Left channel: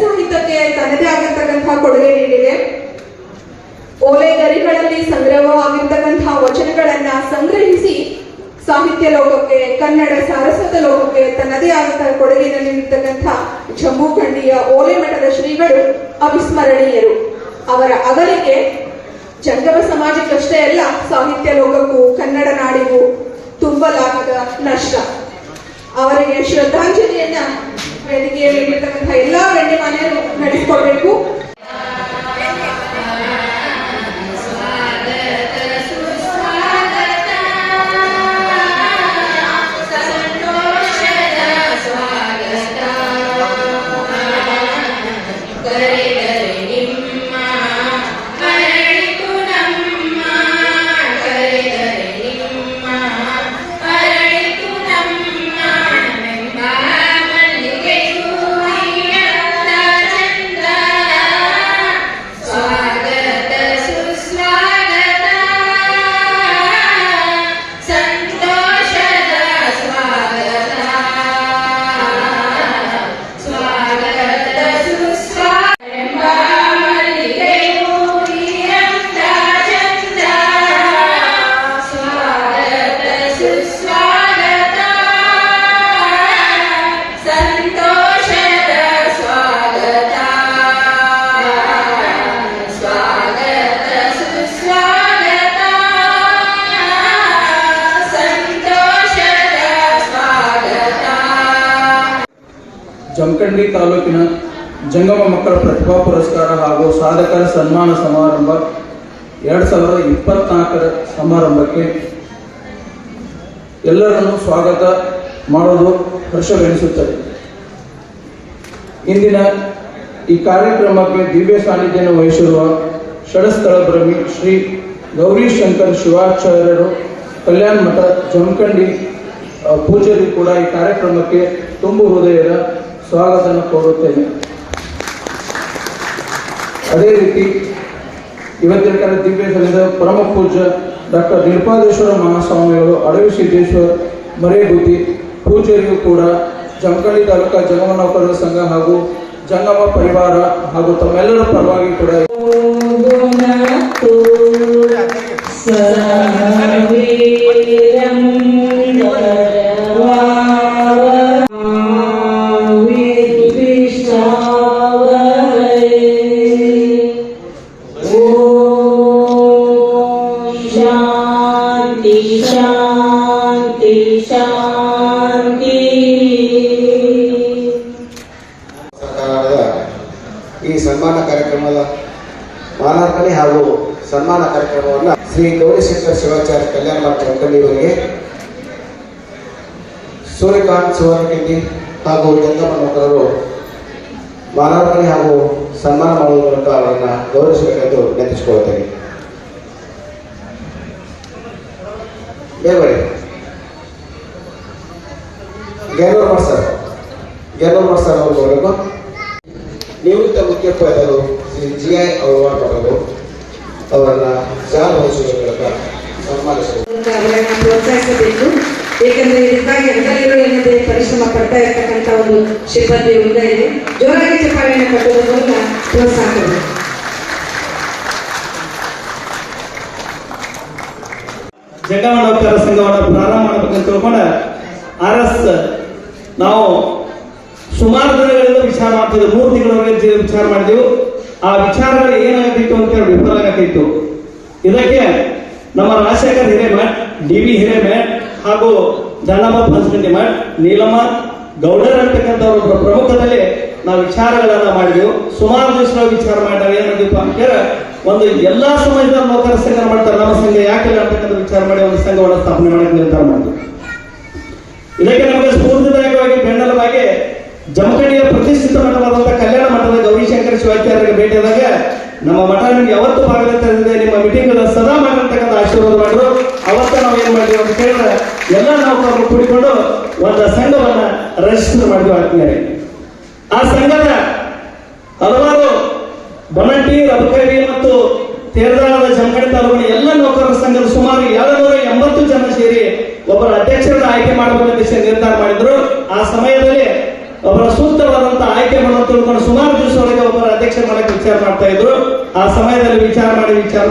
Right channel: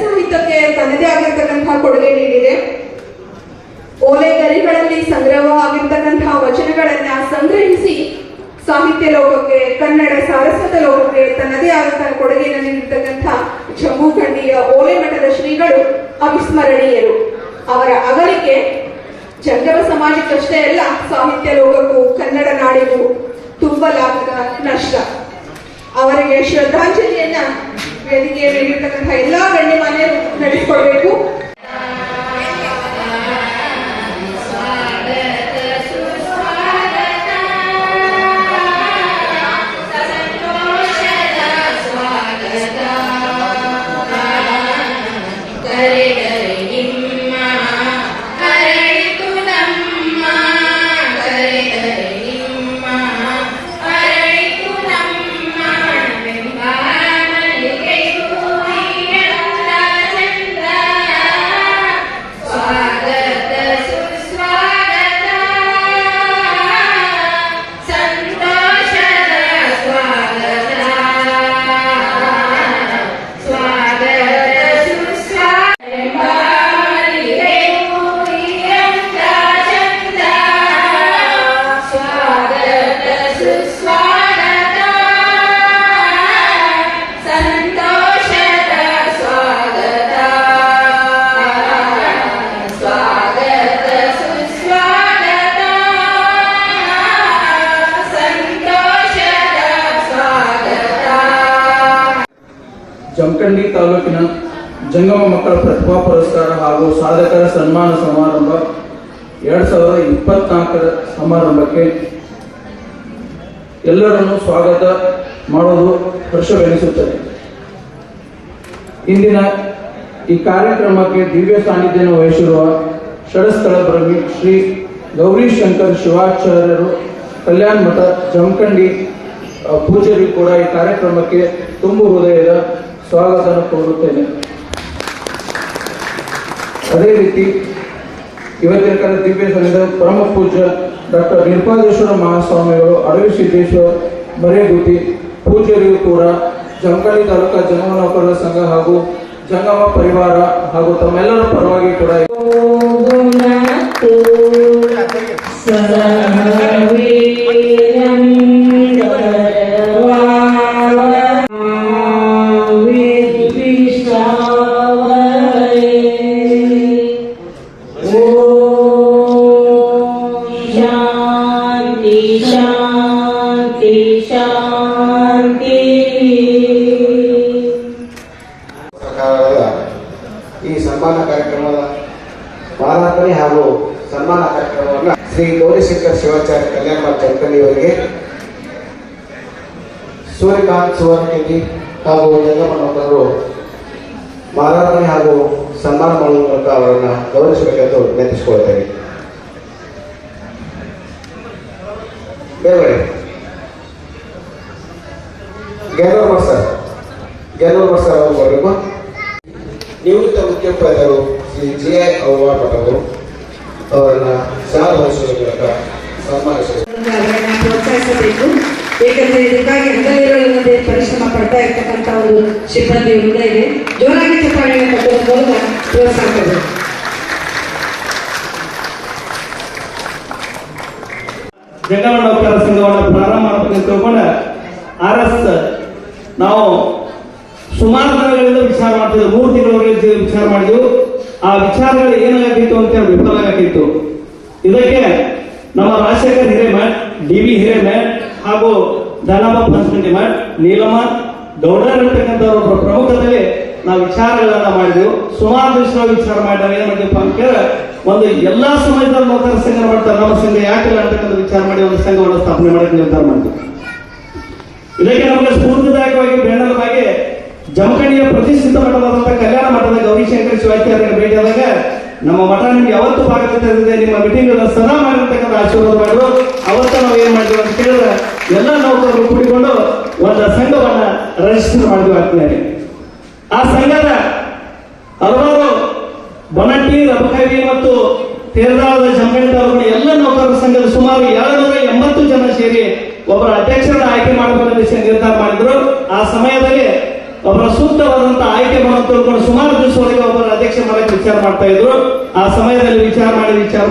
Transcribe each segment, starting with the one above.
ಸಾಹಿತ್ಯಕ್ಕೆ ತನ್ನದೇ ಆಗಿರ್ತಕ್ಕಂತಹ ಕೊಡುಗೆ ನೀಡಿದೆ. ಓಲೆ ಗರಿಗಳಲ್ಲಿ ಸಂಗ್ರಹವಾಗಿರ್ತಕ್ಕಂತಹ ವಚನಗಳನ್ನ ಸಂಗ್ರಹಿಸಿ ಸಾಹಿತ್ಯ ಲೋಕಕ್ಕೆ, ಕನ್ನಡ ಸಾರಸ್ವತ ಲೋಕಕ್ಕೆ ತನ್ನದೇ ಆದಂತಹ ಕೊಡುಗೆಯನ್ನು ನೀಡಿರ್ತಕ್ಕಂಥ ಜಂಬೂಖಂಡಿಯ ಓಲೆ ಮಠದ ಶ್ರೀಗಳು ಅವಿಸ್ಮರಣೀಯರು. ಅವರ ಅಗಲಿಕೆ ಜಂಗಮ ಸಮಾಜಕ್ಕಷ್ಟೇ ಅಲ್ಲ, ಸಾಹಿತ್ಯ ಲೋಕಕ್ಕೂ ಕನ್ನಡ ನಾಡಿಗೂ ತುಂಬಲಾಗದ ನಷ್ಟ. ಅವರಿಗೆ ಶ್ರದ್ಧಾಂಜಲಿಯನ್ನ ವೇದಿಕೆಯಲ್ಲಿ ನೀಡಿರ್ತಕ್ಕಂಥ ಎಲ್ಲಾ ಗಣ್ಯಮಾನ್ಯರು ನಡೆಸಿಕೊಡ್ಬೇಕು. ಜಮಖಂಡಿ ತಾಲೂಕಿನ ಜಂಗಮ ಮಕ್ಕಳ ಪ್ರತಿಭಾ ಪುರಸ್ಕಾರ ಹಾಗೂ ಸಾಧಕರ ಸನ್ಮಾನ ಸಮಾರಂಭ 2024 ಸಮಾರಂಭಕ್ಕೆ ಎಲ್ಲರನ್ನು ಸ್ವಾಗತ ಮಾಡುವುದು ಹರ್ಷವೆನಿಸುತ್ತದೆ. ಇಂದಿನ ಈ ಕಾರ್ಯಕ್ರಮಕ್ಕೆ ದಿವ್ಯ ಸಾನ್ನಿಧ್ಯವನ್ನು ವಹಿಸಿರುವ ಷಡಸ್ಥಳ ಬ್ರಹ್ಮಿ ಶ್ರೀ ಗೌರೀಶಂಕರ್ ಶಿವಾಚಾರ್ಯರು ಕಲ್ಯಾಣ ಮಠ ಜಮಖಂಡಿ ಪೂಜಾರಿ ಕೂಡ ಈ ಕಾರ್ಯಕ್ರಮಕ್ಕೆ ತುಂಬು ಹೃದಯದ ಸ್ವಾಗತ ಕೋರುತ್ತೇನೆ. ಅದೇ ರೀತಿ ಇವತ್ತಿನ ದಿವ್ಯ ಸನ್ನಿಧ ಪರಮ ಪೂಜ್ಯ ಡಾಕ್ಟರ್ ನಿರ್ಪಾದೇಶ್ವರ ಮಹಾಸ್ವಾಮಿಗಳು ಅಡವಿ ಸಿದ್ದೇಶ್ವರ ಮರೇಗುತಿ ಪೂಜಾರಿಯು ಕೂಡ ಜಮಖಂಡಿ ತಾಲೂಕಾ ಜಂಗಮ ನೌಕರರ ಸಂಘ ಹಾಗೂ ಜಂಗಮ ಪರಿವಾರ ಹಾಗೂ ತಮ್ಮೆಲ್ಲರ ಪರವಾಗಿ ಕೂಡ ಈ ಸನ್ಮಾನ ಕಾರ್ಯಕ್ರಮದ ಮಾಲಾರ್ಪಣೆ ಹಾಗೂ ಸನ್ಮಾನ ಕಾರ್ಯಕ್ರಮವನ್ನು ಶ್ರೀ ಗೌರೀಶಂಕರ್ ಶಿವಾಚಾರ್ಯ ಕಲ್ಯಾಣ ಮಠ ಜಮಖಂಡಿ ಅವರಿಗೆ ಸೂರ್ಯಕಾಂತ್ ಸುವರ್ಣಕಿಂಡಿ ಹಾಗೂ ಜಂಗಮ ಮಕ್ಕಳು ಮಾಲಾರ್ಪಣೆ ಹಾಗೂ ಸನ್ಮಾನ ಮಾಡುವಂತ ಅವರನ್ನ ಗೌರವಿಸಬೇಕೆಂದು ವಿನಂತಿಸಿಕೊಳ್ಳುತ್ತೇನೆ. ಬೇರೆ ಗೆಲ್ಲೂರು ಸರ್ ಅವರು ನಿವೃತ್ತ ಮುಖ್ಯೋಪಾಧ್ಯಾಯರು ಶ್ರೀ GI ಅವಾರ್ಡ್ ಪಡೆದರು ಅವರನ್ನ ಸಹವಹಿಸುವ ಮೂಲಕ ಪ್ರೋತ್ಸಾಹಿಸಬೇಕು. ಏಕೆಂದರೆ ಇದಕ್ಕಾಗಿ ಎಲ್ಲರೂ ಏನಂತೆ ಪರಿಶ್ರಮ ಪಡ್ತಾ ಇರ್ತಕ್ಕಂಥ ಒಂದು ಸಿಬ್ಬಂದಿ ಇದೆ. ಜೋರಾಗಿ ಚಪ್ಪಾಳೆಯನ್ನು ಕಟ್ಟುವ ಮೂಲಕ ಪ್ರೋತ್ಸಾಹಿಸಬೇಕು. ಜಂಗಮ ನೌಕರರ ಸಂಘವನ್ನು ಪ್ರಾರಂಭ ಮಾಡಬೇಕಂತ ತಿಳ್ಕೊಂಡ RS ನಾವು ಸುಮಾರು ದಿನಗಳಿಂದ ವಿಚಾರ ಮಾಡ್ತಿದ್ವಿ. 3 ತಿಂಗಳವರೆಗೆ ವಿಚಾರ ಮಾಡಿದೆವು. ಆ ವಿಚಾರಗಳು ಏನಾಗತ್ತಿತ್ತು ಅಂತ ಹೇಳಿ ವಿಫಲ ಆಗತ್ತಿತ್ತು. ಇದಕ್ಕೆ ನಮ್ಮ ರಾಜಶೇಖರ್ ಹಿರೇಮಠ್, DV ಹಿರೇಮಠ್ ಹಾಗೂ ದಾನಮ್ಮ ಪಂಚಮಂಡಿ ಮಠ್, ನೀಲಮ್ಮ ಗೌಡರ್ ಅಂತಕ್ಕಂಥವ್ರ ಪ್ರಮುಖದಲ್ಲಿ ನಾವು ವಿಚಾರಗಳನ್ನ ಮಾಡಿದೆವು. ಸುಮಾರು ದಿವಸ ವಿಚಾರ ಮಾಡಿದ್ರೆ ಏನಾಗಿಪ್ಪ ಅಂತ ಒಂದು ಎಲ್ಲಾ ಸಮಾಜದ ನೌಕರ ಸಂಘ ಮಾಡ್ತಾರೆ, ನಮ್ಮ ಸಂಘ ಯಾಕಿಲ್ಲ ಅಂತಕ್ಕಂಥ ವಿಚಾರ ಮಾಡಿ ಒಂದು ಸಂಘವನ್ನು ಸ್ಥಾಪನೆ ಮಾಡಕ್ಕೆ ನಿರ್ಧಾರ ಮಾಡಿದ್ವಿ. ಇದಕ್ಕೆ ನಮಗೆ ಸ್ಫೂರ್ತಿದಾಯಕವಾಗಿ ಬೆಂಬಲವಾಗಿ ಜಮಖಂಡಿಯ ಪ್ರತಿಷ್ಠಿತ ಮಠವಾದಂತಹ ಕಲ್ಯಾಣ ಮಠದ ಗೌರೀಶಂಕರ ಶಿವಾಚಾರ್ಯರಿಗೆ ಭೇಟಿಯಾದಾಗ ನಮ್ಮ ಮಠ ನಿಮ್ಗೆ ಯಾವತ್ತು ಭಾಗವಹಿಸಿದೆ, ನಿಮ್ಮ ಮೀಟಿಂಗ್ ಸದಾ ಮಾಡಿರ್ತಕ್ಕಂಥ ಆಶೀರ್ವಾದ ಮಾಡಿದ್ರು. ಅವತ್ತ ನಾವು ಏನ್ ಮಾಡಿದ್ವಿ ಅಂತ ಕೇಳಿದ್ರೆ ಎಲ್ಲ ನೌಕರರು ಕೂಡಿಕೊಂಡು ಒಂದು ಸಂಘವನ್ನ ರಿಜಿಸ್ಟರ್ ಮಾಡಿದ್ವಿ ಆತ್ಮೀಯರೇ. ಆ ಸಂಘದ ಹಲವಾರು ಬನಟ್ಟಿ, ಅಬಕರಿ ಮತ್ತು ತೇರದಾಳದ ಜಮಖಂಡಿ ತಾಲೂಕಿನ ಎಲ್ಲ ನೌಕರರ ಸಂಘದ ಸುಮಾರು 780 ಜನ ಸೇರಿ ಒಬ್ಬರ ಅಧ್ಯಕ್ಷರನ್ನ ಆಯ್ಕೆ ಮಾಡಬೇಕಂತ ನಿರ್ಧಾರ ಮಾಡಿದ್ರು. ಆ ಸಮಯದಲ್ಲಿ ಒಬ್ಬರ ಸೂಕ್ತವಾದಂತಹ ಆಯ್ಕೆ ಮಾಡುವಂತ ತಿಳ್ಕೊಂಡು ಸುಮಾರು ದಿವಸ ಒಳಗೆ ಒಬ್ಬರ ಅಧ್ಯಕ್ಷ ಮಾಡಕ್ಕೆ ವಿಚಾರ ಮಾಡ್ತಾ ಇದ್ರು. ಆ ಸಮಯದಲ್ಲಿ ವಿಚಾರ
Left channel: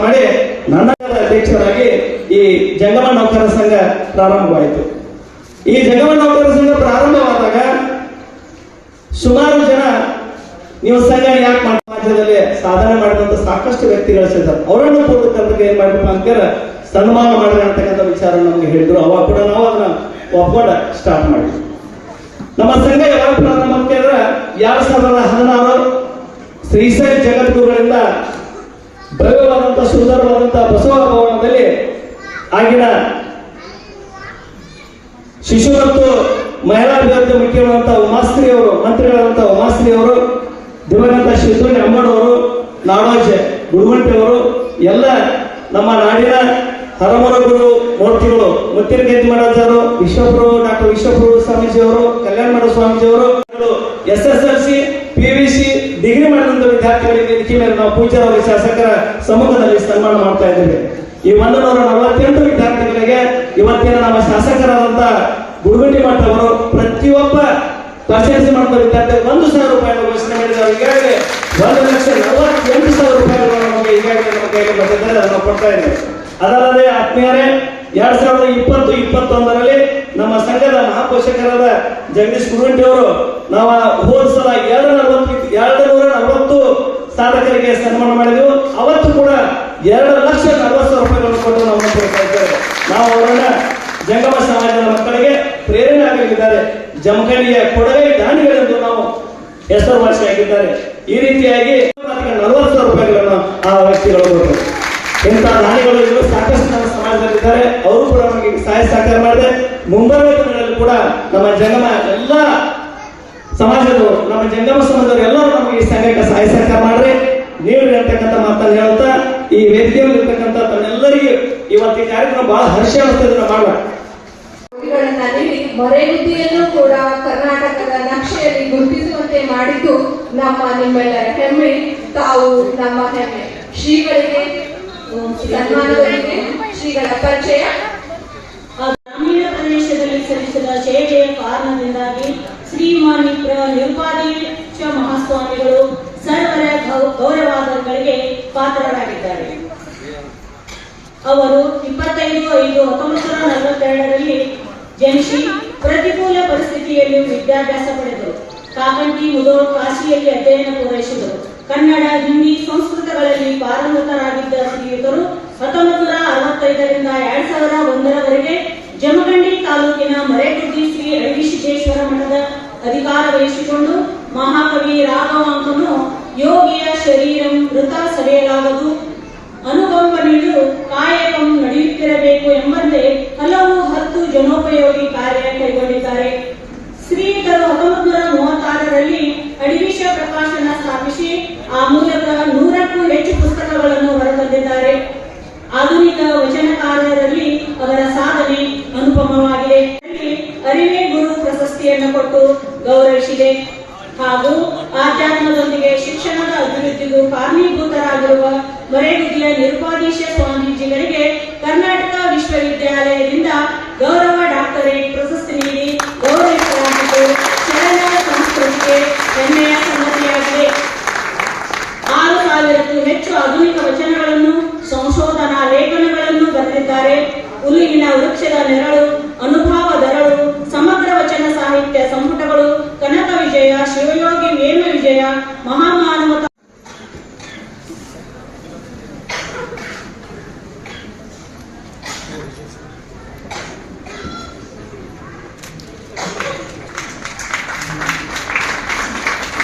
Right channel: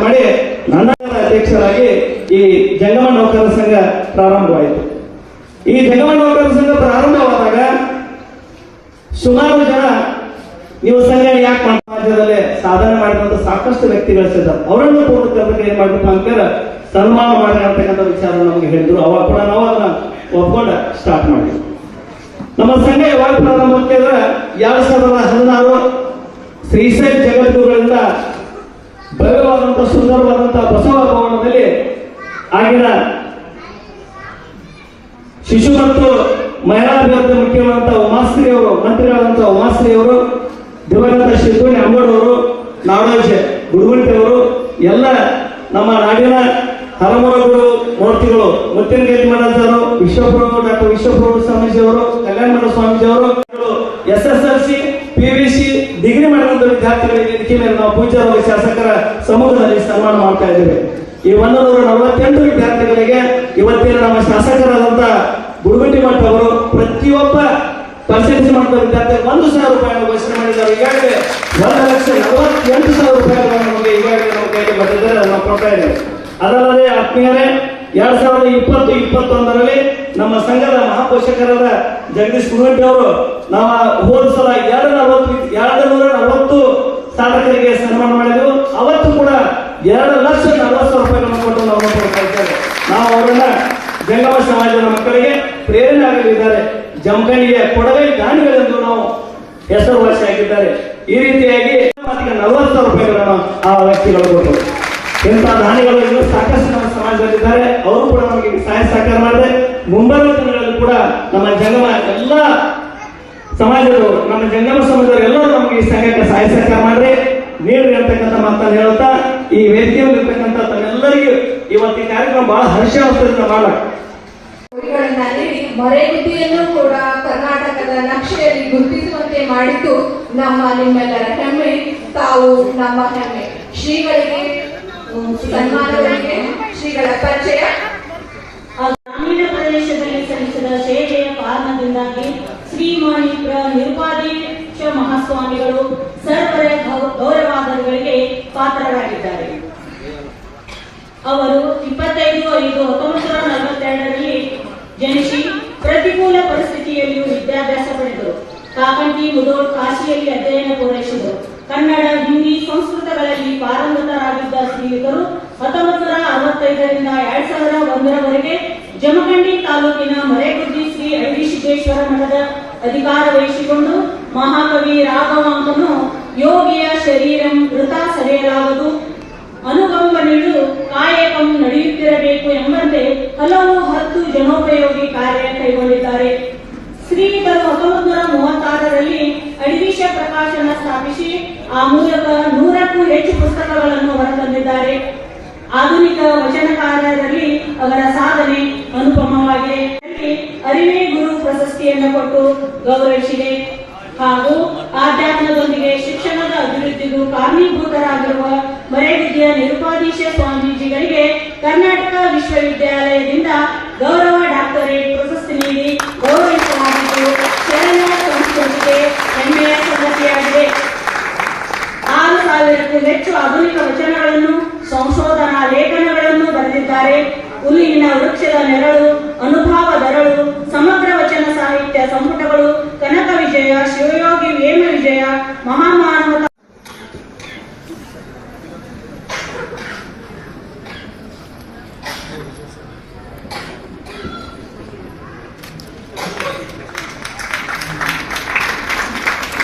ಮಾಡಿ ನನ್ನ ಅಧ್ಯಕ್ಷರಾಗಿ ಈ ಜಂಗಮ ನೌಕರ ಸಂಘ ಪ್ರಾರಂಭವಾಯಿತು. ಈ ಜಂಗಮ ನೌಕರ ಸಂಘ ಪ್ರಾರಂಭವಾದಾಗ ಸುಮಾರು ಜನ ನೀವು ಸಂಘ ಯಾಕೆ ನಮ್ಮ ಸಮಾಜದಲ್ಲಿ ಸಾಧನೆ ಮಾಡಿದಂತ ಸಾಕಷ್ಟು ವ್ಯಕ್ತಿಗಳಿದ್ದಾರೆ. ಅವರನ್ನು ಪೂರ್ವಕರಿಗೆ ಏನ್ ಮಾಡಬೇಕು ಅಂತ ಸನ್ಮಾನ ಮಾಡಿ ಅಂತಕ್ಕಂಥ ವಿಚಾರ ನಮ್ಗೆ ಹೇಳಿದ್ರು. ಅವಾಗ ಕೂಡ ನಾವು ಅದನ್ನ ಒಪ್ಕೊಂಡ ಸ್ಟಾರ್ಟ್ ಮಾಡಿದ್ವಿ. ನಮ್ಮ ಸಂಘ ಯಾವಾಗ ಪ್ರಾರಂಭ ಅಂತ ಹೇಳಿದ್ರೆ 2016 ಶ್ರೀಶೈಲ ಜಗದ್ಗುರುಗಳಿಂದ ಭವ್ಯವಾದಂತಹ ಸುಂದರವಾದಂತಹ ಬಸವ ಭವನದಲ್ಲಿ ಆಗಿನ ಶಿಶು ಮತ್ತು ಮಹಿಳಾ ಅಭಿವೃದ್ಧಿ ಮುಖ್ಯರುವಂತಹ ಉಮಾಶ್ರೀಯವರು, ಮಂತ್ರಿಗಳಾದಂತಹ ಉಮಾಶ್ರೀಯವರು, ದಿವಂಗತ ಶಿವಪುರಿ ಅಮ್ಮೋಡವರು, ನಾಡೋಜ್ ಗುಡುಗಂಟೆಯವರು, ಎಲ್ಲ ನಮ್ಮ ನಾಡಿನ ಹರಮರ ಗುರು ಮೂರ್ತಿಗಳು ಮುತ್ತಿನಗೇರಿ ಮಹಾರಾಜರು, ವಿಶ್ವಪ್ರಭು ಡಾಕ್ಟರ್ ವಿಶ್ವಪ್ರಭು ಸ್ವಾಮೀಜಿಯವರು, ಕಲ್ಯಾಣ ಮಠ ಸ್ವಾಮೀಜಿಯವರು, SSLC PVC ಡಿಗ್ರಿ ಮಾಡಿದಂತ ವಿದ್ಯಾರ್ಥಿಗಳಿಗೆ ವೇದಿಕೆ ಮೇಲೆ ನಾವು ಪೂಜ್ಯರಾದ ಶಾಸಕರ ಸಮ್ಮುಖದಲ್ಲಿ ಸನ್ಮಾನ ಮಾಡ್ತಾ ಇದ್ದೇವೆ. ಈ 148 ವಿದ್ಯಾರ್ಥಿಗಳಿಗೆ ಇವತ್ತಿನ ನಮ್ಮ ಶಾಸಕರಾದಂತ ಗುಡುಗಂಟಿ ಮಠ ಅವರು ಪ್ರತಿಯೊಬ್ಬ ಪರ್ಸೆಂಟೇಜ್ ಮಾಡಿದ ವಿದ್ಯಾರ್ಥಿಗಳು 1,000 ರೂಪಾಯಿ ಘೋಷಣೆ ಮಾಡಿದ್ದಾರೆ. ಈಗಾಗಲೇ 1,48,000 ರೂಪಾಯಿಗಳನ್ನು ನಮಗೆ ಈಗಾಗಲೇ ನಮ್ಮ ಕೈಗೆ ಬಂದಿದ್ದಾರೆ, ನಾವು ಕೊಡ್ತಾ ಇದ್ದೇವೆ. ಅದಲ್ಲದೆ ಆತ್ಮೀಯರೇ 2020-21ರಲ್ಲಿ ನಮ್ಮ ಸಂಘದ ಮಹಾಪೋಷಕರಾದ ಜಗದೀಶ್ ಗುರುಗಂಟಿ ಅವರು ನಾವು ಹೋದ ಸಲ 240 ಸಾಧಕರಿಗೆ ಸನ್ಮಾನ ಮಾಡಿದೆವು. ಅವತ್ತು ಕೂಡ 2,40,000 ರೂಪಾಯಿಗಳನ್ನು ಕೊಟ್ಟು ನಾವು ಕೊಡ್ತಾ ಇದ್ದೇವೆ. ನಾವು ಅವರನ್ನ ಜಂಗಮ ಸಮಾಜದ ಮಕ್ಕಳಿಗೆ ಪ್ರೇರಣೆ ಆಗಲಿದ್ದಾರೆ. ಜಮಖಂಡಿಯ ಕೊಡವೆ ದಾನಿಗಳೆಂದು ನಾವು ಹೆಸರುವಾಸಿಯಾಗಿದ್ದಾರೆ. ಈ ರೀತಿಯಾಗಿ 40,000 ರೂಪಾಯಿಗಳನ್ನು ಆ ವ್ಯಕ್ತಿಗಳು ಕೊಟ್ಟರು. ಇಂಥ ದಾನಿಗಳು ಇನ್ನೂ ಸಾಕಷ್ಟು ನಮ್ಮ ಸಮಾಜದಲ್ಲಿದ್ದಾರೆ. ಅವರು ಕೂಡ ನಮಗೆ ಸಹಾಯ ಸಹಕಾರ ಮಾಡಿದೆ. ಮುಂಬರುವ ದಿನಗಳಲ್ಲಿ ಕೂಡ ನಮ್ಮ ಜಂಗಮ ಎಲ್ಲ ಸಮಾಜದವರು, ನಮ್ಮ ಜಂಗಮ ಸಮಾಜದವರು ಎಲ್ಲರೂ ನಮಗೆ ಈ ಸಂಘಕ್ಕೆ ಸಹಾಯ ಸಹಕಾರ ಮಾಡಿದ್ರೆ ನೀಡ್ರಿ ಅಂತಕ್ಕಂಥ ಮಾತನ್ನು ಹೇಳುತ್ತಾ ಈ ವೇದಿಕೆಯಲ್ಲಿರ್ತಕ್ಕಂಥ ತಮ್ಮೆಲ್ಲರಿಗೂ ಇವತ್ತು ಈ ಕಾರ್ಯಕ್ರಮ ಬಹಳ ಹರ್ಷವರ್ಧದಿಂದ ಮಾಡಲಾಗ ಮರೆಗುದ್ದಿಯನ್ನು ಕೂಡ ಕರ್ನಾಟಕದ ನಕ್ಷೆಯಲ್ಲಿ ಗುರುತಿಸುವಂತೆ ಮಾಡಿದ್ದು ನಿಮ್ಮೆಲ್ಲರ ಹೆಮ್ಮೆ. ತಾವು ನಮ್ಮ ಹೆಮ್ಮೆ. ಶ್ರೀಗಳಿಗೆ ಸನ್ಮಾನಗಳಿಗೆ ಶ್ರೀಗಳ ಪರಿಚಯ. ಗ್ರಾಮೀಣ ಪ್ರದೇಶದಲ್ಲಿ ಸಲ್ಲಿಸಿದ ಸೇವೆಯ ಕಾರಣದಿಂದಾಗಿ ಶ್ರೀಮಾನಿಪುರ ನಿರುಪಾಧೀಶ ಮಹಾಸ್ವಾಮಿಗಳು ಸರ್ವರ ಗೌರವಾದಗಳಿಗೆ ಪಾತ್ರರಾಗಿದ್ದಾರೆ. ಅವರು 25/5/1942ರಲ್ಲಿ ಜನಿಸಿ ಪ್ರತಿಕೂಲ ಪರಿಸ್ಥಿತಿಯಲ್ಲಿ ವಿದ್ಯಾಭ್ಯಾಸ ಪಡೆದರು. ಕಾಕಂಟಿ ಮುಧೋಳ್ ಕಾಶಿಯಲ್ಲಿ ಅಧ್ಯಯನ ಪೂರೈಸಿದರು. ಕನ್ನಡ, ಹಿಂದಿ, ಸಂಸ್ಕೃತಗಳಲ್ಲಿ ಪಾರಂಗತರಾಗಿದ್ದ ಶ್ರೀಯುತರು 1965ರಿಂದ 2001ರವರೆಗೆ ಜಮಖಂಡಿ ತಾಲೂಕಿನ ಮರೆಗುದ್ದಿ ಶ್ರೀ ಅಡಿಸಿದ್ದೇಶ್ವರ ಮಠದ ಅಧಿಕಾರ ವಹಿಸಿಕೊಂಡು ಮಹಾಕವಿ ರಾಘವಾಂಕನು ಯೋಗಿಯ ಶರೀರಂ ವೃತ ಸವೆಯಲಾಗದು, ಅನುಕಂಪನೆಯು ಕಾಯಕಂ ನಡೆಯುತ್ತಿರಬೇಕು ಎಂಬಂತೆ ಹಲವು 10 ಜನೋಪಯೋಗಿ ಕಾರ್ಯ ಕೈಗೊಂಡಿದ್ದಾರೆ. ಶ್ರೀಯುತರು 1936ರಲ್ಲಿ ಅಡಿವಿಷ ಪ್ರಕಾಶನ ಸ್ಥಾಪಿಸಿ ಆ ಮೂಲಕ 100ಕ್ಕೂ ಹೆಚ್ಚು ಪುಸ್ತಕಗಳನ್ನು ಹೊರತಂದಿದ್ದಾರೆ. ಆಧುನಿಕ ವಚನಕಾರರಲ್ಲಿ ಅವರ ಸಾಧನೆ ಅನುಪಮವಾಗಿದೆ. ಅರಿವೇ ಗುರು ಪ್ರಶಸ್ತಿಯನ್ನು ಕೊಟ್ಟು ಗೌರವಿಸಿದೆ. ಹಾಗೂ ಆಧ್ಯಾತ್ಮದೊಂದಿಗೆ ಶಿಕ್ಷಣದ ಅಭಿವೃದ್ಧಿಗೂ ಕಾರಣೀಭೂತರಾಗಿರುವ ಮರೆಗುದ್ದಿಯ ನಿರುಪಾಧೀಶ ಸ್ವಾಮೀಜಿಗಳಿಗೆ ಕರ್ನಾಟಕ ವಿಶ್ವವಿದ್ಯಾಲಯದಿಂದ ಗೌರವ ಡಾಕ್ಟರೇಟ್ ಪ್ರಶಸ್ತಿ ನೀಡಿ ಗೌರವಿಸಲಾಗಿದ್ದು ಶರಣ ಸಂಸ್ಕೃತಿಗೆ ಹೆಮ್ಮೆಯ ಸಂಗತಿಯಾಗಿದೆ. 6,000ಕ್ಕೂ ಹೆಚ್ಚು ಆಧುನಿಕ ವಚನಗಳನ್ನು, ಸಂಶೋಧನಾ ಲೇಖನಗಳನ್ನು ಬರೆದಿದ್ದಾರೆ. ಹುಲ್ಲಿನ ವೃಕ್ಷದ ನೆರಳು, ಅನುಭವ ದರಳು, ಸಮಗ್ರ ವಚನ ಸಾಹಿತ್ಯ ಸಂಪುಟಗಳು, ಕನಕ ವಿಜಯ, ಶಿವಯೋಗಿ ವೇಮ ವಿಜಯ, ಮಹಾಮಾನವ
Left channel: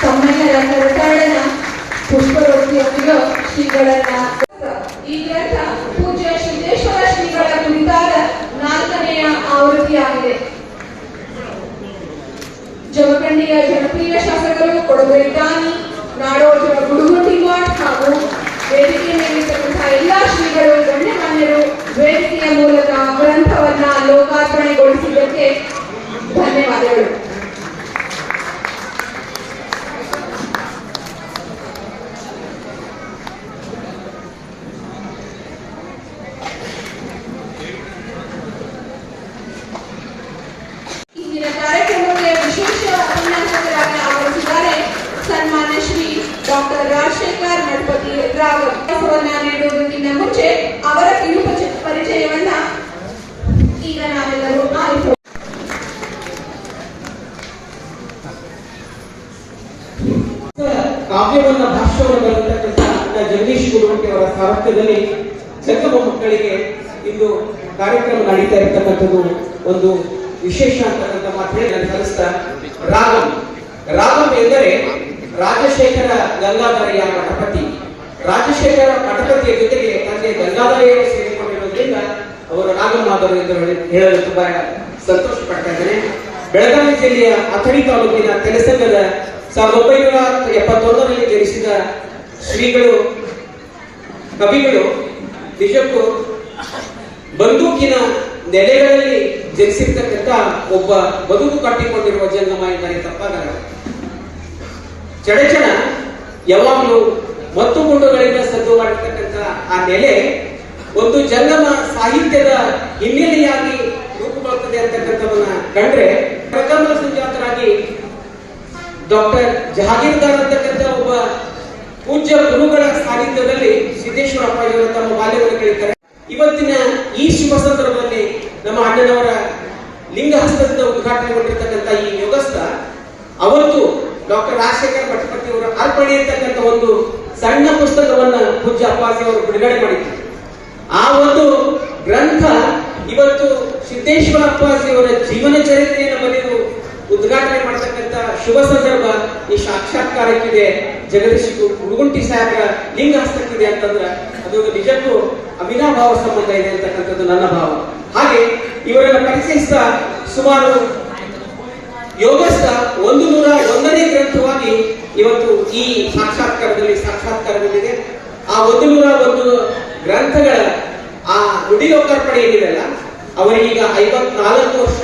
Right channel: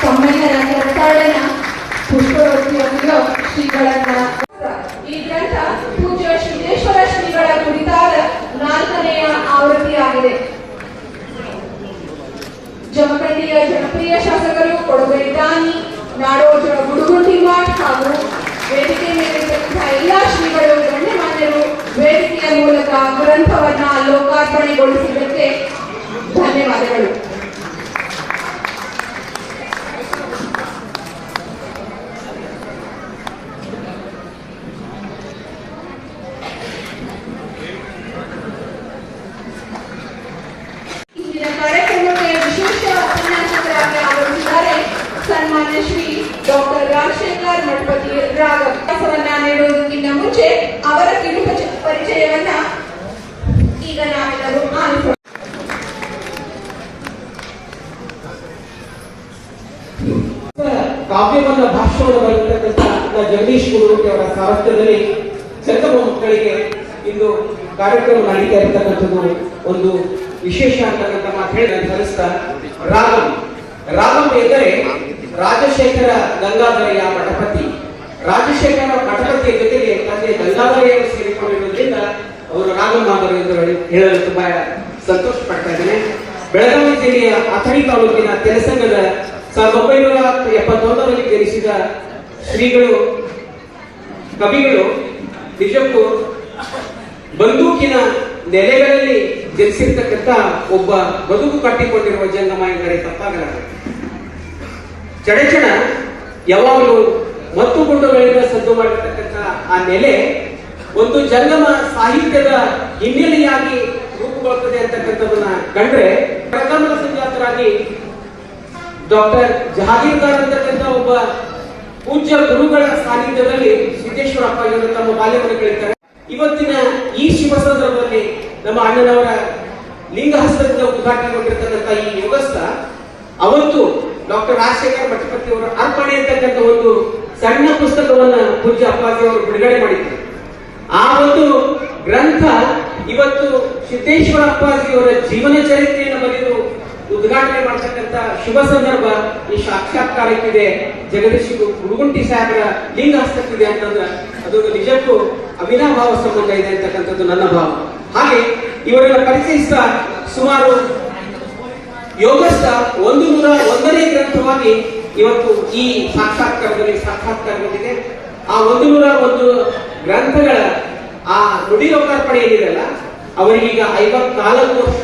ತಮ್ಮೆಲ್ಲರ ಕರ್ತವ್ಯನ ಪುಷ್ಪವೃತ್ತಿಯೊಂದಿಗೆ ಶ್ರೀಗಳನ್ನ ಈ ಗ್ರಂಥ ಪೂಜ್ಯ ಸಿದ್ದೇಶ್ವರ ಶ್ರೀಗಳ ಕುರಿತಾದ 4ನೆಯ ಆವೃತ್ತಿಯಾಗಿದೆ. ಜಮಖಂಡಿಯ ಜನಪ್ರಿಯ ಶಾಸಕರು, ಕೊಡವೆ ದಾನಿ, ನಾಡೋಜ ಗುಡುಗಂಟಿ ಮಠ ಹಾಗೂ ವೇದಿಕೆ ಮೇಲಿರ್ತಕ್ಕಂತಹ ಎಲ್ಲ ಶ್ರೀಗಳು, ಗಣ್ಯಮಾನ್ಯರು ವೇದಿಕೆಯ ಮೂಲಕ ಗ್ರಂಥವನ್ನ ಲೋಕಾರ್ಪಣೆಗೊಳಿಸಿದ್ದಕ್ಕೆ ಧನ್ಯವಾದಗಳು. ಇಂದಿನ ಕಾರ್ಯಕ್ರಮಕ್ಕೆ ವಿಶೇಷ ಉಪನ್ಯಾಸಕರಾಗಿ ಆಗಮಿಸಿದ್ದಾರೆ ಸನ್ಮಾನ್ಯ ಕಾವ್ಯವನ್ನ ಭಾಷ್ಯವನ್ನು ಬರೆದಿರ್ತಕ್ಕಂಥ ಜಗದೀಶ್ ಗುರುಮೂರ್ತಿ ಅವರ ಸಾರಥ್ಯದಲ್ಲಿ ಜಂಗಮ ಮಕ್ಕಳಿಗೆ ಇಂದು ಕಾರ್ಯಕ್ರಮ ನಡೀತಾ ಇರತಕ್ಕಂಥದ್ದು ಒಂದು ವಿಶೇಷ ಅಂತಕ್ಕಂಥ ಮಾತು ಹೇಳಿ ಸಲ್ಲಿಸ್ತಾ ರಾಗಂ ಎಂದರೆ ರಾಜಶೇಖರ ಗಂಗಾಧರಯ್ಯ ಮಠಪತಿ. ರಾಜಶೇಖರ ಮಠಪತಿಯ ಜೊತೆಗೆ ತಂದೆ ಗಂಗಾಧರಯ್ಯರು ಸೇರಿಕೊಂಡಿರುವುದರಿಂದ ಅವರು ರಾಗಮಾಧವರು ಎಂದು ಹೇಳಲು ತುಂಬಾ ಸಂತೋಷ ಪಡ್ತಾ ಇದ್ದೇನೆ. ಬೆಳಗಾವಿ ಜಿಲ್ಲೆಯ ಅಥಣಿ ತಾಲೂಕಿನ ತೆಲಸಂಗದ 1971ರಲ್ಲಿ ಜನಿಸಿದ ಶ್ರೀಗಳು ಕವಿಗಳು ನಿಜಕ್ಕೂ ಬಂದೂಕಿನ ನೆಲೆಗಳಲ್ಲಿ ಜನಿಸಿರ್ತಕ್ಕಂಥ ಒಬ್ಬ ಬದುಕು ಕಟ್ಟಿಕೊಂಡಿರುವ ಜಂಗಮ ಎಂದರೆ ತಪ್ಪಾಗಲಾರದು. ಚಡಚಣ ಯಾವಾಗಲೂ ಮತ್ತು ಗುಂಡುಗಳಿಂದ ಸದ್ದು ಮಾಡಿರ್ತಕ್ಕಂಥ ಆ ನೆಲೆ ಒಂದು ಜಂಗಮ ಸಾಹಿತ್ಯದ ಹಿನ್ನೆಲೆಯಾಗಿ ರೂಪುಗೊಳ್ಳುತ್ತದೆ ಅಂತಕ್ಕಂಥದನ್ನ ಕಂಡ್ರೆ ಪ್ರಥಮ ಸಂಜಾತರಾಗಿ ಡಾಕ್ಟರ್ ಜಹಾಗೀರ್ದಾರ್ ಅಂತಕ್ಕಂಥ ಒಬ್ಬ ಪೂಜ್ಯ ಗುರುಗಳ ಸಾನ್ನಿಧ್ಯದಲ್ಲಿ ಸಿದ್ದೇಶ್ವರ ಅಪ್ಪಾಜಿಯವರು ತಮ್ಮ ಬಾಲ್ಯವನ್ನು ಕೇಳ್ತಾರೆ. ಇವತ್ತಿನ ಈ ಶುಭ ಸಂದರ್ಭದಲ್ಲಿ ನಮ್ಮ ಅಣ್ಣನವರ ಲಿಂಗಹಸ್ತದಿಂದ ಉದ್ಘಾಟನೆಗೊಂಡಿರ್ತಕ್ಕಂಥ ಈ ಯೋಗಸ್ಥ ಅವತ್ತು ಡಾಕ್ಟರ್ ರಾಜಶೇಖರ ಮಠಪತಿ ಅವರ ಅರ್ಪಣೆ ಅಂತಕ್ಕಂಥ ಒಂದು ಸಣ್ಣ ಪುಸ್ತಕವನ್ನ ಪೂಜ್ಯ ಅಪ್ಪಾಜಿ ಅವರು ಬಿಡುಗಡೆ ಮಾಡಿದ್ರು. ಆ ಒಂದು ಗ್ರಂಥ ಇವತ್ತು ಸಿದ್ದೇಶ್ವರ ಅಪ್ಪಾಜಿ ಅವರ ಜೀವನ ಚರಿತ್ರೆಯನ್ನು ಬರೆದು ಉದ್ಘಾಟನೆ ಮಾಡತಕ್ಕಂಥ ಶುಭ ಸಂದರ್ಭ ಈ ಸಾಕ್ಷಾತ್ಕಾರಕ್ಕಿದೆ. ಜಗದೀಶ್ ಗುರುಗುಂಟಿ ಸಾಹೇಬರ ಲಿಂಗ ಹಸ್ತಕ್ಕಿದೆ ಅಂತಂದ್ರೆ ಅದು ನಿಜಕ್ಕೂ ಅವಿನಾಭಾವ ಸಂಬಂಧ ಇದೆ ಅಂತಕ್ಕಂಥದ್ದು ನನ್ನ ಭಾವ. ಹಾಗೆ ಇವರನ್ನ ಪರಿಚಯಿಸಿದ ಸುಮಾರು ಯೋಗಸ್ಥ 101ನೇ ಗ್ರಂಥವಾಗಿ ಇವತ್ತು ಈ ಸಾಕ್ಷಾತ್ಕಾರಗೊಂಡಿದೆ. ಆ 101 ಗ್ರಂಥಗಳ ಆ ನುಡಿ ಲೋಕಾರ್ಪಣೆ ಏನಿದೆಲ್ಲ ಅವರಿಗೀಗ 54 ವರ್ಷ.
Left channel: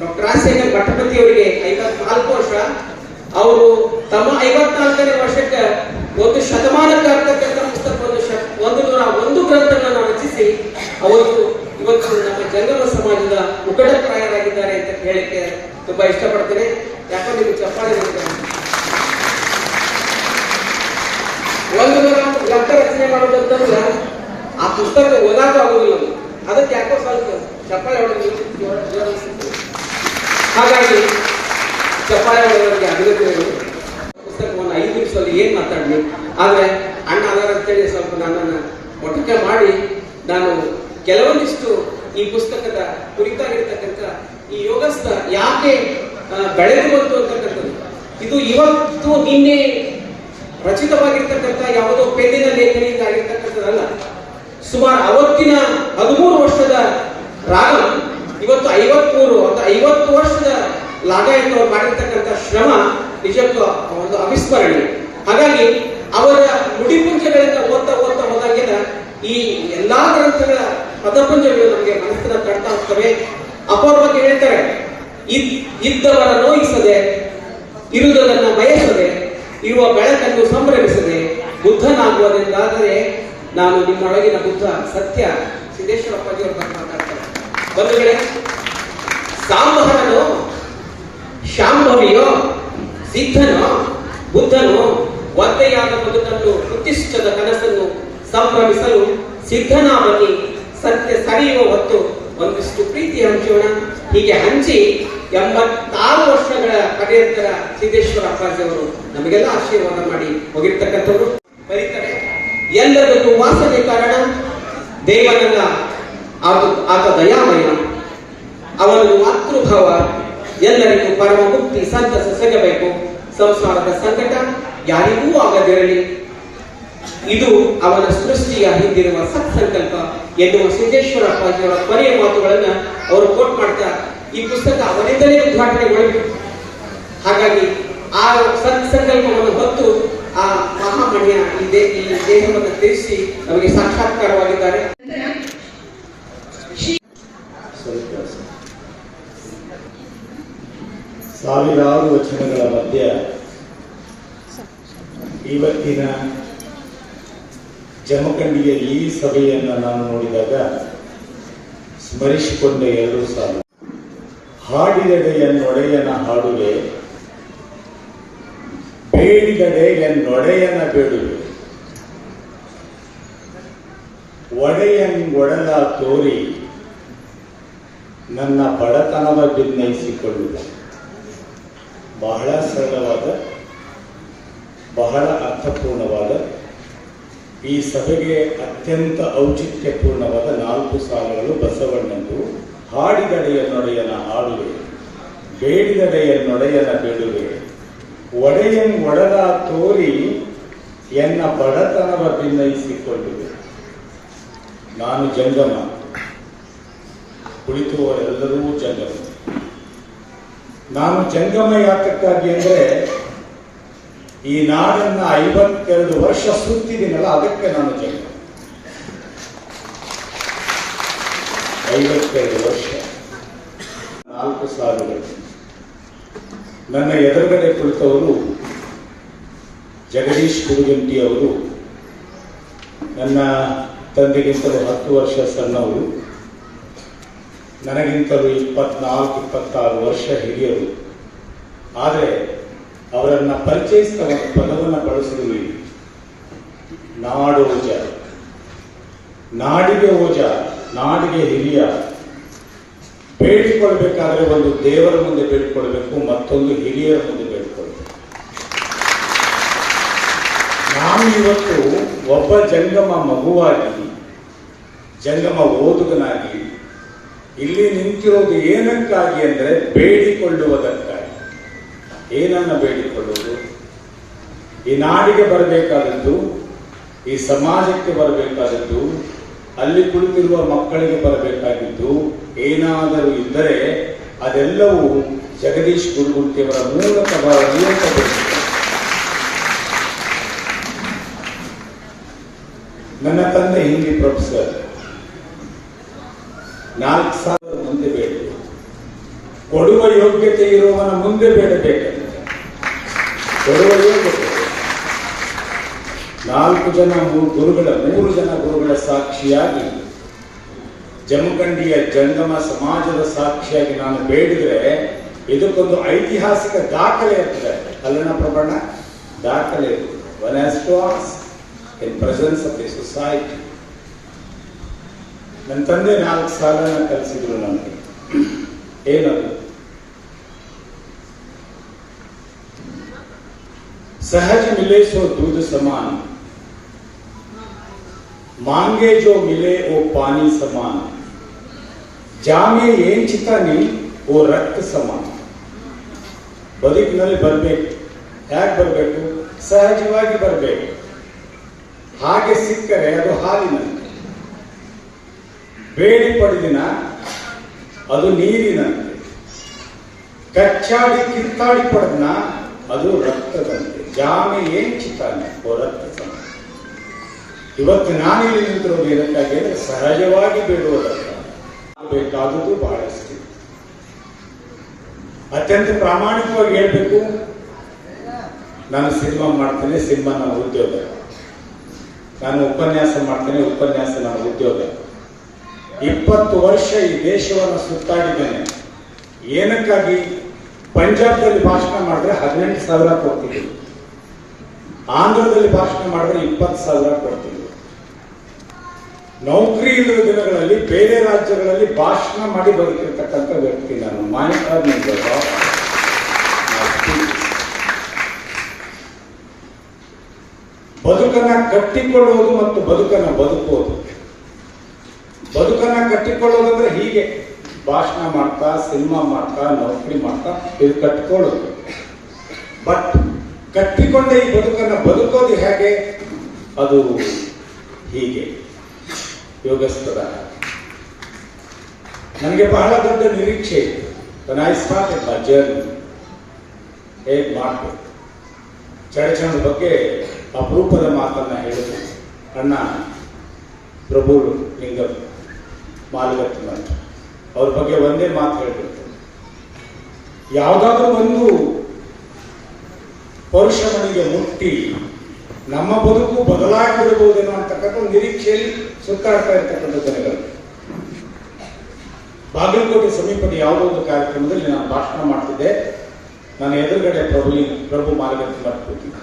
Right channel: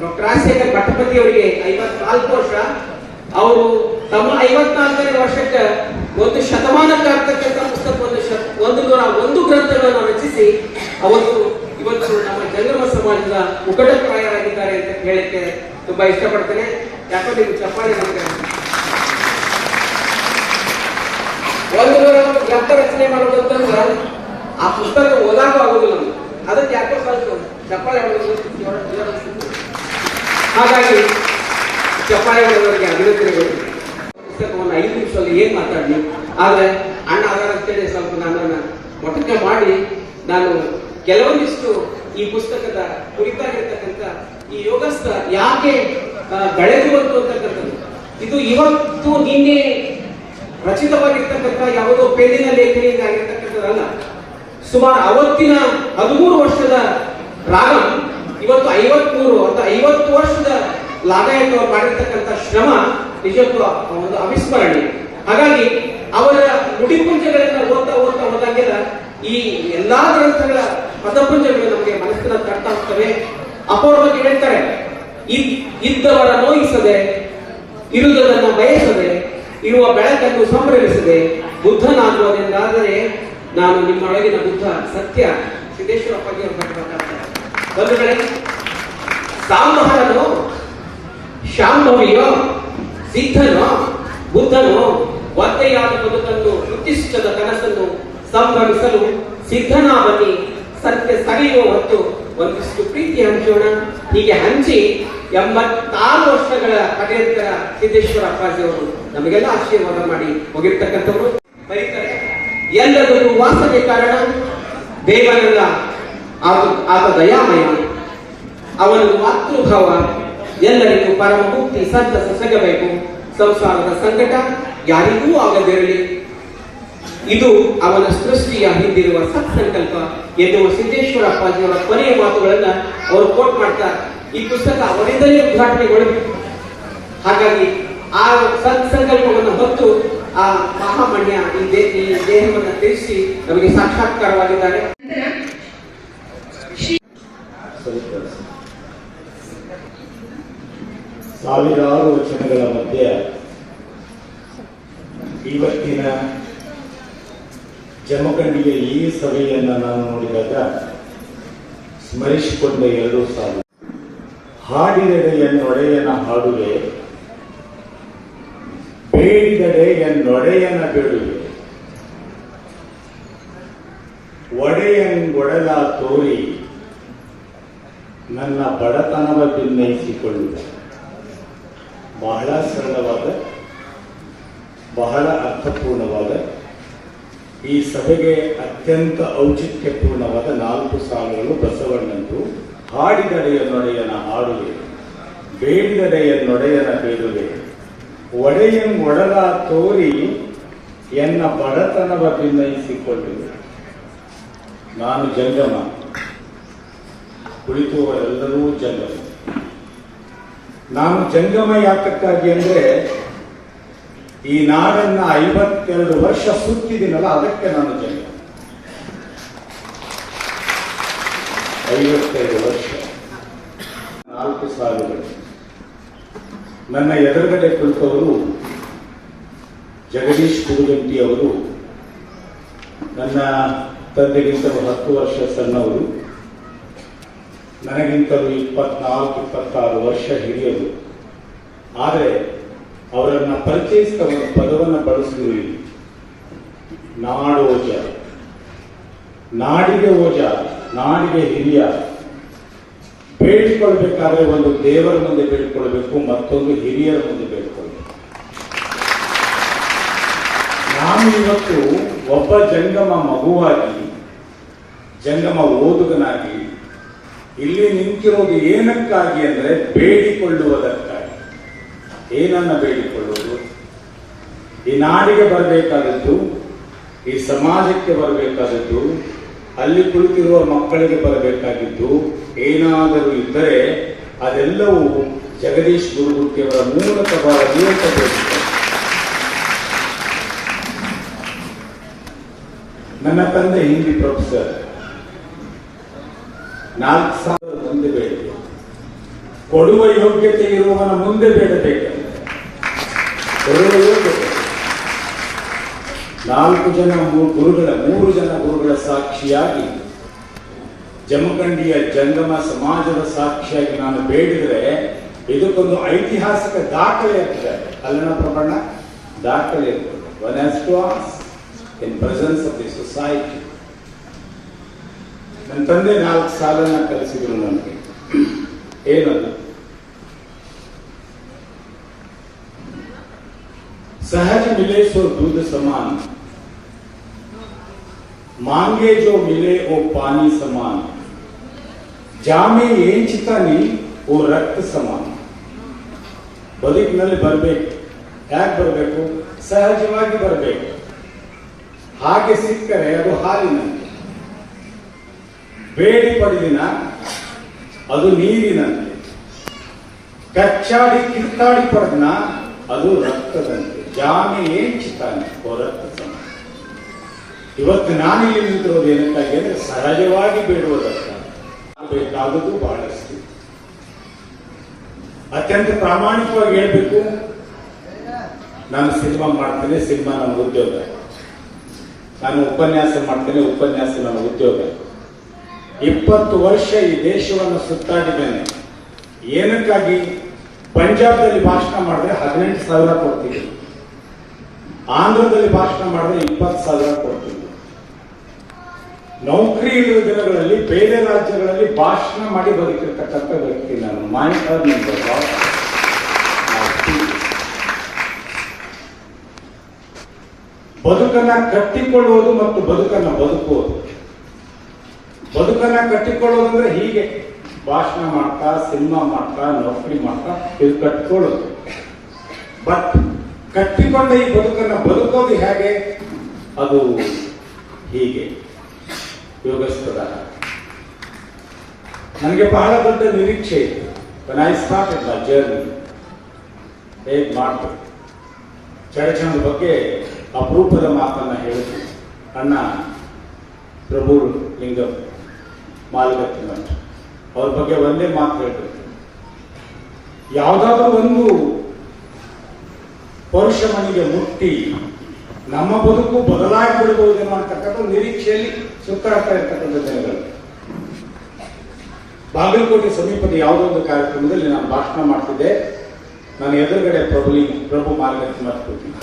ಡಾಕ್ಟರ್ ರಾಜಶೇಖರ್ ಮಠಪತಿ ಅವರಿಗೆ 54 ವರ್ಷ. ಅವರು ತಮ್ಮ 54ನೇ ವರ್ಷಕ್ಕೆ ಒಂದು ಶತಮಾನಕ್ಕೆ ಆಗ್ತಕ್ಕಂಥ ಪುಸ್ತಕವನ್ನು 101 ಗ್ರಂಥಗಳನ್ನು ರಚಿಸಿ ಅವರು ಇವತ್ತು ನಮ್ಮ ಜಂಗಮ ಸಮಾಜದ ಮುಖಂಡರಾಗಿದ್ದಾರೆ ಅಂತ ಹೇಳಕ್ಕೆ ತುಂಬಾ ಇಷ್ಟಪಡ್ತೇನೆ. ಯಾಕಂದ್ರೆ ನೀವು ಚಪ್ಪಾಳೆ ಗ್ರಂಥ ರಚನೆ ಮಾಡೋದು ಅಂತಂದ್ರೆ ಆ ಪುಸ್ತಕ ಓದಾಕ ಆಗೋದಿಲ್ಲ, ಅದಕ್ಕೆ ಯಾಕೋ ಸ್ವಲ್ಪ ಚಪ್ಪಾಳೆ ಹಾಗಾಗಿ ಚಪ್ಪಾಳೆ ಹೊಡೆದವರಿಗೆ ಅಭಿನಂದನೆಗಳು. ಪುಸ್ತಕವನ್ನು 5 ನಿಮಿಷದಲ್ಲಿ ಏನ್ ಮಾತಾಡ್ಲಿ, ಆದ್ರೆ ಅಣ್ಣ ಅದರ ಅಂತೇಳಿ ಸ್ವಲ್ಪ ನನ್ನನ್ನು ಮೊಟಕ ಮಾಡಿ ನಾನು ಕೆಲವೊಂದಿಷ್ಟು ಈ ಪುಸ್ತಕದ ಕುರಿತಾಗಿರ್ತಕ್ಕಂಥ ಈ ಯೋಗಸ್ಥ ಯಾಕೆ ಬೆಳೆದು ಬಂತು ಅಂತಕ್ಕಂಥದ್ದು, ಇದು ಇವತ್ತು ನಿನ್ನೆ ರಚಿತವಾಗಿರ್ತಕ್ಕಂಥ ಯಾವುದೋ ಪೆನ್ನಿನ ಲೇಖನಿಯಿಂದ ಆಗಿರ್ತಕ್ಕಂಥದ್ದಲ್ಲ. ಸುಮಾರು ಅವತ್ತಿನ 13 ವರ್ಷದ ರಾಗ ಇವತ್ತು 53 ಅಥವಾ 50 ವರ್ಷದ ಲಾಗಾಯಕರು ಮಾಡಿರ್ತಕ್ಕಂಥ ಶ್ರಮ ನಿಜಕ್ಕೂ ಒಂದು ಅವಿಸ್ಮರಣೀಯ. ಹಾಗಾಗಿ ಅವರ ನುಡಿಪುಂಜಗಳನ್ನ ಓದ್ತಾ ಹೋದಾಗೆಲ್ಲ ಈ ಎಲ್ಲಾ ಗ್ರಂಥಗಳ ಪದಪುಂಜಗಳು ನಮಗೆ ಮನಸ್ಸಿನ ಕಟ್ತಾ ಹೋಗ್ತವೆ. ಅಪೂರ್ವಕ್ಕೆ ಹೇಳ್ತಾರೆ, ಇದ್ದವರ ನೋಯಿಸದೆ, ಇರುವುದನ್ನು ಬಯಸದೆ, ಇರುವ ಬೆಳಕನ್ನು ಸಂಭ್ರಮಿಸದೆ ಬುದ್ಧನಾಗುವುದೆಂದಾದರೆ ನಾನು ನಿಮ್ಮೊಳಗಿನ ಬುದ್ಧ ಸತ್ಯ. ಸಿದ್ದೇಶ್ವರ ಅಪ್ಪಾಜಿ ಮಾತಾಡ್ತಾರೆ. ಬಂಧುಗಳೇ, ಸಾಂಬಹನೋ ಶಾಂಭವಿಯೋ ಸಿದ್ಧನೋ ಬುದ್ಧನೋ ಒತ್ತೆಯಾದ ಬದುಕನ್ನು ಉತ್ತಿಷ್ಟದ ಕನಸನ್ನು ಸಂಭ್ರಮಿಸಲು ಸಿದ್ಧನಾವನಿ ಸತ್ಯ ಸರಿಯುವ ಹೊತ್ತು ಒಂದಿಷ್ಟು ಪ್ರೀತಿ ಹಂಚೋಣ. ಹೀಗೆ ಹಂಚಿ 86 ವರ್ಷಗಳ ಪರ್ಯಂತರ ಸಿದ್ದೇಶ್ವರ ಅಪ್ಪಾಜಿ ಅವರು ನಮಗೆಲ್ಲ ಆಶೀರ್ವಾದ ಮಾಡಿ ಹೋಗಿರ್ತಕ್ಕಂಥವ್ರು. ಬರೀತಾರೆ, ಎಲ್ಲರಿಗೂ ವಾಸನೆ ಕಾರಣ ದೇವನಲ್ಲ ಆತ ದಯಾಮಯ, ಅವನು ಮಾತೃಭಾವ, ಎಲ್ಲರಿಗೂ ಪರಮ ಮುಕ್ತಿ ಸಂತಸ ಸಿಗಬೇಕು, ಸಂಸಾರದ ಸಂಕಟ ಯಾರಿಗೂ ಆಗದಿರಲಿ, ಇದು ಅವನ ಸೃಷ್ಟಿಯ ಹಿಂದಿರುವ ಸತ್ಸಂಕಲ್ಪ ಎನ್ನುವ ಸಿದ್ದೇಶ್ವರ ಅಪ್ಪಾಜಿಯವರ ಕೊನೆಯ ಮಾತುಗಳನ್ನ ಅವರು ಕೋಟ್ ಮಾಡ್ತಾ ಈ ಪುಸ್ತಕ ಅವರಿಂದಲೇ ಉದ್ಘಾಟನೆಗೊಳ್ಳಬೇಕು. ಹಾಗಾಗಿ ಆ ಸತ್ಸಂಕಲ್ಪವನ್ನು ಹೊತ್ತು ಆ ಮಹಾಮಣ್ಯ ಈ ದೇಹವನ್ನು ತಿಳಿಸಿ ನಮಗೆ ಸಾಕ್ಷಾತ್ಕಾರವಾಗಿದ್ದಾರೆ. ಸಾವಿರಾರು ವಚನಗಳ ಮಧ್ಯೆ ಇವತ್ತಿನ ಜಮಖಂಡಿಯ ಈ ಸಭೆಯನ್ನು ನಾನು ನೋಡಿದಾಗ ಸ್ಮರಿಸಿಕೊಂಡ 2 ಸಾಲು. ಹಾಡಿದಡೆ ಎನ್ನೊಡೆಯನ ಹಾಡುವೆ, ಬೇಡಿದಡೆ ಎನ್ನೊಡೆಯನ ಬೇಡುವೆ, ಒಡೆಯಂಗೊಡಲ ತೋರಿ ನನ್ನ ಬಡತನವ ಭಿನ್ನಯಿಸಿಕೊಳ್ಳುವೆ. ಬಹಳ ಸರಳವಾದ ಬಹಳ ಅರ್ಥಪೂರ್ಣವಾದ, ಈ ಸಭೆಗೆ ಅತ್ಯಂತ ಔಚಿತ್ಯಪೂರ್ಣವಾದ 4 ಸಾಲುಗಳು ಬಸವಣ್ಣಂದು. ಹಾಡಿದಡೆಯ ನೊಡೆಯನ ಹಾಡುವೆ, ಬೇಡಿದಡೆಯ ನೊಡೆಯನ ಬೇಡುವೆ, ಒಡೆಯಂ ಒಡಲ ತೋರಿ ಎನ್ನ ಬಡತನವ ಭಿನ್ನಯಿಸಿಕೊಳ್ಳುವೆ. ನಾನು ಜಂಗಮ, ಕುಳಿತುವರೆಲ್ಲರೂ ಜಂಗಮ. ನಾನು ಜಂಗಮ ಯಾತಕ್ಕಾಗಿ ಅಂದ್ರೆ ಈ ನಾಡನ್ನ 52 ವರ್ಷ ಸುತ್ತಿದ್ದೀನಲ್ಲ, ಅದಕ್ಕೆ ನಾನು ಜಂಗಮ. 52 ವರ್ಷ, 4 ಸಾಲುಗಳು. ನನ್ನ ಎದುರುಗಡೆ ಕುಳಿತವರು ಜಗದೀಶ್ ಕುರುಗಂಟಿ ಅವರು. ನನ್ನ ತಂದೆಗಿಂತಲೂ 10 ವರ್ಷ ಸಣ್ಣವರು, ನನಗಿಂತಲೂ 24-26 ವರ್ಷ ಹಿರಿಯರು. ಆದರೆ ಅವರನ್ನ ಪರಿಚಯಿಸಿದ ಒಂದು ಪದವನ್ನು ಬಳಸಿದ್ವಿ, ನಾಡೋಜ. ನಾಡಿಗೆ ಓಜ, ನಾಡಿಗೆ ಹಿರಿಯ. ಬೇಡಿಕೊಳ್ಬೇಕಾದ್ರೆ ಒಂದು ದೇವರ ಮುಂದೆ ಬೇಡಿಕೊಳ್ಬೇಕು, ಮತ್ತೊಂದು ಹಿರಿಯರ ಮುಂದೆ ಬೇಡಿಕೊಳ್ಬೇಕು. ನಾನು ಇವತ್ತು ಒಬ್ಬ ಜಂಗಮ ಮಗುವಾಗಿ, ಜಂಗಮ ಓದುಗನಾಗಿ ಇಲ್ಲಿ ನಿಂತಿರೋದು ಏನಕ್ಕಾಗಿ ಅಂದ್ರೆ ಬೇಡಿಕೊಳ್ಳುವುದಕ್ಕಾಗಿ. ಏನನ್ನ ಬೇಡಿಕೊಳ್ಳುವುದು? ಈ ನಾಡಿಗೆ ಬರಬೇಕಾದದ್ದು, ಈ ಸಮಾಜಕ್ಕೆ ಬರಬೇಕಾದದ್ದು, ಅಲ್ಲಿ ಕುಳಿತಿರುವ ಮಕ್ಕಳಿಗೆ ಬರಬೇಕಾಗಿದ್ದು ಏನಾದರೂ ಇದ್ದರೆ ಅದೆಲ್ಲವೂ ಜಗದೀಶ್ ಗುರುಮೂರ್ತಿಯವರ ಮೂಲಕ ಬರಬೇಕು. ನನ್ನ ತಂದೆ ಹಿಂದಿ ಪ್ರೊಫೆಸರ್. 4,000 ಮುಂದೆ ಬೇಡ, ಕೊಡುವ ಯೋಗ್ಯತೆ ಇರುವವನ ಮುಂದೆ ಬೇಡಬೇಕು. ಕೊಡುವ ಯೋಗ್ಯತೆ 4 ಜನ ಗುರುಗಳ 3 ಜನ ಗುರುಗಳ ಸಾಕ್ಷಿಯಾಗಿ, ಜಮಖಂಡಿಯ ಜಂಗಮ ಸಮಾಜದ ಸಾಕ್ಷಿಯಾಗಿ ನಾನು ಬೇಡಿದರೆ ಇದಕ್ಕೊಂದು ಐತಿಹಾಸಿಕ ದಾಖಲೆ ಇರ್ತದೆ. ಅಲ್ಲನ ಪ್ರಬಣ್ಣ ದಾಖಲೆ ಇರ್ತದೆ. One has to ask in presence of the society. ನನ್ನ ತಂದೆ 4 ಸಾಲನ್ನ ಕಲಿಸಿದ್ರು ನನಗೆ. ಏನದು? सहज मिले सो दूध समान, मांगे जो मिले वो पानी समान, जामे ಏನ್ ಚಿತಾನಿ ಓ ರಕ್ತ ಸಮಾನ. ಬದುಕಿನಲ್ಲಿ ಬರಬೇಕು. ಯಾಕೆ ಬರಬೇಕು? ಸಹಜವಾಗಿ ಬರಬೇಕು. ಹಾಗೆ ಸಿಕ್ಕರೆ ಅದು ಹಾಲಿನಂತೆ, ಬೇಡಿ ಪಡೆದಿನ ಅದು ನೀರಿನಂತೆ, ಕಚ್ಚಾಡಿ ಕಿತ್ತಾಡಿ ಪಡೆದನ ಅದು ರಕ್ತದಂತೆ. ಜಾಮೆ ಏನ್ ಚಿತ್ತಾನೆ ಓ ರಕ್ತ ಸಮಾನ. ಇವತ್ತು ನಾನಿಲ್ಲಿ ನಿಂತಿರೋದು ಏನಕ್ಕಾಗಿ ಅಂದ್ರೆ ಸಹಜವಾಗಿ ಬೇಡುವುದಕ್ಕಾಗಿ. ಬೇಕಾದುದು ಬಹಳಷ್ಟು. ಅತ್ಯಂತ ಪ್ರಾಮಾಣಿಕವಾಗಿ ಹೇಳ್ಬೇಕು, ನಾನು ಸಿನಿಮಾ ಮಾಡ್ತೇನೆ, ಸಿನಿಮಾ ನನ್ನ ಉದ್ಯೋಗ. ನಾನು ಉಪನ್ಯಾಸ ಮಾಡ್ತೇನೆ, ಉಪನ್ಯಾಸ ನನ್ನ ಉದ್ಯೋಗ. 20 ವರ್ಷ ಈ ದೇಶವನ್ನು ಸುತ್ತಾಡಿದ್ದೇನೆ. ಏನಕ್ಕಾಗಿ? ಪಂಜಾಬ್ದಲ್ಲಿ ಭಾಷಣ ಮಾಡಿದ್ರೆ 18,000 ಕೊಡ್ತೀವಿ, ಆಂಧ್ರದಲ್ಲಿ ಭಾಷಣ ಮಾಡಿದ್ರೆ 20,000 ಕೊಡ್ತೀವಿ. ನೌಕರಿ ಇರುವ ದಿನಗಳಲ್ಲಿ ಬೇರೆ ರಾಜ್ಯಗಳಲ್ಲಿ ಭಾಷಣ ಮಾಡಿ ಬದುಕಿರ್ತಕ್ಕಂಥ ವ್ಯಕ್ತಿ ನಾನು. ಬದುಕನ್ನ ಕಟ್ಟಿಕೊಳ್ಳುವುದು ಮತ್ತು ಬದುಕನ್ನ ಬದುಕುವುದು. ಬದುಕನ್ನ ಕಟ್ಟಿಕೊಳ್ಳೋದು ಅಂದ್ರೆ ಹೀಗೆ ಭಾಷಣ ಮಾಡ್ತಾ, ಸಿನಿಮಾ ಮಾಡ್ತಾ, ನೌಕರಿ ಮಾಡ್ತಾ ಇದು ಕಟ್ಟಿಕೊಳ್ಳೋದು. ಬಟ್ ಕಟ್ಟಿಕೊಂಡ ಈ ಬದುಕನ್ನ ಬದುಕೋದು ಹೇಗೆ? ಅದು ಹೀಗೆ ಯೋಗಸ್ಥರ. ನನಗೆ ಬಹಳ ದೊಡ್ಡ ನಿರೀಕ್ಷೆ ಇತ್ತು. When I started my journey, ಹೇಗೆ ಮಾಡ್ತಾರೆ ಚರಚಂದ್ರ ಬಗ್ಗೆ ಅಪರೂಪದ ಮಾತನ್ನ ಹೇಳಿದ್ರು. ಅಣ್ಣ ಪ್ರಭು ಲಿಂಗಂ ಮಾಲಗತ್ತಿನ ಅವ್ರ ಬಗ್ಗೆ ಒಂದೇ ಮಾತು ಹೇಳ್ಬೇಕು, ಯಾವುದಾದ್ರೂ ಒಂದು ಪರುಷ ಮನೆಗೆ ಮುಟ್ಟಿ ನಮ್ಮ ಬದುಕು ಬದಲಾಗಿ ಬಿಡಬಹುದೇನೋ ಅಂತಕ್ಕಂಥ ನಿರೀಕ್ಷೆಯಲ್ಲಿ ಸುತ್ತಾಡ್ತಾ ಇರ್ತಕ್ಕಂಥ ಜನಗಳು. ಬಾಗಲಕೋಟೆ ಸಮೀಪದ ಯಾವುದೋ ಒಂದು ಕಾರ್ಯಕ್ರಮದಲ್ಲಿ ನಾನು ಭಾಷಣ ಮಾಡ್ತಿದ್ದೆ. ನಾನು ಎದುರುಗಡೆ ಪ್ರಭು ಮಾಲಗತ್ತಿ ಮಾಡ್ಕೊತೀನಿ.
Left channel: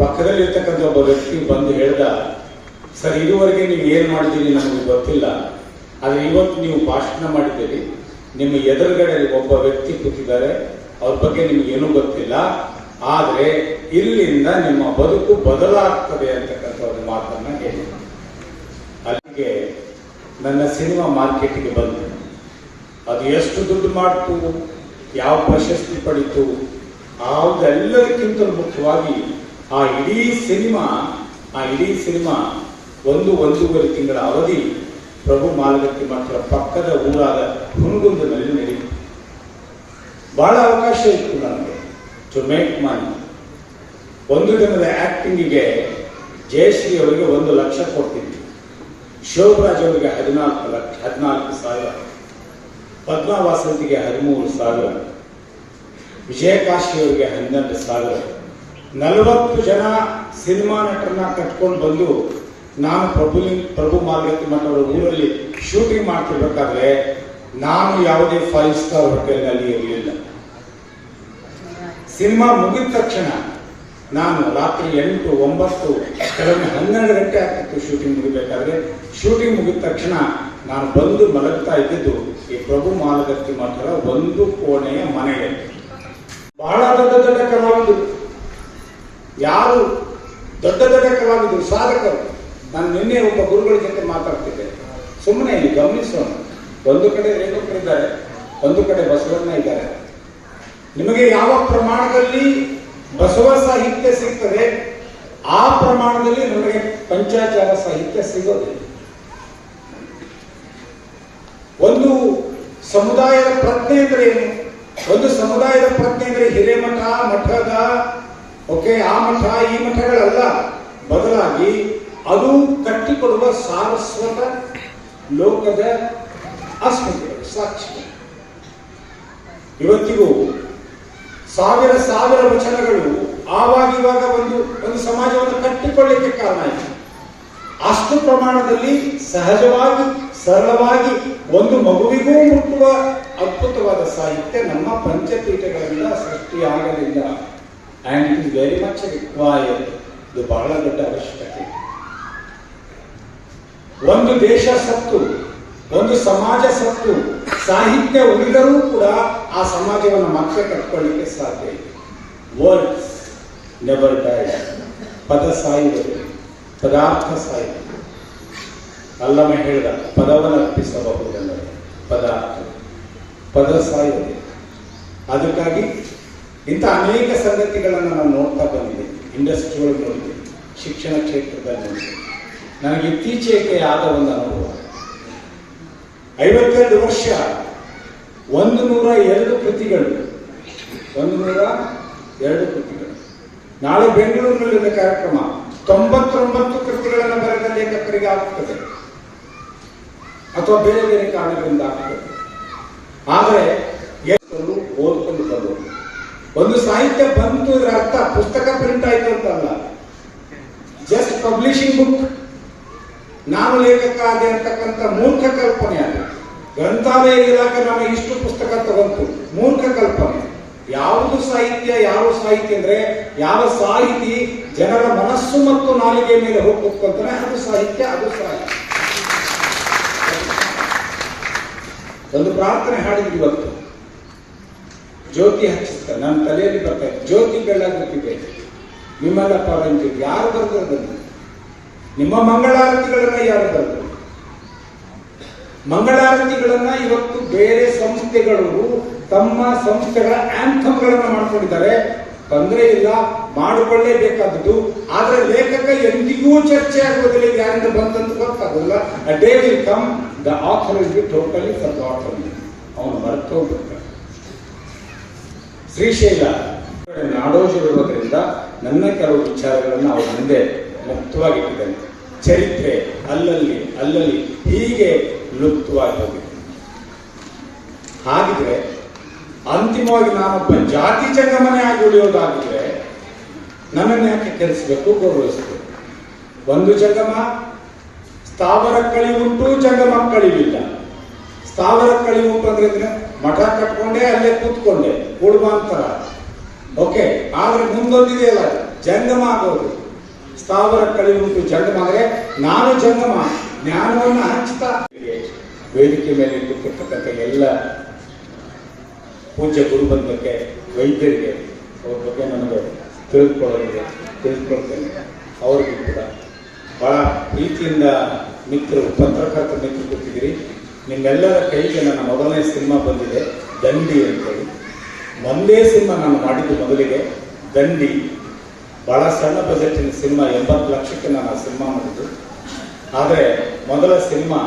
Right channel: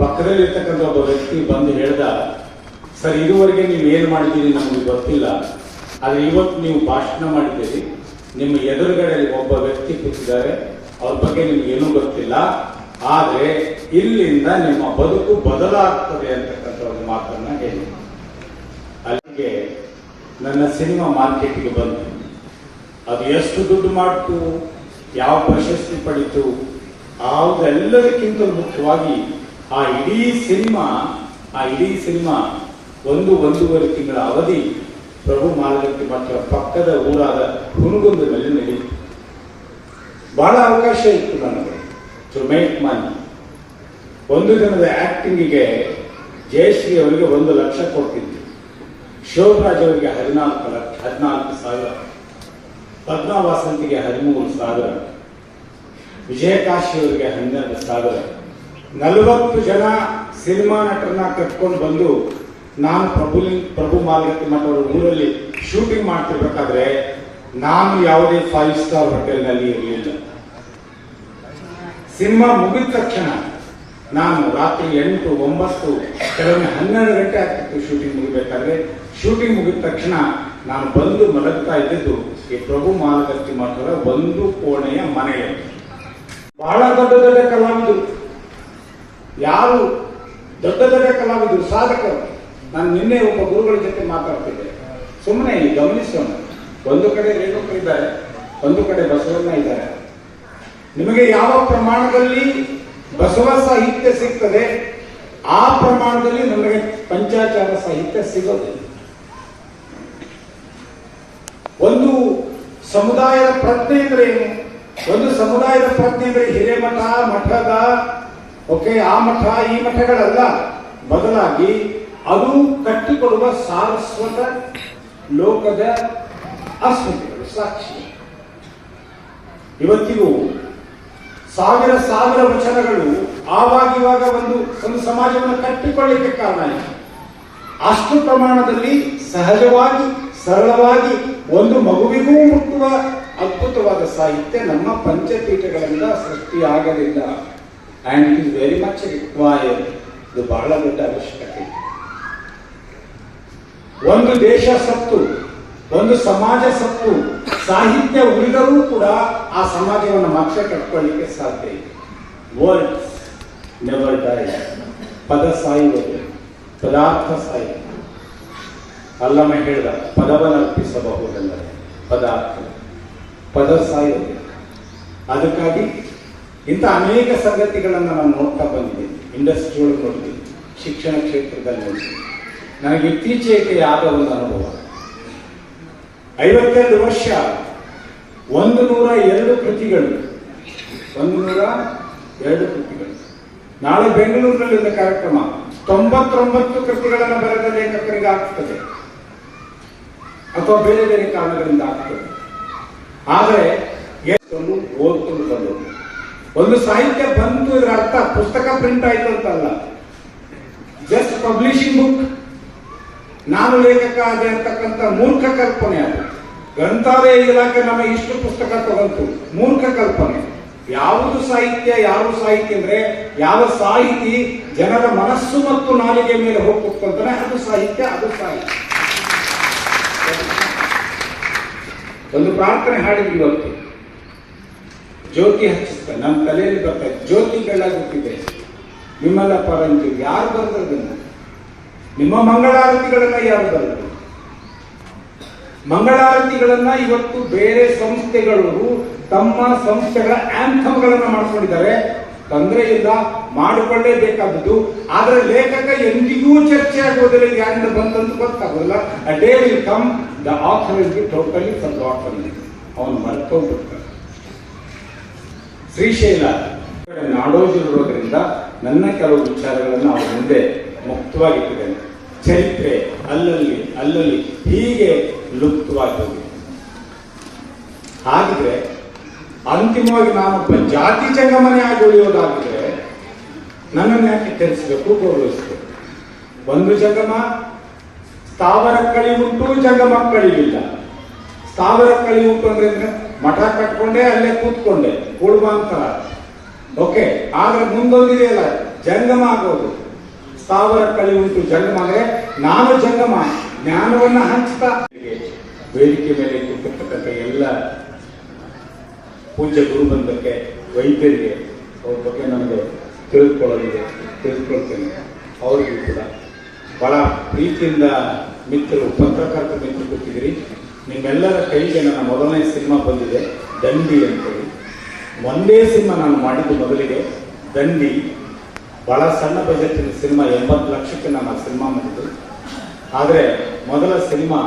ಪಕ್ಕದಲ್ಲಿ ಇರ್ತಕ್ಕಂಥ ಒಬ್ಬ ವ್ಯಕ್ತಿ ಬಂದು ಹೇಳ್ದ, ಸರ್ ಇದುವರೆಗೆ ನೀವು ಏನು ಮಾಡಿದ್ದೀರಿ ನಮಗೆ ಗೊತ್ತಿಲ್ಲ, ಆದರೆ ಇವತ್ತು ನೀವು ಭಾಷಣ ಮಾಡಿದ್ದೀರಿ, ನಿಮ್ಮ ಎದುರುಗಡೆ ಒಬ್ಬ ವ್ಯಕ್ತಿ ಕೂತಿದ್ದಾರೆ, ಅವ್ರ ಬಗ್ಗೆ ನಿಮ್ಗೆ ಏನೂ ಗೊತ್ತಿಲ್ಲ, ಆದ್ರೆ ಇಲ್ಲಿಂದ ನಿಮ್ಮ ಬದುಕು ಬದಲಾಗ್ತದೆ ಅಂತಕ್ಕಂಥ ಒಂದು ಮಾತನ್ನ ಹೇಳಿ ಅಲ್ಲಿಗೆ ನನ್ನ ಸಿನಿಮಾ ಮಾರ್ಕೆಟ್ಗೆ ಬಂತು. ಅದು ಎಷ್ಟು ದುಡ್ಡು ಮಾಡ್ತು, ಯಾವ ಪ್ರಶಸ್ತಿ ಪಡಿತು, ಅದೆಲ್ಲದಕ್ಕಿಂತ ಮುಖ್ಯವಾಗಿ ಆ ಇಡೀ ಸಿನಿಮಾ 1-1.5 ತಿಂಗಳ ಅವಧಿ ಪ್ರಭು ಮಾಲಗತ್ತಿ ಮಠದ ಪಕ್ಕದ ಊರಾದ ಹುನಗುಂದದಲ್ಲಿ ನಡೆಯಿತು. ಬಹಳ ಅವಕಾಶ ಇತ್ತು ನನಗೆ ಟು ಮೇಕ್ ಮನಿ. ಒಂದು ದಿನದ ಆಕ್ಟಿಂಗಿಗೆ ಜಯಶ್ರೀ ಅವರಿಗೆ 1 ಲಕ್ಷ ಕೊಡ್ತಿದ್ವಿ, ಶೋಭರಾಜ್ ಅವರಿಗೆ 14,000, ಪದ್ಮಾ ವಾಸಂತಿಗೆ 13,000, ವಿಜಯಕಾಶಿ ಅವರಿಗೆ 12,000. 40 ಜನ ಸಿನಿಮಾ ನಟರನ್ನ ಕಟ್ಕೊಂಡು ಬಂದು ನಾನು ಪ್ರಭು ಮಾಲಗತ್ತಿ ಮಠದ ಊರಲ್ಲಿ ಶೂಟಿಂಗ್ ಮಾಡ್ತಿರ್ಬೇಕಾದ್ರೆ ನಾನು ಯಾವುದೇ 5 ಸ್ಟಾರ್ ಹೋಟೆಲ್ನಲ್ಲಿ ಇರಲಿಲ್ಲ. ಸಿನಿಮಾ ಮುಗಿದ ತಕ್ಷಣ ನಾನು ರಾತ್ರಿ 8, 9, ಕೆಲವೊಮ್ಮೆ 12 ಗಂಟೆ ಆಗ್ತಿತ್ತು ಶೂಟಿಂಗ್ ಮುಗಿಬೇಕಾದ್ರೆ. ಶೂಟಿಂಗ್ ಮುಗಿದ ತಕ್ಷಣ ನಾನು ಬಂದು ಮಲಗ್ತಾ ಇದ್ದಿದ್ದು ಈ ಪ್ರಭು ಮಾಲಗತ್ತಿ ಮಠದ 1 ಕೋಣೆಯ ಮನೆಯಲ್ಲಿ. ಬಹಳ ದೊಡ್ಡ ಕಲಾವಿದರು, ಯಾರು ದೊಡ್ಡ ಕಲಾವಿದರು, ಸಾಧಕರು. ನಾನು ನಿನ್ನೆ ಒಬ್ಬ ಗುರುಗಳ ಜೊತೆ ಮಾತಾಡ್ತಿದ್ದೆ. ಸುಮ್ಮನೆ ಇಲ್ಲಿ ಗಮನಿಸೋಣ, ಒಂದು ಕಡೆ ರೇಣುಕರು ಇದ್ದಾರೆ, ಒಂದು ಕಡೆ ಬಸವಣ್ಣ ಇದ್ದಾರೆ. ನಿಮಗೆ ಯಾವ ಪ್ರಮಾಣದಲ್ಲಿ ಬಸವ ಸಾಹಿತ್ಯ ಸಿಗ್ತದೆ ಆ ಪ್ರಮಾಣದಲ್ಲಿ ನಮಗೆ ಪಂಚಾಚಾರ ಸಾಹಿತ್ಯ ಸಿಗೋದಿಲ್ಲ. ಒಂದು ಸಮುದಾಯದ ಪ್ರಜ್ಞೆ ಅಂದ್ರೆ ಏನು? ಒಂದು ಸಮುದಾಯದ ಪ್ರಜ್ಞೆ ಅಂದ್ರೆ ಹಿರೇಮಠ, ಮಠದ ಆ ಮಠ ಈ ಮಠಗಳಲ್ಲ, ಬದಲಾಗಿ ಅದು ಕಟ್ಟಿಕೊಡುವ ಸಾರಸ್ವತ ಲೋಕದ ಅಸ್ಮಿತೆಗಳು, ಸಾಕ್ಷಿ. ಇವತ್ತಿಗೂ ಸಾವಿರ ವಚನಗಳು ಆವಾಗಿವಾಗ ಒಂದು ಸಮಾಜವನ್ನು ಕಟ್ಟಿಕೊಳ್ಳಲಿಕ್ಕೆ ಕಾರಣ ಇದೆ. ಅಷ್ಟು ಪ್ರಮಾಣದಲ್ಲಿ ಸಹಜವಾಗಿ ಸರಳವಾಗಿ ಒಂದು ಮಗುವಿಗೂ ಮುಟ್ಟುವ ಅದ್ಭುತವಾದ ಸಾಹಿತ್ಯ ನಮ್ಮ ಪಂಚಪೀಠಗಳಿಂದ ಸೃಷ್ಟಿಯಾಗಲಿಲ್ಲ. And it is very much required. ಇದು ಬಹಳ ದೊಡ್ಡ ಅವಶ್ಯಕತೆ. ಒಂದು ದೇಶ ಸತ್ತು, ಒಂದು ಸಮಾಜ ಸತ್ತು, ಸಾಹಿತ್ಯ ಉಳಿದರೂ ಕೂಡ ಆ ಸಮಾಜವನ್ನು ಮತ್ತೆ ಕಟ್ಕೊಳ್ಳಿಕ್ಕೆ ಸಾಧ್ಯ ಇದೆ. Words never dye. ಪದ ಸಾಯುವುದು, ಪದಾರ್ಥ ಸಾಯುವುದು. ಅಲ್ಲಮ ಹೇಳಿದ, ಪದವನ್ನು ಅರ್ಪಿಸಬಹುದಲ್ಲದೆ ಪದ ಸಾಯುವುದು. ಅದಕ್ಕಾಗಿ ಇಂಥ ಅನೇಕ ಸಂಗತಿಗಳನ್ನು ನಾವು ನೋಡ್ತಾ ಬಂದಿದ್ದೀವಿ. ಇಂಡಸ್ಟ್ರಿ ಒಳಗೆ ನೋಡಿದ್ದೀವಿ, ಶಿಕ್ಷಣ ಕ್ಷೇತ್ರದಲ್ಲಿ ನೋಡಿದ್ದೀವಿ. ನನಗೆ ಇತ್ತೀಚೆಗೆ ಆದ ಒಂದು ಅನುಭವ. 52 ವರ್ಷ, 102 ಕೃತಿಗಳು, 102 ಕೃತಿಗಳು. ನಾಳೆ ಬೆಂಗಳೂರಿನಲ್ಲಿದ್ದ ಕಾರ್ಯಕ್ರಮ 99 ಕೃತಿಗಳನ್ನು ಬರೆದ ಲೇಖಕರಿಗೆ ಆಗ್ತದೆ, ಅಥವಾ ಬೇರೆ ಬೇರೆ ಕಾರಣಗಳಿಂದ ಆಗ್ತದೆ. ಆದರೆ ಓದ್ಕೊಂಡು ಬಂದು ಒಂದು ಸಾಹಿತ್ಯ ಬಂತು, ಇದರ ಅರ್ಥ ಪುಸ್ತಕ ಪ್ರಿಂಟ್ ಆಯ್ತು ಅಂತಲ್ಲ. ಜಸ್ಟ್ ಪಬ್ಲಿಷಿಂಗ್ ಬುಕ್, ನಾನು ಲೇಖಕ ಆದೆ ಅಂತಕ್ಕಂಥ ಮೂರ್ಖ ಕಲ್ಪನೆ. ಅದು ಗ್ರಂಥಾಲಯ ಇಲಾಖೆ ನಮ್ಮ ಇಷ್ಟು ಪುಸ್ತಕ ತಗೊಂತು, ಮೂರ್ಖ ಕಲ್ಪನೆ. ಯಾವುದು ಸಾಹಿತ್ಯ, ಯಾವ ಸಾಹಿತ್ಯ ಅಂದ್ರೆ ಯಾವ ಸಾಹಿತಿ ಜನರ ಮನಸ್ಸು ಮತ್ತು ನಾಲಿಗೆ ಮೇಲೆ ಹೋಗ್ತಾನೆ, ಅದು ಸಾಹಿತ್ಯ, ಅದು ಸಾಹಿತ್ಯ. ಒಂದು ಪ್ರಾರ್ಥನೆ ಹಾಡಿದ್ವಿ ಇವತ್ತು, ಜ್ಯೋತಿ ಹಚ್ಚಿಸ್ತ ನನ್ನ ತಲೆಯಲ್ಲಿ ಬರ್ತಾ ಇತ್ತು. ಜ್ಯೋತಿ ಬೆಳಗುತ್ತಿದೆ ನಿಮ್ಮೆಲ್ಲ ಪರಂಜಿ. ಯಾರು ಬರೆದದನ್ನು? ನಿಮ್ಮ ಮಂಗಳಾರತಿಗಳನ್ನ ಯಾರು ಬರೆದರು? ಮಂಗಳಾರತಿಗಳನ್ನ ಇವತ್ತು ಬೇರೆ ಸಂಸ್ಥೆಗಳು ತಮ್ಮ ಸಂಸ್ಥೆಗಳ ಆಂಥಮ್ಗಳನ್ನ ಮಾಡ್ಕೊಂಡಿದ್ದಾರೆ. ತೊಂದರೆ ಇಲ್ಲ, ಮಾಡಿಕೊಳ್ಳೇಬೇಕಾದದ್ದು. ಆದರೆ ಲೇಖಕ ಎಂದಿಗೂ ಚರ್ಚೆ ಆಗುವುದಿಲ್ಲ, ಯಾರಿಂದ ಬಂದಂತ ಗೊತ್ತಾಗಲ್ಲ. A day will come, the author will be totally forgotten. ಅವನು ಮರೆತೋಗ್ಬಿಡ್ತಾನೆ. ಶ್ರೀಶೈಲ ನಾಡೋಜಿರೋದ್ರಿಂದ ನನ್ನ ಕೆಲವು ವಿಚಾರಗಳನ್ನು ಅವ್ರ ಮುಂದೆ ಮುಕ್ತವಾಗಿಟ್ಟಿದ್ದೇನೆ. ಚರಿತ್ರೆ ಅಲ್ಲಲ್ಲಿ ಹೀಗೆ ಲುಪ್ತವಾಗಿ ಹೋಗಿದೆ. ಹಾಗಿದ್ರೆ ಅಂತಿಮವಾಗಿ ನಾನೊಬ್ಬ ಜಾತಿ ಜಂಗಮನೆ ಆಗಿ ಉಳಿಯೋದಾಗಿದ್ರೆ ನನ್ನನ್ನು ಯಾಕೆ ತಿಳಿಸಬೇಕು, ಗೌರವಿಸಬೇಕು? ಒಂದು ಜಂಗಮ, ಸ್ಥಾವರ ಕಳಿ ಉಂಟು, ಜಂಗಮ ಕಳಿಲಿಲ್ಲ. ಸ್ಥಾವರ ಕಳಿ ಉಂಟು ಅಂದ್ರೆ ಮಠ ಕಟ್ಕೊಂಡೆ, ಅಲ್ಲೇ ಕೂತ್ಕೊಂಡೆ, ಉಳ್ಬಾಂತರ. ಓಕೆ, ಆದ್ರೆ ಮುಂದೊಂದಿದೆಯಲ್ಲ, ಜಂಗಮ ಆಗೋದು. ಸ್ಥಾವರ ಕಳಿ ಉಂಟು, ಜಂಗಮ ಅಂದ್ರೆ ನಾನು ಜಂಗಮ, ಜ್ಞಾನವನ್ನ ಹಂಚ್ತಾ. ವೇದಿಕೆ ಮೇಲೆ ಕೂತಿರ್ತಕ್ಕಂಥ ಎಲ್ಲ ಪೂಜ್ಯ ಗುರುಬಂಧಕ್ಕೆ, ವೈದ್ಯರಿಗೆ, ಅವ್ರ ಬಗ್ಗೆ ನನಗೆ ತಿಳಿದುಕೊಳ್ತೇನೆ. ಅವ್ರಿಗೂ ಕೂಡ ಬಹಳ ಪ್ರೀತಿಯಿಂದ ಮಿತ್ರರು, ಪತ್ರಕರ್ತ ಮಿತ್ರರು ಗೊತ್ತಿದ್ದೀರಿ. ನಿಮ್ಮೆಲ್ಲರ ಕೈಗೆ ನನ್ನ ಮೊದಲನೇ ಸಿನಿಮಾ ಬಂದಿದೆ, ದಂಡಿ ಅಂತೇಳಿ. ಒಂದೇ ಸಿನಿಮಾ ನಾನು ಮಾಡಿದ್ದು ಮೊದಲಿಗೆ ದಂಡಿ. ಬಹಳ ಸಣ್ಣ ಬಜೆಟಿನ ಸಿನಿಮಾ, 80 ಲಕ್ಷಕ್ಕೆ ನಾನು ಆ ಸಿನಿಮಾ ಮಾಡಿದ್ದು. ಆದರೆ ಮೊದಲ ಸಿನಿಮಾ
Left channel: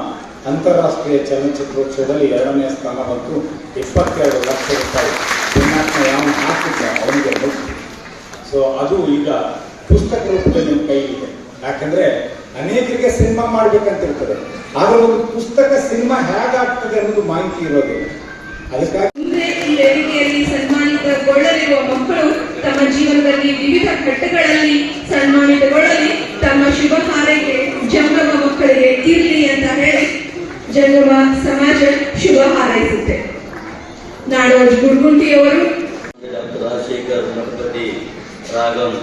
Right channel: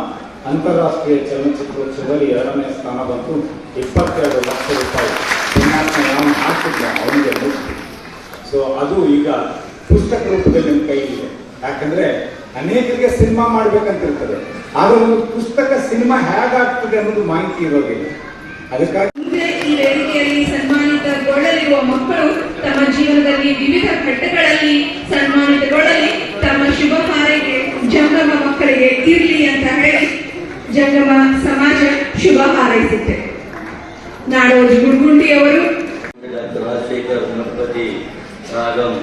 ಅಂತಾರಾಷ್ಟ್ರೀಯ ಚಲನಚಿತ್ರೋತ್ಸವದಲ್ಲಿ 2ನೇ ಸ್ಥಾನ ಬಂತು. 22 ಲಕ್ಷ ರೂಪಾಯಿ ಪುಣ್ಯಾತ್ಮ ಯಾವನು ಹಾಕಿದ್ದ ಅವನಿಗೆ ಮುಕ್ತಿ. ಸೊ ಅದು ಈಗ ಪುಸ್ತಕ ರೂಪದಲ್ಲಿ ನಿಮ್ಮ ಕೈಲಿದೆ. ಯಾಕಂದ್ರೆ ಅನೇಕರಿಗೆ ಸಿನಿಮಾ ಮಾಡ್ಬೇಕಂತಿರ್ತದೆ, ಆದ್ರೆ ಒಂದು ಪುಸ್ತಕ ಸಿನಿಮಾ ಹೇಗಾಗ್ತದೆ ಅನ್ನೋದು ಮಾಹಿತಿ ಇರೋದಿಲ್ಲ. ಅದಕ್ಕಾಗಿ ಮುಂದೆ ಈ ವೇದಿಕೆಯಲ್ಲಿ ಸನ್ಮಾನಿತಗೊಳ್ಳಲಿರುವ ಮಕ್ಕಳು ತಮ್ಮ ಜೀವನದಲ್ಲಿ ವಿವಿಧ ಘಟ್ಟಗಳಲ್ಲಿ ಸನ್ಮಾನಿತಗೊಳ್ಳಲಿ. ತಮ್ಮ ಶುಭ ಹಾರೈಕೆ ಜಂಗಮ ಮಕ್ಕಳಿಗೆ ಇರಲಿ ಅಂತ ಹೇಳಿ ಜಂಗಮ ಸಮಾಜ ಶುಭ ಹಾರೈಸುತ್ತೆ. ನಾಡೋಜ ಗುರುಗುಂಡಿಯವರು ರಾಜಶೇಖರ್ ಗಣಪತಿ ರಾಗಂ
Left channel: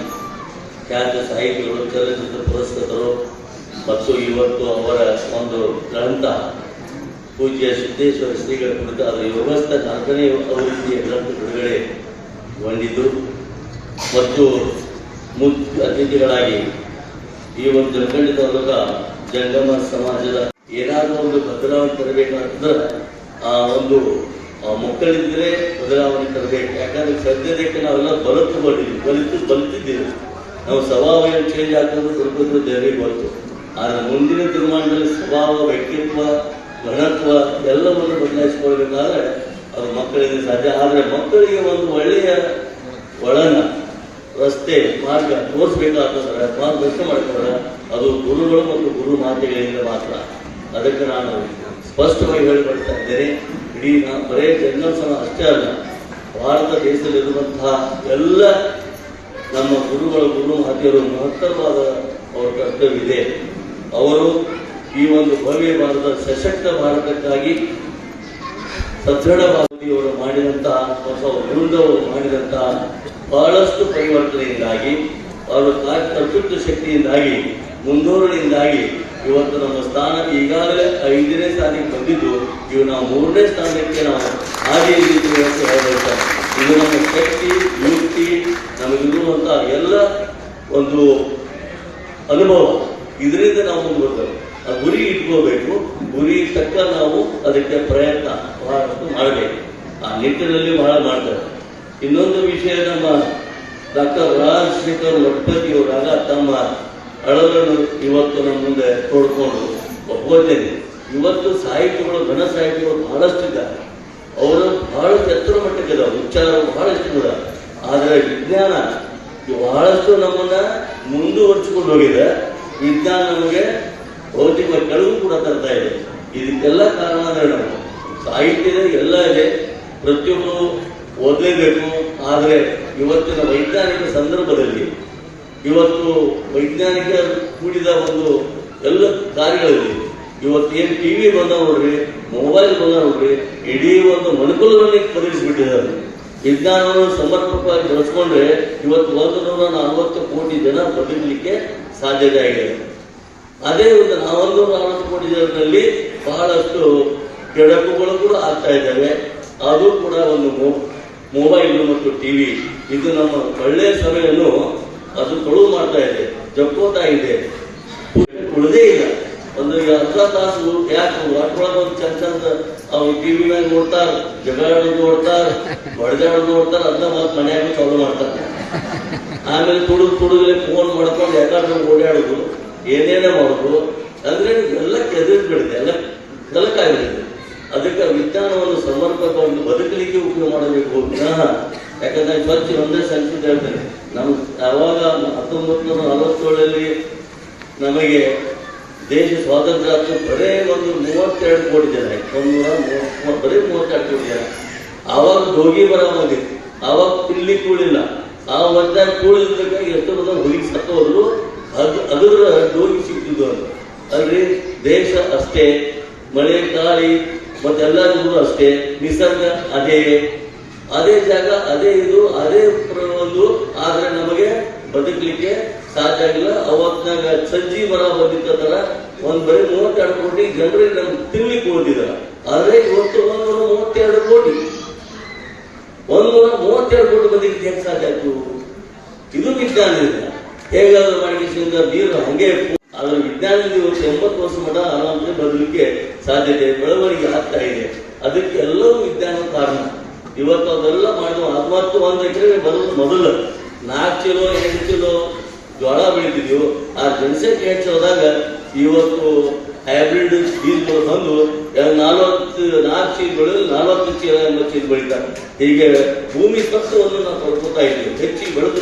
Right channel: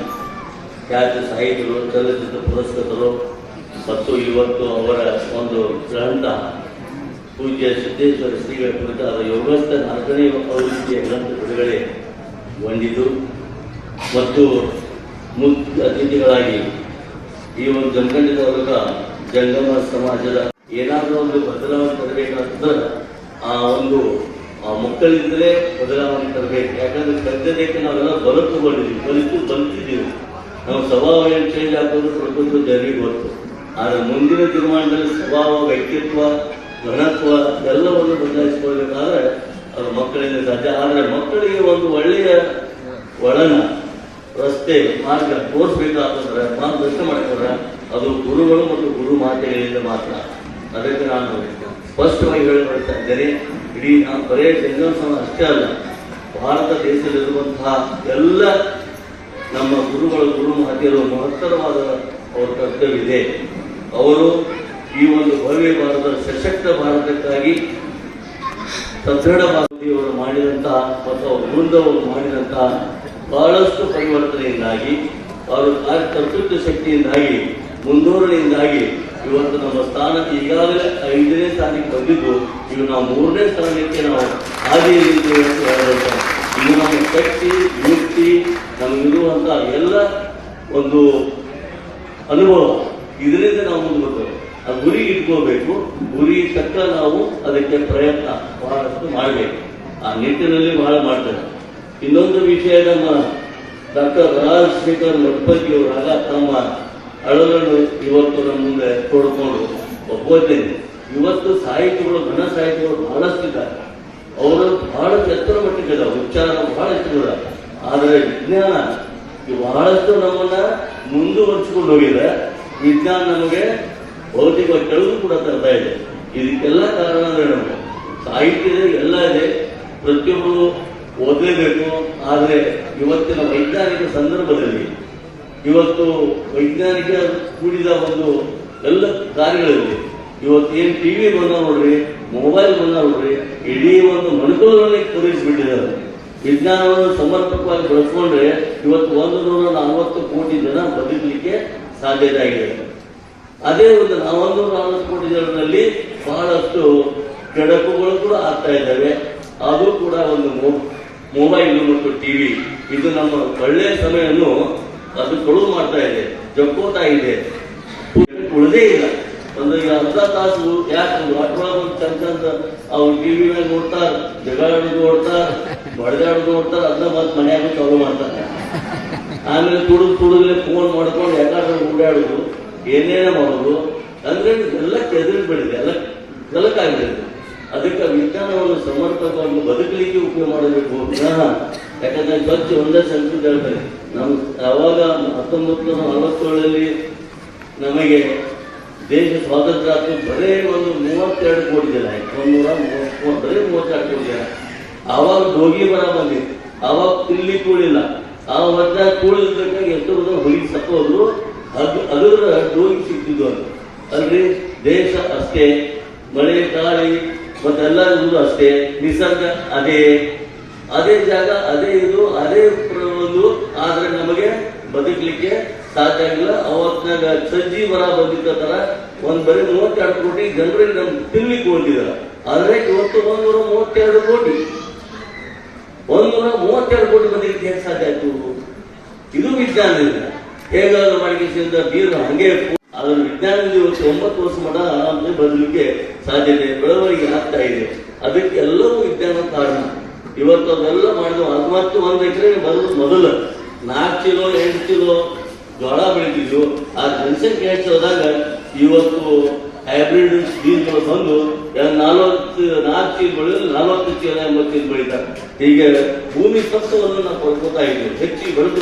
ಖ್ಯಾತ ಸಾಹಿತಿಗಳು, ಚಲನಚಿತ್ರ ಪುರಸ್ಕೃತರು ಮತ್ತು ಇವತ್ತು ಅವರ ಒಂದು ಗ್ರಂಥ ಪೂಜ್ಯ ಸಿದ್ದೇಶ್ವರ ಶ್ರೀಗಳ ಕುರಿತು ಅದರ ಯೋಗಸ್ಥ 4ನೇ ಅವೃತ್ತಿಯ ಗ್ರಂಥ ಬಿಡುಗಡೆಗೊಂಡಿದ್ದು ಮತ್ತು ಮುಖ್ಯ ಅತಿಥಿಗಳಾಗಿ ಈ ಒಂದು ಜನಖಂಡಿತ ವರ್ಗ ಜಂಗಮ ಸಮಾಜದ ಏನಾದರೂ ಒಂದು ಬದಲಾವಣೆ ತರಬೇಕಾದ್ರೆ ಆ ಒಂದು ಮಕ್ಕಳಿದ್ರೆ ಬದಲಾವಣೆ ತರಬೇಕು. ಯಾಕಂದ್ರೆ ಸದ್ಯದಕ್ಕೆ ನಾವೆಲ್ಲ ಬಲಿತಿದ್ದೀವಿ. ನಾವು ಸ್ವಭಾವ ಏನು ಚೇಂಜ್ ಆಗ್ತದೆ ಸ್ವಲ್ಪ ಜನರಿಗೆ ಗೊತ್ತು. ಆದರೆ ಮುಂದಿನ ತೀರ್ಮಾನದಲ್ಲಿ ಸ್ವಭಾವ, ವ್ಯಕ್ತಿತ್ವ, ಘನತ್ವ ಎಲ್ಲವನ್ನು ಬದಲಾಯಿಸಿಕೊಳ್ಬೇಕಾದ್ರೆ ಅದು ಮಕ್ಕಳಿಂದ ಸಾಧ್ಯ. ಆದರೆ ಮಕ್ಕಳಿಗೆ ಒಂದು ಒಳ್ಳೆಯ ಒಳನ ರಸ್ತೆ ಮಾರ್ಗ ತೋರಿಸಬೇಕಾದ್ರೆ, ಮಾರ್ಗದರ್ಶನ ಮಾಡ್ತಾರೆ, ಅದು ಗುರುಗಳು ಮತ್ತು ಗುರು ಮಾತೆಗಳಿಂದ ಮಾತ್ರ. ಅದಕ್ಕೆ ನಾನು ಸ್ಪಷ್ಟವಾಗಿ ಹೇಳಿಕೊಳ್ತಾ ಇದ್ದೇನೆ. ಇಡೀ ನಾವು ಬರೇ ಜಂಗಮ ಸಮಾಜ ಅಷ್ಟೇ ಅಲ್ಲ, ಭಾರತ ದೇಶದಲ್ಲಿರುವಂತಹ ಎಲ್ಲ ನಮ್ಮ ಗುರುಗಳು, ಗುರು ಮಾತೆಯರು ಮಹತ್ತರವಾದ ಅವರ ಕರ್ತವ್ಯವಿದೆ. ಅವರು ಈ ಒಂದು ಭವ್ಯ ಭಾರತ, ಸಶಕ್ತ ಭಾರತಕ್ಕಾಗಿ ಸದೃಢ ಭಾರತೀಯವರು ಮಾಡಿದಂತಹ ಅಥವಾ ವೃಂದವರು ಮಾಡಿದಂತಹ ಬಹಳಷ್ಟು ಪರಿವರ್ತನೆಯಿಂದಾಗಿ, ಅವರ ಕರ್ತೃತ್ವ ಶಕ್ತಿಯಿಂದಾಗಿ, ಮುಂದೂರಣೆಯಿಂದಾಗಿ ಇವತ್ತು ನಮ್ಮ ಸ್ಥಾನ ಈಗಾಗಲೇ 5ನೇ ಸ್ಥಾನಕ್ಕೆ ಬಂದಿದ್ದು, ಇವು ನಾವು 3ನೇ ಸ್ಥಾನಕ್ಕೆ ನಾವು ಹಾಗೆ ಇದು ನಮ್ಮ ಶಕ್ತಿ, ಯುಕ್ತಿ, ನಮಗಿರುವಂತಹ ಎಲ್ಲ ಒಂದು ಅನುಭವ, ಇದರಿಂದ ನಾವು ಮುಂದುವರೆದು ಆ ಗುರಿ ಇಟ್ಕೋಬೇಕು. ಗುರಿ ತಕ್ಕ ನಾವು ಅದಕ್ಕೆ ಪ್ರಯತ್ನ ಬಹಳಷ್ಟು ಮಾಡಬೇಕು. ಆ ನಿಟ್ಟಿನಲ್ಲಿ ಬಹಳ ಮಾಡ್ತಾರೆ. ಇನ್ನೊಂದು ವಿಷಯ, ನಮ್ಮ ಡಾಕ್ಟರ್ ರಾಜಶೇಖರ್ ಗಣಪತಿಯವರಾಗ ತಮ್ಮ ಅಳವನ್ನು ಇವತ್ತು ನಮ್ಮ ಮುಂದೆ ಕೊಡ್ಕೊಂಡು ಒಪ್ಪೋದೇನೆ. ಇವತ್ತು ಸಾಹಿತ್ಯಗಳು, ಘನ ಸಾಹಿತ್ಯಗಳು ಬಹಳಷ್ಟಿದ್ದಾರೆ. ಅವರು ಬಹಳಷ್ಟು ಎತ್ತರ ಮಟ್ಟಕ್ಕಿಲ್ಲ, ಉಚ್ಚಾರ ಬಹಳಷ್ಟು ಕೂಡ. ಆದರೆ ವಿಜ್ಞಾನ ಬಹಳಷ್ಟು ನಮ್ಮನ್ನ ಮುಂದುವರಿಸಿಕೊಂಡು ಹೋಗಿದೆ. ವಿಜ್ಞಾನ ನಮಗೆ ಭೌತಿಕ ಕೆಲವು ಕೂಡ ತರ್ತಾ ಇದೆ. ಇದಕ್ಕೆಲ್ಲ ಕಾರಣ ಅಂದ್ರೆ ನಮ್ಮ ಸಾಹಿತ್ಯದ ಎಲ್ಲ ಇದೆ, ಪ್ರತಿಯೊಬ್ಬರು ಓದಲೇಬೇಕು. ಆದರೆ ಇವತ್ತಿನ ವೈಜ್ಞಾನಿಕ ಸಂದರ್ಭದಲ್ಲಿ ಇವತ್ತು ವೈಜ್ಞಾನಿಕ ಕೂಡಿದ ಒಂದು ಎಲ್ಲ ಕಾರ್ಯಗಳಲ್ಲಿ ಇವತ್ತು ಏನು ಟಿವಿ ಬಂದ ನೋಡ್ರಿ, ಮೊಬೈಲ್ ಬಂದ ನೋಡ್ರಿ, ಇಡೀ ಒಂದು ಮನುಕುಲದಲ್ಲಿ ತೊಡಗಿಸಿಬಿಟ್ಟಿದ್ದಾರೆ. ವಿಜ್ಞಾನವನ್ನು ಸಮರ್ಪಕವಾಗಿ ಬಳಸ್ಕೊಂಡ್ರೆ ಇವತ್ತು 140 ಕೋಟಿ ಜನ ಬದುಕಲಿಕ್ಕೆ ಸಾಧ್ಯತೆ ಆಗಿದೆ. ಅದೇ ಒಂದು 140 ಕೋಟಿ ಜನರಲ್ಲಿ ಬಹಳಷ್ಟು ಕೆಡಕುಗಳು ಕೂಡ ಆಗ್ತಾ ಇದ್ದಾವೆ. ಅದು ಕೂಡ ಒಂದು ಮೊಬೈಲ್ ಮತ್ತು ಟಿವಿ, ಇದು ನಮ್ಮ ಒಳ್ಳೆಯ ಸಮಯವನ್ನು ಅದು ಕೊಡುವು ಮಾಡ್ತಾ ಇದೆ, ಜಕ್ಕೋತಾ ಇದೆ, ಉಳಿದೇ ಇಲ್ಲ. ಒಂದು ಅರ್ಧ ತಾಸು ಯಾಕೆ ಒಂದು ಚಂದ ಅವ್ರು ಟಿವಿ ಮೇಲೆ ನೋಡ್ತಾರೆ, ಜಗಾಡೋದು ನೋಡ್ತಾರೆ, ಬಡದಾಡೋದು ನೋಡ್ತಾರೆ, ಅದನ್ನ ಮತ್ತೆ ಮನೆಯಾಗ ಚಾಲು ಮಾಡ್ತಾರೆ. ಆಮೇಲೆ ತುಡುಗಲೇ ಫೋನ್ ಮಾಡ್ಕೊಂಡು ಯಾಕಾದ್ರೂ ಓಡಾಡೋದು, ಏನೇನೇ ಮಾಡೋದು, ಅಂದ್ರೆ ಎಲ್ಲ ಕೆದರಿಬಿಡಿದೆ, ಎಲ್ಲ ಕಲಕಾಗಿರುತ್ತೆ. ಅದಕ್ಕೆ ವಿಜ್ಞಾನವನ್ನು ಸಮರ್ಪಕವಾಗಿ ಬದುಕಲಿಕ್ಕೆ ಉಪಯೋಗ ಮಾಡಬೇಕು. ಯಾಕಂದ್ರೆ ಸ್ವಚ್ಛ ಒಂದೇ ಸಂಸ್ಕೃತ ಹೇಳ್ತಾರೆ. ನಾವು ಯಾವಾಗ 1947 ನಮಗೆ ದೇಶ ಸ್ವಾತಂತ್ರ್ಯ ಆಯ್ತು, ಬರೇ ಒಂದು 32 ಕೋಟಿ ಜನ, ಬರೀ 32 ಕೋಟಿ ಜನ. ಆವಾಗ ರೋಗಿ ಬರ ಬಂದಿತ್ತು, ಆವಾಗ ಪಿಲ್ಲಿ ಕೂಡಿಲ್ಲ. ಆ ವರ್ಷ ಕೂಡಿದ್ದಕ್ಕಾಗಿ ಎಷ್ಟೊಂದು ಹುಡುಗಿ ಸತ್ತೋದ್ರು, ಅದರ ರೋಗಿ ಸಿಕ್ತಿದ್ದು. ಅಲ್ರಿ, ದೇಶ ಅಷ್ಟೇ, ಮಳೆ ಗಾಳಿ ಮತ್ತೆಲ್ಲರಿಗೂ ಅಷ್ಟೇ, ನಿಸರ್ಗ ಅದೇ ಜಾಗ, ಅದೇ ಇದು, ಅದೇ ಒಂದು. ಆದ್ರೆ ನಮಗೆ ಬದುಕಲಿಕ್ಕೆ ಸಾಧ್ಯ ಆಗಿಲ್ಲ. ಅವತ್ನಾಗ ಸಜ್ಜಿ ಮರ ಬಂದಿದ್ದ ತರ ಒಂದ್ ಬರೀ 32 ಕೋಟಿ ಜನರಿಗೆ ನಮ್ಗೆ ತಿನ್ಲಿಕ್ಕೆ ಹೋಗಿದ್ದಾರೆ. ಆದ್ರೆ ಇವತ್ತು 132 ಕೋಟಿ 132 ಕೋಟಿ ಮಂದಿಗೆ ಹೇಗೆ ಸಾಧ್ಯ ಆಯ್ತು? ಇದು ವಿಜ್ಞಾನದಿಂದ ಹೇಗಾದ್ರೂ ಮಾಡಿಕೆಸಿಂದ ನೀರು ಹಂಗೆ ಅದರ ವಿಜ್ಞಾನದಿಂದ ಇವತ್ತು 80 ವರ್ಷ ಮಾಡ ಆರಾಮಲ್ಲಿ ಬದಲಿಕ್ಕೆ ಸಾಧ್ಯತೆ ಬೆಳವಣಿಗೆ ಆಗ್ತಾ ಇದೆ. ಅದಕ್ಕೆ ಎಲ್ಲವೂ ವಿಜ್ಞಾನ ಕಾರಣ. ಇವತ್ತು ಅದೆಲ್ಲ ಮಾಡುವ 61 ಎಕರೆ ಮೊದಲು 4 ಕಿಲೋ 8 ಕಿಲೋ ಜೋಳ ಬೆಳಿತಿದ್ವು. ಆ ಜನಸಂಖ್ಯೆ ಹೆಚ್ಚಾದಾಗ ಇವತ್ತು ಹೈಬ್ರಿಡ್ ಬೀಜಗಳು ಬಂದು 4 ಚೀಲ ಬೆಳೆದು 40 ಚೀಲ 80 ಚೀಲ ಬೆಳೀತಾರೆ. ಹೀಗೆ ಭೂಮಿ ಸತ್ವವನ್ನು ನಾವು ಪಡ್ಕೋತಾ ಇದ್ವಿ. ಹೆಚ್ಚಿಗೆ ಬೆಳೆದು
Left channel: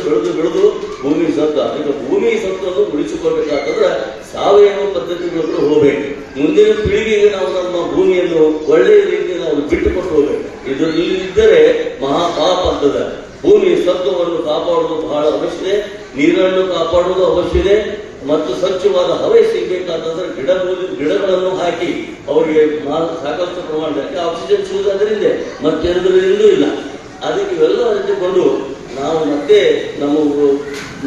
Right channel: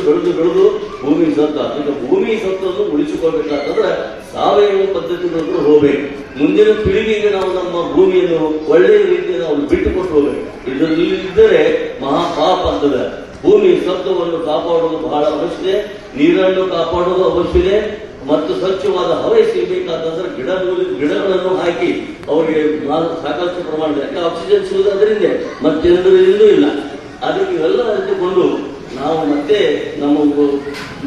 ಭೂಮಿ ಸತ್ವ. ಈಗ ಭೂಮಿ ಸತ್ವವನ್ನು ಉಳಿಸಿಕೊಳ್ಬೇಕಾದ್ರೆ ಸಾವಯವ ಪದ್ಧತಿಗಳನ್ನು ಹೋಗ್ಬೇಕು. ಮುಂದಿನ ಪೀಳಿಗೆಗೆ ನಾವು ನಮ್ಮ ಭೂಮಿಯನ್ನು ಒಳ್ಳೆಯ ರೀತಿಯಲ್ಲಿ ನಾವು ಬಿಟ್ಟುಕೊಟ್ಟು ಹೋಗ್ಬೇಕು. ಇದರಲ್ಲಿ ಇದ್ದರೆ ಮಹಾಪಾಪ ಅಂತದ. ಭೂಮಿ ಸತ್ವವನ್ನು ಕಾಪಾಡುವುದು ಬಹಳ ಅವಶ್ಯ. ನೀರನ್ನು ಕಾಪಾಡುವುದು ಅವಶ್ಯ. ಮತ್ತು ಸ್ವಚ್ಛವಾದ ಹವೆ ಸಿಗಬೇಕಾದ್ರೆ ಗಿಡಗಳನ್ನು ಹಾಕಿ ಅವರಿಗೆ ಸಾಕಷ್ಟು ಪ್ರಮಾಣದಲ್ಲಿ ಆಕ್ಸಿಜನ್ ಸಿಗುವುದರಿಂದ ಮತ್ತೆಂದರಿಂದೂ ಇಲ್ಲ. ಅದಕ್ಕೆ ಇವೆಲ್ಲ ಅರಿತುಕೊಂಡು ನಾವು ಮತ್ತೆ ನಮ್ಮ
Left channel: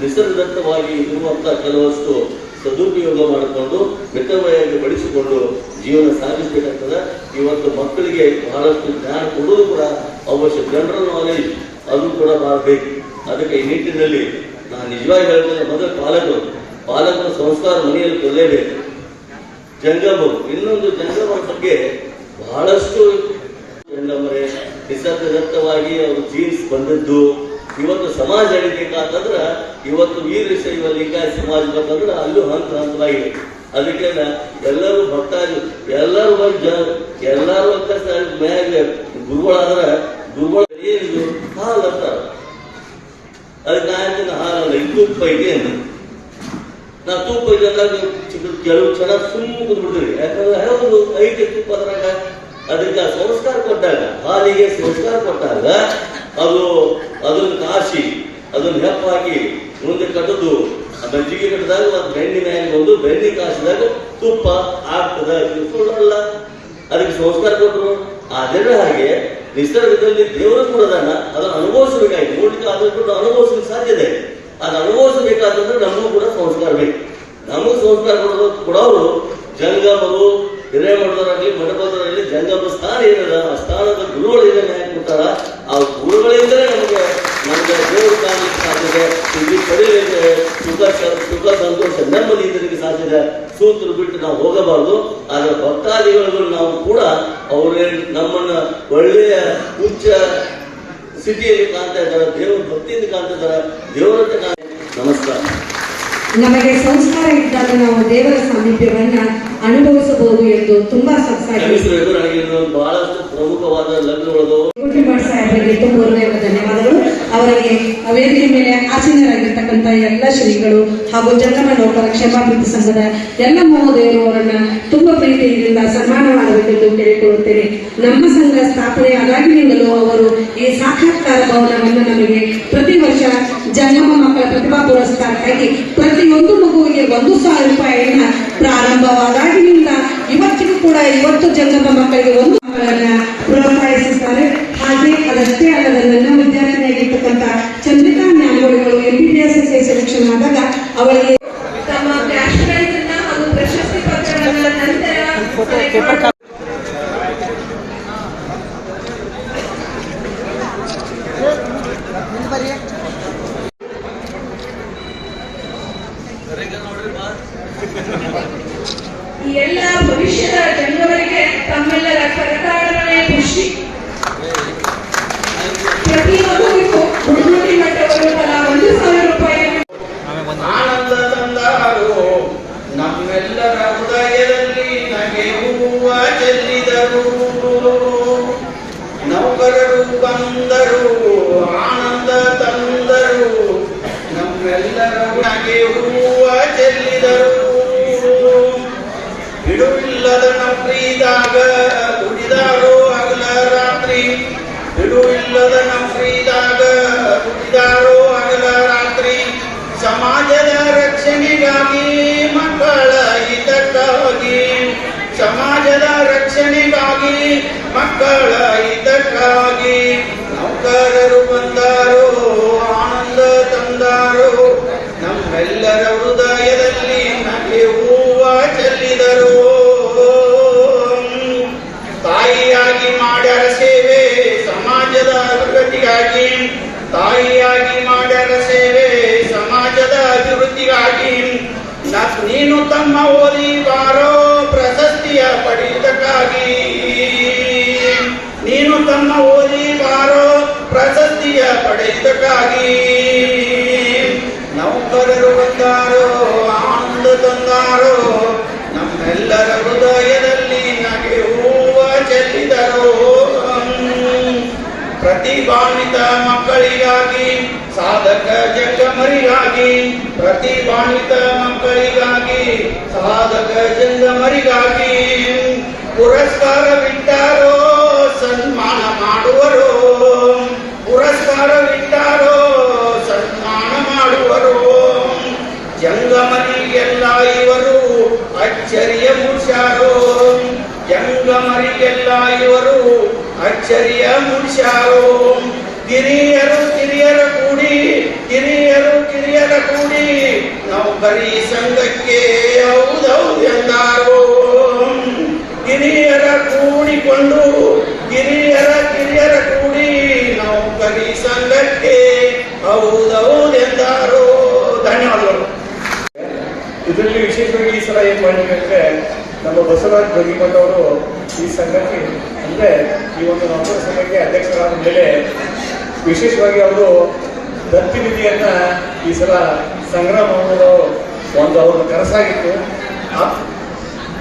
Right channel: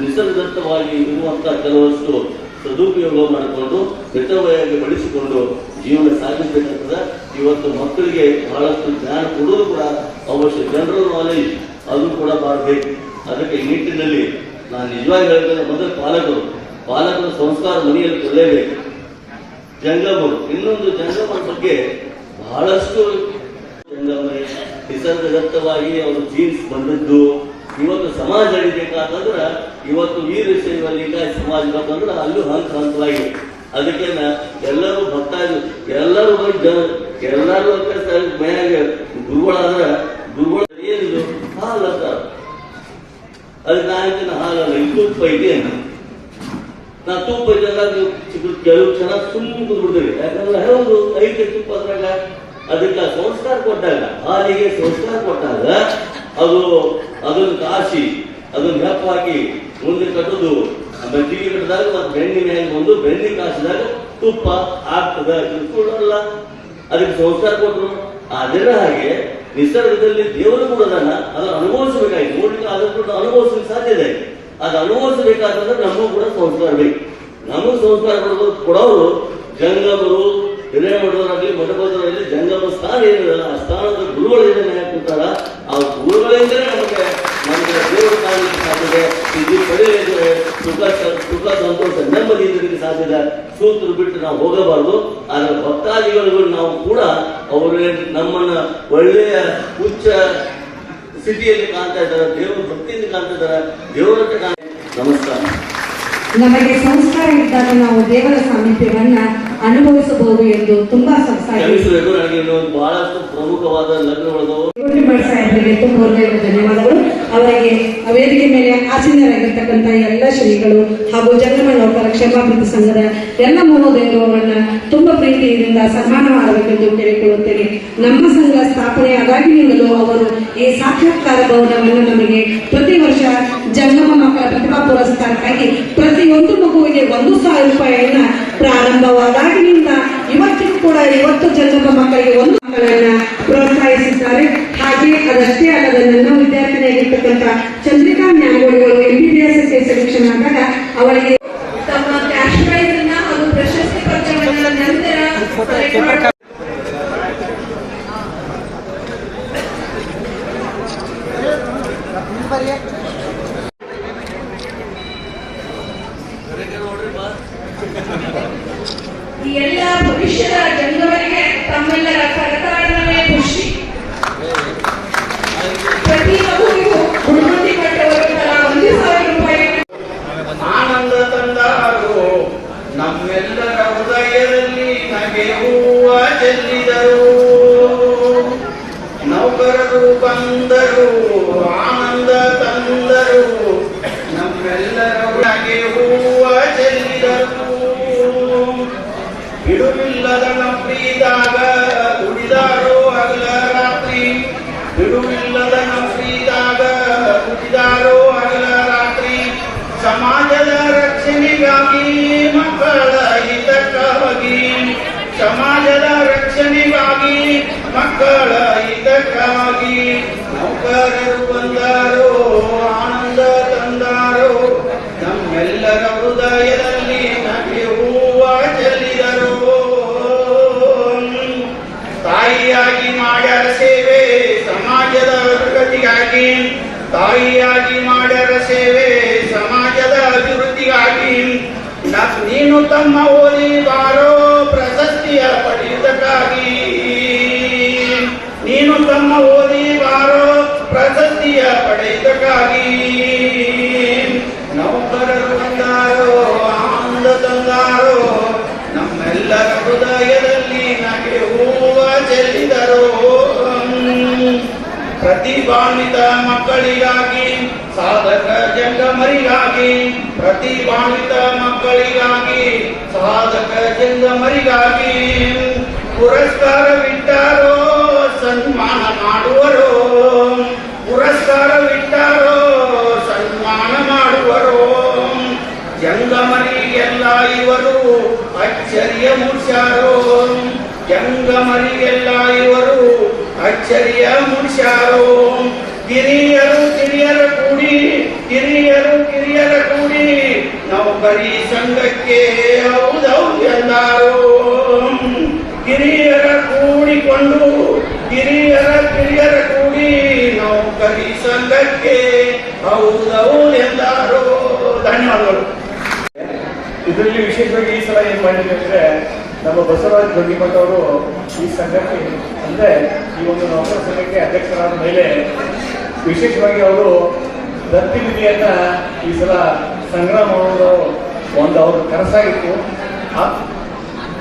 ನಿಸರ್ಗದತ್ತವಾಗಿ ಇರುವಂತಹ ಕೆಲವಷ್ಟು ಸದುಪಯೋಗ ಮಾಡಿಕೊಂಡು ಮಿತವಾಗಿ ಬಳಸಿಕೊಂಡು ಜೀವನ ಸಾಗಿಸಬೇಕಾಗ್ತದೆ. ಇವತ್ತು ಮಕ್ಕಳಿಗೆ ಬಹಳಷ್ಟು ಜ್ಞಾನ ಕೊಡುವುದು ಕೂಡ ಅವಶ್ಯ. ಜನರಲ್ ನಾಲೆಜ್ ಅದು ಕೂಡ ಮಾಡಬೇಕು. ಅದಕ್ಕೆ ಈ ನಿಟ್ಟಿನಲ್ಲಿ ನಾನು ನಿಜವಾಗಿ ಹೇಳ್ತೇನೆ, ಮೊದಲು ಪಾಲಕರ ಸಂಸ್ಕಾರ ಮನೆಯಲ್ಲಿ ಕೊಡಲೇಬೇಕು. ಜಂಗಮರು ಇನ್ನೊಂದು ಜಂಗಮರ ಬಗ್ಗೆ ಬಹಳಷ್ಟು ಜಂಗಮರೇ ನಿಸರ್ಗದತ್ತವಾಗಿ ಅವರು ಜೀನ್ಸ್ ಬಂದದ್ದು. ಇವತ್ತು ಸಮಾಜ ನಡಿಬೇಕಾದ್ರೆ ಇವತ್ತು ವೀರಶೈವ ಲಿಂಗಾಯತ ಸಮಾಜ ಬಂದ್ರೆ ಅಲ್ಲೂ ಹಂತವಾಗಿ ಅದಕ್ಕೆ ಎಲ್ಲರೂ ಭಕ್ತಾಗಿ ಎಲ್ಲರೂ ಮ್ಯಾಗ ಗುರುಗಳಾದ್ರೆ ಗುರುಗಳ ಏನಿದು ಹಾಲು ಅಂತಾರೆ. ಅದಕ್ಕೆ ನಾ ಹಾಲಲ್ಲ ತುಪ್ಪ ಇದೆ ಅಂತ. ನಾ ತುಪ್ಪ ಇದೆ ಕೆಲವು ಚೆನ್ನಾಗಿ ಸುಮ್ಮನೆ ಕೂತ್ಬಿಡ್ತೀವಿ. ಯಾಕಂದ್ರೆ ಹೌದು ಐತೆ ತುಪ್ಪ ಅದ್ರಾಗ. ಅದಕ್ಕೆ ಸಂಸ್ಕಾರ ಕೊಟ್ಟಾಗ ಹಾಲಿಗೆ ಸಂಸ್ಕಾರ ಕೊಟ್ಟಾಗ ಅದನ್ನು ಕಾಸಿ ಅದನ್ನು ಹೆಪ್ಪ ಹಾಕಿ ಮುಂದೆ ಕಟ್ಟೋದು ಮಜ್ಜಿಗೆ ಕಟ್ಟಿದಾಗ ಬೆಣ್ಣೆ ಮ್ಯಾಗ ಬಂದು ಬೆಣ್ಣೆ ಕಾಸಿದಾಗ ತುಪ್ಪ ಆಗ್ತದ. ಸುಳ್ಳಲ್ಲ, ಅದಕ್ಕೆ ಸಂಸ್ಕಾರ ಕೊಟ್ಟರು. ಅದರ ಹಾಗೆ ನಿಸರ್ಗದಲ್ಲಿ ದೇವರು ಕೂಡ ಅದನ್ನು ಅನುಭವಿಸಬೇಕಾಗಿ ನೋಡಿಕ ಅದನ್ನು ಅನುಭವಿಸಲಿಕ್ಕೆ ಸಾಧ್ಯತೆ. ಅದು ಅನುಭವಿಸಬೇಕಾದ್ರೆ ನಮಗೂ ಕೂಡ ಸಂಸ್ಕಾರ ಬೇಕು. ನಮಗೂ ಸಂಸ್ಕಾರ ಕೊಡೋರು ಜಂಗಮರು ಹಿರೇಮಠದವರಾಗಲಿ ಮಠದವರಲ್ಲಿ ಜಂಗಮ ಸ್ಥಾನ ಏನಿದೆ ಆ ಸ್ಥಾನದ ಗುರುಗಳು ಏನೇನು ಯಾಕೆ ಕೊಟ್ಟಾರ ಆ ಗುರುಗಳಿಂದಲೇ ನಮಗೆ ದೇವರು ಕಾಣಲಿಕ್ಕೆ ಸಾಧ್ಯತೆ. ಇದು ಕರೆಯಲಿದ್ರೆ ಸುಖ ಸಂತೋಷ ನೆಮ್ಮದಿ ಇದಕ್ಕೆ ಸಾಧ್ಯತೆ. ಸೂತ್ರ ಬಿಟ್ಟು ನಾವು ಹೋಗಬಾರ್ದು. ಆದರೆ ಭಕ್ತಾದಿಗಳು ನಾವು ಕೂಡ ಅವರೇ ನಮ್ಮನ್ನ ಒಳ್ಳೆಯ ಉಚ್ಚ ಸ್ಥಿತಿಯಲ್ಲಿ ಕಾಣ್ತಾ ಇದ್ದಾರೆ. ದೇವರ ಭಕ್ತಿಯಿಂದ ಕಾಣ್ತಾ ಇದ್ದಾರೆ. ದೇವರ ನಮಸ್ಕಾರ. ನಮಗೆ ಸಂಸ್ಕಾರ ಇದ್ದಾಗ ನಾವು ದೇವರ ಸಾಮೀಪ್ಯವನ್ನ ಅನುಭವಿಸಬಹುದು ಎಂದು ತುಂಬಾ ಕ್ಷಮಿಸಬೇಕು. ನನಗೆ ಇನ್ನೊಂದು ಬಹಳಷ್ಟು ಪ್ರಮುಖವಾದ ಲಗ್ನಗಳು ಸಾಹೇಬರಿಗೆ ತುಂಬ ಧನ್ಯವಾದಗಳು. ಅವರಿಗೆ ವೇದಿಕೆ ಮೇಲೆ ಆಸೀನರಾಗಿರ್ತಕ್ಕಂಥ ಎಲ್ಲ ಶ್ರೀಗಳು ಹಾಗೂ ಜಂಗಮ ನೌಕರ ಕ್ಷಮಾಭಿವೃದ್ಧಿ ಸಂಘದ ಎಲ್ಲ ಮಹೋದಯರು ಅವರನ್ನ ತುಂಬ ಪ್ರೀತಿಯಿಂದ ಸನ್ಮಾನ ಮಾಡಬೇಕೆಂದು ಕೇಳಿಕೊಳ್ಳುತ್ತೇನೆ. ನಮ್ಮ ಸಂಘ ಸ್ಥಾಪನೆ ಆದಾಗಿನಿಂದಲೂ ಅವರು ಈ ಸಾಕ್ಷಾತ್ಕಾರ ಭವನವನ್ನು ನಮಗೆ ಪ್ರತಿ ವರ್ಷ ಜಂಗಮ ಮಕ್ಕಳ ಪ್ರತಿಭಾ ಪುರಸ್ಕಾರಕ್ಕಾಗಿ ಪ್ರತಿಯೊಂದು ಮಗುವಿಗೆ 1,000 ರೂಪಾಯಿಯನ್ನ ಪ್ರಾರಂಭವಾದಾಗಿನಿಂದ ಇವತ್ತಿಗೂ ಕೂಡ ಇವತ್ತು ಜಂಗಮ ಮಕ್ಕಳಿಗೆ 1 ಮಕ್ಕಳನ್ನ ಪ್ರೋತ್ಸಾಹಿಸುತ್ತಾರೆ. ಹಾಗೆ ಅದಷ್ಟೇ ಅಲ್ಲದ ನನ್ನ ವಿದ್ಯಾರ್ಥಿನಿಯಾಗಿರ್ತಕ್ಕಂಥ ಚಂದ್ರಿಕಾ ಜ್ಞಾನಗಳು MBBS ಸೆಲೆಕ್ಷನ್ ಆದಾಗ ಅವಳಿಗೆ ತಮ್ಮ ಕ್ಯಾಶ್ ಪ್ರೈಸ್ ಅನ್ನ ಹಾಗೂ ಪ್ರಶಸ್ತಿ ಪತ್ರಗಳ ನಂತರ ಎಲ್ಲ ಭವಿಷ್ಯದ ಜನರಿಗೆ ತಮ್ಮೆಲ್ಲರ ಕರತಾಡನೆ ಖುಷಿ. ಪ್ರತಿ ಮಗುವಿಗೂ ಗುರುಮತಿ ಮಟ್ಟವರು ತಲಾ 1,000 ರೂಪಾಯಿ ಆನಂದ ತಂದರು. ನಮ್ಮೆಲ್ಲರ ಹೃದಯದಲ್ಲಿ ನಗೆ ಹೂವ ಚೆಲ್ಲಿದರು. ನೌಕರರು ಬಂದರು, ಆನಂದ ತಂದರು. ನಮ್ಮೆಲ್ಲರ ನಗೆ ಹೂವ ಚೆಲ್ಲಿದರು. ಬಿಡುವಿಲ್ಲದ ನಮ್ರೀದಾಗ ದುಡಿದಾರೋ ಹಗಲ ರಾತ್ರಿ. ಬಿಡುವಿಲ್ಲದ ನಮ್ರೀದಾಗ ದುಡಿದಾರೋ ಹಗಲ ರಾತ್ರಿ. ಸಮಾಜದ ರಕ್ಷಣೆಗಾಗಿ ಮಕ್ಕಳ ಹಿತಕ್ಕಾಗಿ. ಸಮಾಜದ ರಕ್ಷಣೆಗಾಗಿ ಮಕ್ಕಳ ಹಿತಕ್ಕಾಗಿ ನೌಕರರು ಬಂದಾರೋ, ಆನಂದ ತಂದಾರೋ. ನಮ್ಮೆಲ್ಲರ ಹೃದಯದಲ್ಲಿ ನಗೆ ಹೂವ ಚೆಲ್ಲಿದರು. ತಾಯಿಯಾಗಿ ಮಾಡ್ಯಾರ ಸೇವೆ ಸಮಾಜದ ಪ್ರಗತಿಗಾಗಿ. ನೀನು ತಮ್ಮ ಓದಿಗಾರೋ ಪ್ರಶಸ್ತಿಯ ಪಡೆಯುವುದಕ್ಕಾಗಿ, ನೀನು ತಮ್ಮ ಓದಿಗಾರೋ ಪ್ರಶಸ್ತಿಯ ಪಡೆಯುವುದಕ್ಕಾಗಿ ನೌಕರರು ಬಂದಾರೋ ಆನಂದ ತಂದಾರೋ, ನಮ್ಮೆಲ್ಲರ ಹೃದಯದಲ್ಲಿ ನಗೆ ಹೂವ ಚೆಲ್ಲಿದರು. ಪ್ರತಿಭಾನ್ವಿತ ಮಕ್ಕಳಿಗಾಗಿ, ಸಾಧಕ ಜಂಗಮರಿಗಾಗಿ, ಪ್ರತಿಭಾನ್ವಿತ ಮಕ್ಕಳಿಗಾಗಿ, ಸಾಧಕ ಜಂಗಮರಿಗಾಗಿ ಪುರಸ್ಕಾರವಿಟ್ಟಾರೋ ಸನ್ಮಾನ ಮಾಡುವರು, ಪುರಸ್ಕಾರವಿಟ್ಟಾರೋ ಸನ್ಮಾನ ಮಾಡುವರು. ಜಂಗಮರಿಗೆಲ್ಲ ಇವರು ಅಚ್ಚರಿಯ ಮುಗಿಸ್ಯಾರೋ, ಜಂಗಮರಿಗೆಲ್ಲ ಇವರು ಅಚ್ಚರಿಯ ಮುಗಿಸ್ಯಾರೋ. ಕಿರಿಯರ ಕೂಡಿ, ಕಿರಿಯರ ಕೂಡಿ ನೌಕರಿ ಸಂಘಕ್ಕೆ ಹೌದೌದು ಎಂದಾರೋ. ಕಿರಿಯರ ಕೂಡಿಕೊಂಡು, ಕಿರಿಯರ ಕೂಡಿ ನೌಕರಿ ಸಂಘಕ್ಕೆ ಹೌದೌದು ಎಂದಾರೋ. ಧನ್ಯವಾದಗಳು. ಇದರಲ್ಲಿ ವಿಶೇಷವಾಗಿ ಈ ಸಲ ಏನ್ ಮಾಡಿದ್ವಿ ಅಂದ್ರೆ, ನಮ್ಮ ಬಸವರಾಜ್ ಜೋಗಿಮಠ ಅವರು ಈ ಸಂಘಕ್ಕೆ ಅಂದ್ರೆ ಈ ಒಂದು ನೌಕರ ಸಂಘಕ್ಕೆ ಅಧ್ಯಕ್ಷರಾದ ಮೇಲೆ ವಿಶೇಷವಾಗಿ ಅವರು ದತ್ತಿ ನಿಧಿಯನ್ನ ಈ ಸಲ ಸಂಗ್ರಹ ಮಾಡೋದು ಒಂದು ಅವ್ರ ಕನಸಾಗಿತ್ತು.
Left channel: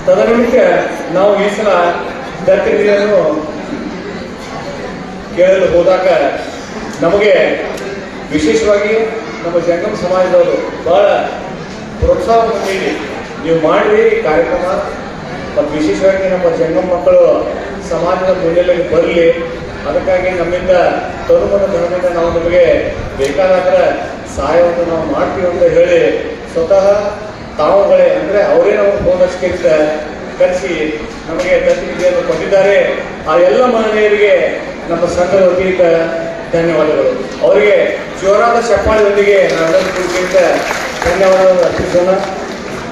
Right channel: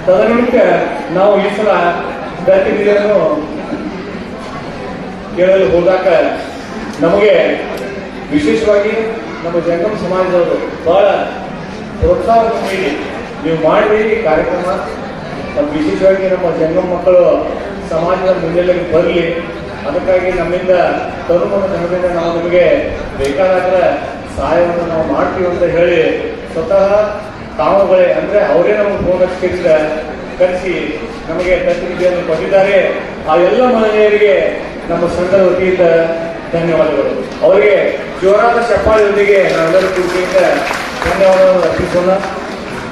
ತದನಿಮಿತ್ತ ನಾವು ಈ ಸಲ ದತ್ತಿ ನಿಧಿಯನ್ನು ಕೇಳಲು ಹೋದಾಗ ನಮಗೆ ವಿಶೇಷವಾಗಿ ನಮ್ಮ ಜಂಗಮ ಸಮಾಜದವರು ಬಹಳ ಪ್ರೋತ್ಸಾಹ ನೀಡಿ ನೀವು ಮಾಡಿ ಕಾರ್ಯಕ್ರಮ, ಮತ್ತು ವಿಶೇಷವಾಗಿ ನಮ್ಮ ಜಂಗಮ ಮಕ್ಕಳು ಸಮಾಜದ ಮುನ್ನೆಲೆಗೆ ಬರಲಿ, ಅದಕ್ಕಾಗಿ ನಮ್ಮಿಂದ ತರುಣ ಧನದಿಂದ ನಾವು ನಿಮಗೆ ಬೇಕಾದ ಸಹಾಯವನ್ನು ನಾವು ಮಾಡ್ತೀವಿ ಅಂತ ಹೇಳಿ ಸ್ವತಃ ತಾವುಗಳೇ ಅಂದ್ರೆ ಅವರೇ ನಮಗೆ ಫೋನ್ ಹಚ್ಚಿದ ಕರೆಸಿ ನಮಗೆ ದತ್ತಿನಿಧಿಯನ್ನು ಕೊಟ್ಟಿದ್ದಾರೆ. ಆ ಎಲ್ಲ ಮಹಿಳೆಯರಿಗೆ ನಮ್ಮ ಸಂಘದ ವತಿಯಿಂದ ಧನ್ಯವಾದಗಳು. ಅವರಿಗೆ ಜೋರಾದ ಚಪ್ಪಾಳೆಯೊಂದಿಗೆ ನಾವೆಲ್ಲರೂ ಪ್ರೀತಿಯಿಂದ ಧನ್ಯವಾದವನ್ನು ಅರ್ಪಿಸೋಣ.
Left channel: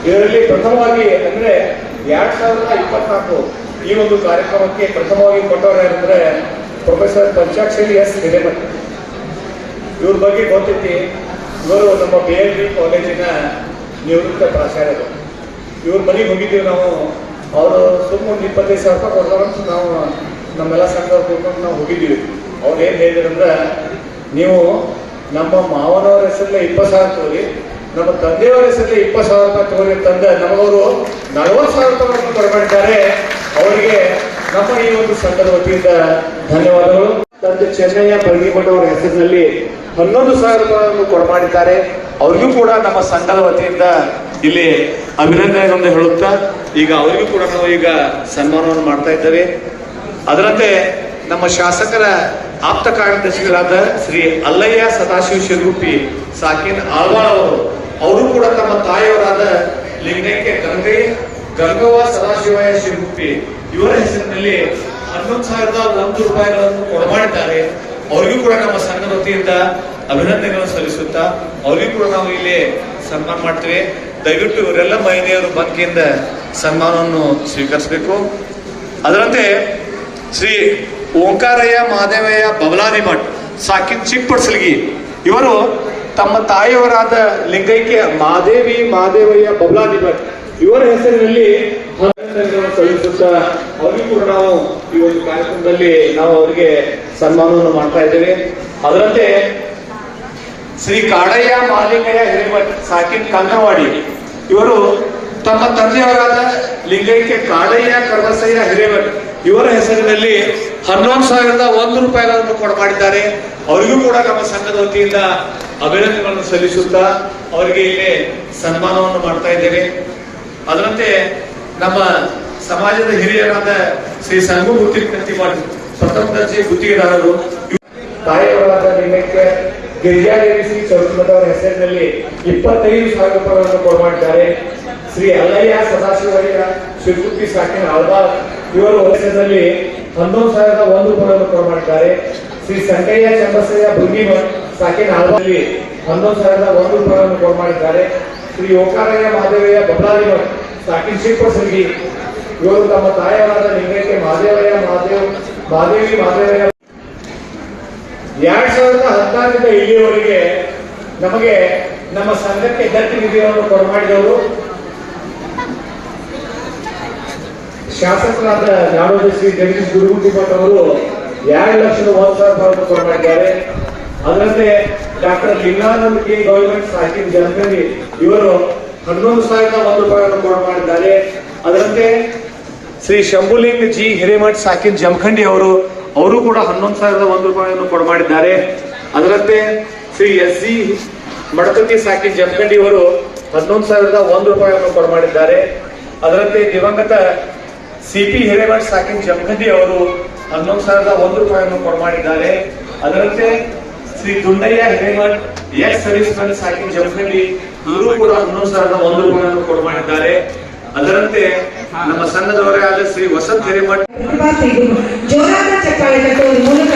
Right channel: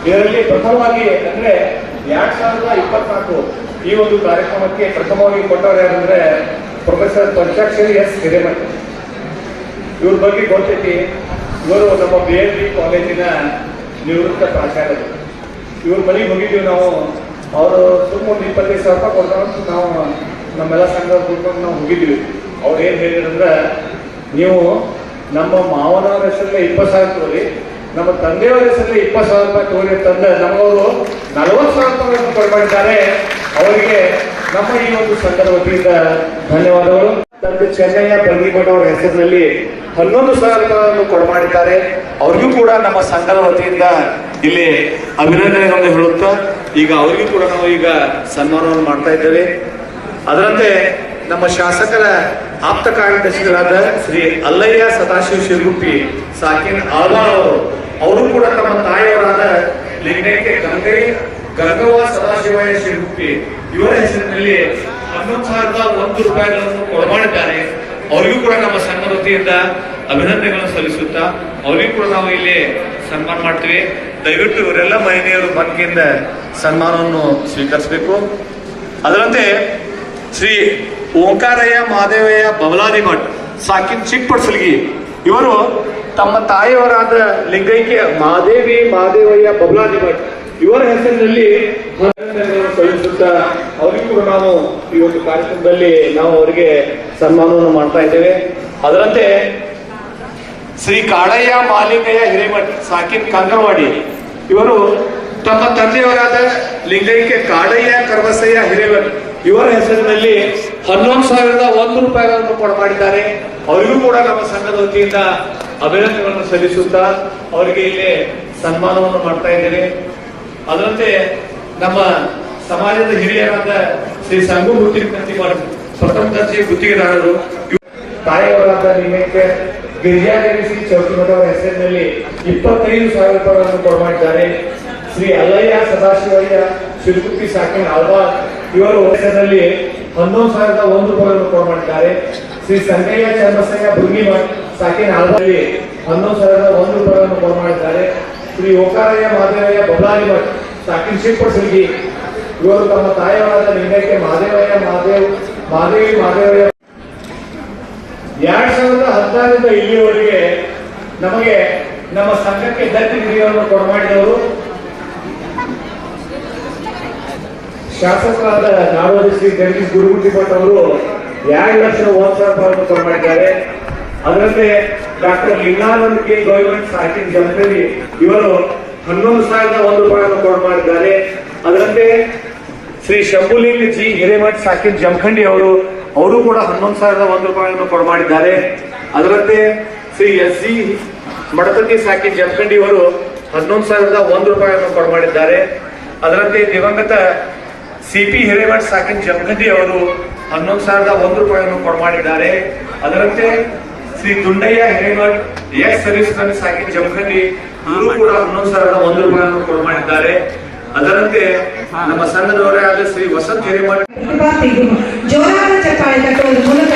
ಇದರಲ್ಲಿ ಪ್ರಥಮವಾಗಿ ಅಂದ್ರೆ 2024 ಈ ಒಂದು ಕಾರ್ಯಕ್ರಮಕ್ಕೆ ಪ್ರಥಮವಾಗಿ ಕೊಟ್ಟವರು ಯಾರಂದ್ರೆ ಪ್ರೊಫೆಸರ್ ಪಂಚಾಕ್ಷರಿ ಎಸ್ ಹಿರೇಮಠ. ಇವ್ರ ಬಗ್ಗೆ ಗೊತ್ತೈತಿ. ಇವರು ನಮ್ಮ BLD ಕಾಲೇಜಿನ ನಿವೃತ್ತ ಪ್ರಾಚಾರ್ಯರು. ಇವ್ರ ಮನೆಗೆ ಹೋಗಿದ್ದೀವಿ ನಾವು. ಅವರು ಸುಮ್ಮ ಒಂದು 25,000 ರೂಪಾಯಿ ಕೊಡ್ತಾರಂತ ನಾವು ನಮ್ಮೆಲ್ಲ ಸಂಘದ ಕೂತ್ಕೊಂಡು ನಾವು ಹೋಗಿದ್ದೀವಿ. ಅವ್ರು ಏನ್ ಹೇಳಿದ್ರಂದ್ರೆ, ನೀವು ನಮ್ಮ ಮಾವನವರ ಹೆಸರಲ್ಲಿ 20,000 ತಗೋರಿ, ನಮ್ಮ ತಂದೆಯವರ ಹೆಸರಲ್ಲಿ 20,000 ರೂಪಾಯಿ ತಗೋರಿ ಅಂತಂದ್ರೆ ನಮಗವರು 40,000 ರೂಪಾಯಿ ಕೊಡ್ಕೊಂಡಿದ್ದಾರೆ. ಅವರಿಗೆ ನಮ್ಮ ಈ ಒಂದು ಸಂಘದ ವತಿಯಿಂದ ಧನ್ಯವಾದಗಳು. ತಂದೆ ಚೆನ್ನಯ್ಯ ಬಳ್ಳಿಮಠ ಅವರ ಹೆಸರಿನಲ್ಲಿ 11,000 ರೂಪಾಯಿಯನ್ನು ಕೊಡಮಾಡಿದ್ದಾರೆ. ಅವ್ರಿಗೂ ಕೂಡ ನಮ್ಮ ಸಂಘದ ವತಿಯಿಂದ ಇಲ್ಲಿ ಅಭಿನಂದನೆಗಳನ್ನು ಹೇಳುತ್ತಾ ಈಗ ಅವರಿಗೂ ಕೂಡ ನಾವು ಈಗ ಸನ್ಮಾನವನ್ನು ಮಾಡ್ತಾ ಇದ್ದೇವೆ. ಅದರಂತೆ ನಮ್ಮ ಶಾಸಕರ ಆಪ್ತ ಕಾರ್ಯದರ್ಶಿಗಳಾದ ಶ್ರೀ ಅಲ್ಲಯ್ಯ ಸದಾಶಿವ ಶಿರಗುಪ್ಪಿ ಸಾಕಿನ ಆಳ್ವಾಳ್ ಅವರು ಕೂಡ ತಮ್ಮ ತಾಯಿಯವರಾದ ಲಿಂಗೈಕ್ಯ ಗಂಗವ್ವ ಸದಾಶಿವಯ್ಯ ಶಿರಗುಪ್ಪಿ ಇವರ ಹೆಸರಿನಲ್ಲಿ 11,001 ರೂಪಾಯಿಗಳನ್ನು ಕೊಡಮಾಡಿದ್ದಾರೆ. ಅವರಿಗೂ ಕೂಡ ನಮ್ಮ ಸಂಘದ ವತಿಯಿಂದ ಅಭಿನಂದನೆಗಳನ್ನು ಸಲ್ಲಿಸುತ್ತಾ ಅವರಿಗೂ ಕೂಡ ನಾವು ಇಲ್ಲಿ ಸನ್ಮಾನ ಮಾಡ್ತೇವೆ. ದಯವಿಟ್ಟು ಇವರೆಲ್ಲ ಮಹಿಳೆಯರು ಬಂಕಿಯಿಂದ ಸನ್ಮಾನವನ್ನು ಸ್ವೀಕರಿಸಬೇಕು. ಅದರಂತೆ ಶ್ರೀ ಓಂಕಾರಯ್ಯ ಮಹಾದೇವಯ್ಯ ಬಬಲಾದಿ ಮಠ್ ಸಾಕಿನ್ ಚಿಕ್ಕಪಡ್ಸಲ್ಗಿ ಇವರು ತಮ್ಮ ತಾಯಿಯವರಾದ ಲಿಂಗೈಕ್ಯ ಮಹಾದೇವಯ್ಯ ಬಬಲಾದಿ ಮಠ್ ಇವರ ಹೆಸರಿನಲ್ಲಿ ಸಲ್ಲಿಸುತ್ತಾ ಅವರಿಗೂ ಕೂಡ ನಾವು ಈ ಒಂದು ಕಾರ್ಯಕ್ರಮದಲ್ಲಿ ನಾವು ಅವರಿಗೆ ಸನ್ಮಾನವನ್ನು ಮಾಡ್ತಾ ಇದ್ದೇವೆ. ಅದರಂತೆ ಶ್ರೀ ಕಾಡಯ್ಯ ಮಾಲಿಂಗಯ್ಯ ಹಿರೇಮಠ್ ಸಾಕಿನ್ ಕಂಕರವಾಡಿ ಇವರು ತಮ್ಮ ತಂದೆಯವರಾದ ಲಿಂಗೈಕ್ಯ ಕಾಡಯ್ಯ ಕರ್ಬಸಯ್ಯ ಹಿರೇಮಠ್ ಇವರ ಹೆಸರಿನಲ್ಲಿ 11,001 ರೂಪಾಯಿಗಳನ್ನು ಕೊಡಮಾಡಿದ್ದಾರೆ. ಅವರಿಗೂ ಕೂಡ ನಮ್ಮ ಸಂಘದ ವತಿಯಿಂದ ಅಭಿನಂದನೆಗಳನ್ನು ಸಲ್ಲಿಸುತ್ತಾ ಅವರಿಗೆ ಇಲ್ಲಿ ಸನ್ಮಾನವನ್ನು ಮಾಡ್ತಾ ಇದ್ದೇನೆ. ಅದರಂತೆ ನಮ್ಮ ಸಮಾಜದ ಹಿರಿಯರಾದ ಶ್ರೀ ಸಂಗುಮೂರ್ತಿ ಕಂತಿಮಾಡಿ ಪ್ರಥಮ ದರ್ಜೆ ಗುತ್ತಿಗೆದಾರರು ತಾಯಿಯವರಾದ ಲಿಂಗೈಕ್ಯ ಗಿರಿಜಾದೇವಿ ಶ್ರೀ ಚೌಕಿಮಠವರ ಹೆಸರಿನಲ್ಲಿ 25,000 ರೂಪಾಯಿಗಳನ್ನು ಕೊಡಮಾಡಿದ್ದಾರೆ. ಶ್ರೀ ಅಲ್ಲಯ್ಯ ಸದಾಶಿವಯ್ಯ ಶಿರಗುಪ್ಪಿ ಸಾಕಿನ ಆಳ್ವಾಳ್ ಇವರು ಹೆಸರಿನಲ್ಲಿ 11,001 ರೂಪಾಯಿಗಳನ್ನು ಕೊಡಮಾಡಿದ್ದಾರೆ. ಶ್ರೀ ಸಂಗಯ್ಯ ಚಂದ್ರಸಯ್ಯ ಭೃಂಗಿಮಠ್ ಸಾಕಿನ ಆಳ್ವಾಳ್ 11,001 ರೂಪಾಯಿಗಳನ್ನು ಕೊಡಮಾಡಿದ್ದಾರೆ. ಶ್ರೀ ಓಂಕಾರಯ್ಯ ಮಹಾದೇವಯ್ಯ ಬಬಲಾದಿ ಮಠ್ ಸಾಕಿನ ಚಿಕ್ಕಪಡ್ಸಲ್ಗಿ ಇವರು ತಮ್ಮ ತಾಯಿಯವರಾದ ಲಿಂಗೈಕ್ಯ ಮಹಾದೇವಯ್ಯ ಮಹಾದೇವಿ ಮಹಾದೇವಯ್ಯ 2016ರಿಂದ ಇಲ್ಲಿಯವರೆಗೆ ನಮಗೆ ನಮ್ಮ ಸಂಘಕ್ಕೆ ದತ್ತಿ ನಿಧಿಯನ್ನು ಕೊಡಮಾಡಿದವರು ಶಾಸಕರಾದ ನಾಡೋಜ ಶ್ರೀ ಜಗದೀಶ್ ಗುರುಗುಂಡಿ ಭಟ್ ಅವರು 2,01,000 ಕೊಡಮಾಡಿದ್ದಾರೆ. ಅದರಂತೆ ಡಾಕ್ಟರ್ ಲಿಂಗಾನಂದ ಕೆ ಗವರ್ಮೆಂಟ್ ಸಾಕಿನ್ ಜಮಖಂಡಿ ಇವರು 11,001 ರೂಪಾಯಿಯನ್ನು ಕೊಡಮಾಡಿದ್ದಾರೆ. ಅದರಂತೆ ಶ್ರೀ ಶಂಭುಲಿಂಗ ಜಿ ಹಿರೇಮಠ್ ಸಾಕಿನ್ ಜಮಖಂಡಿ ಅವರು ಕೂಡ 11,001 ರೂಪಾಯಿಯನ್ನು ಕೊಡಮಾಡಿದ್ದಾರೆ. ಅದರಂತೆ ಶ್ರೀ ಎಸ್ ಜಿ ಮಡಪತಿ ಸಾಕಿನ್ ಜಮಖಂಡಿ ಅವರು 11,001 ರೂಪಾಯಿಯನ್ನು ಕೊಡಮಾಡಿದ್ದಾರೆ. ಅದರಂತೆ ದಿವಂಗತ ಸಿಪಿ ಹಿರೇಮಠ್ ಸಾಕಿನ್ ಜಮಖಂಡಿ ಅವರು 11,001 ರೂಪಾಯಿಯನ್ನು ಕೊಡಮಾಡಿದ್ದಾರೆ. ಅದರಂತೆ Shri Dundayya Hiremath ex service man ಸಾಕಿನ್ ಜಮಖಂಡಿ ಇವರು ಕೂಡ 11,001 ರೂಪಾಯಿಯನ್ನು ಕೊಡಮಾಡಿದ್ದಾರೆ. ಅದರಂತೆ ನಮ್ಮ ಸಂಘದವರೇ ಆದ ಶ್ರೀ ವಸಂತ್ ಹಿರೇಮಠ್ ಜೋರಾದ ಚಪ್ಪಾಳೆ ಕಟ್ಟುವ ಮೂಲಕ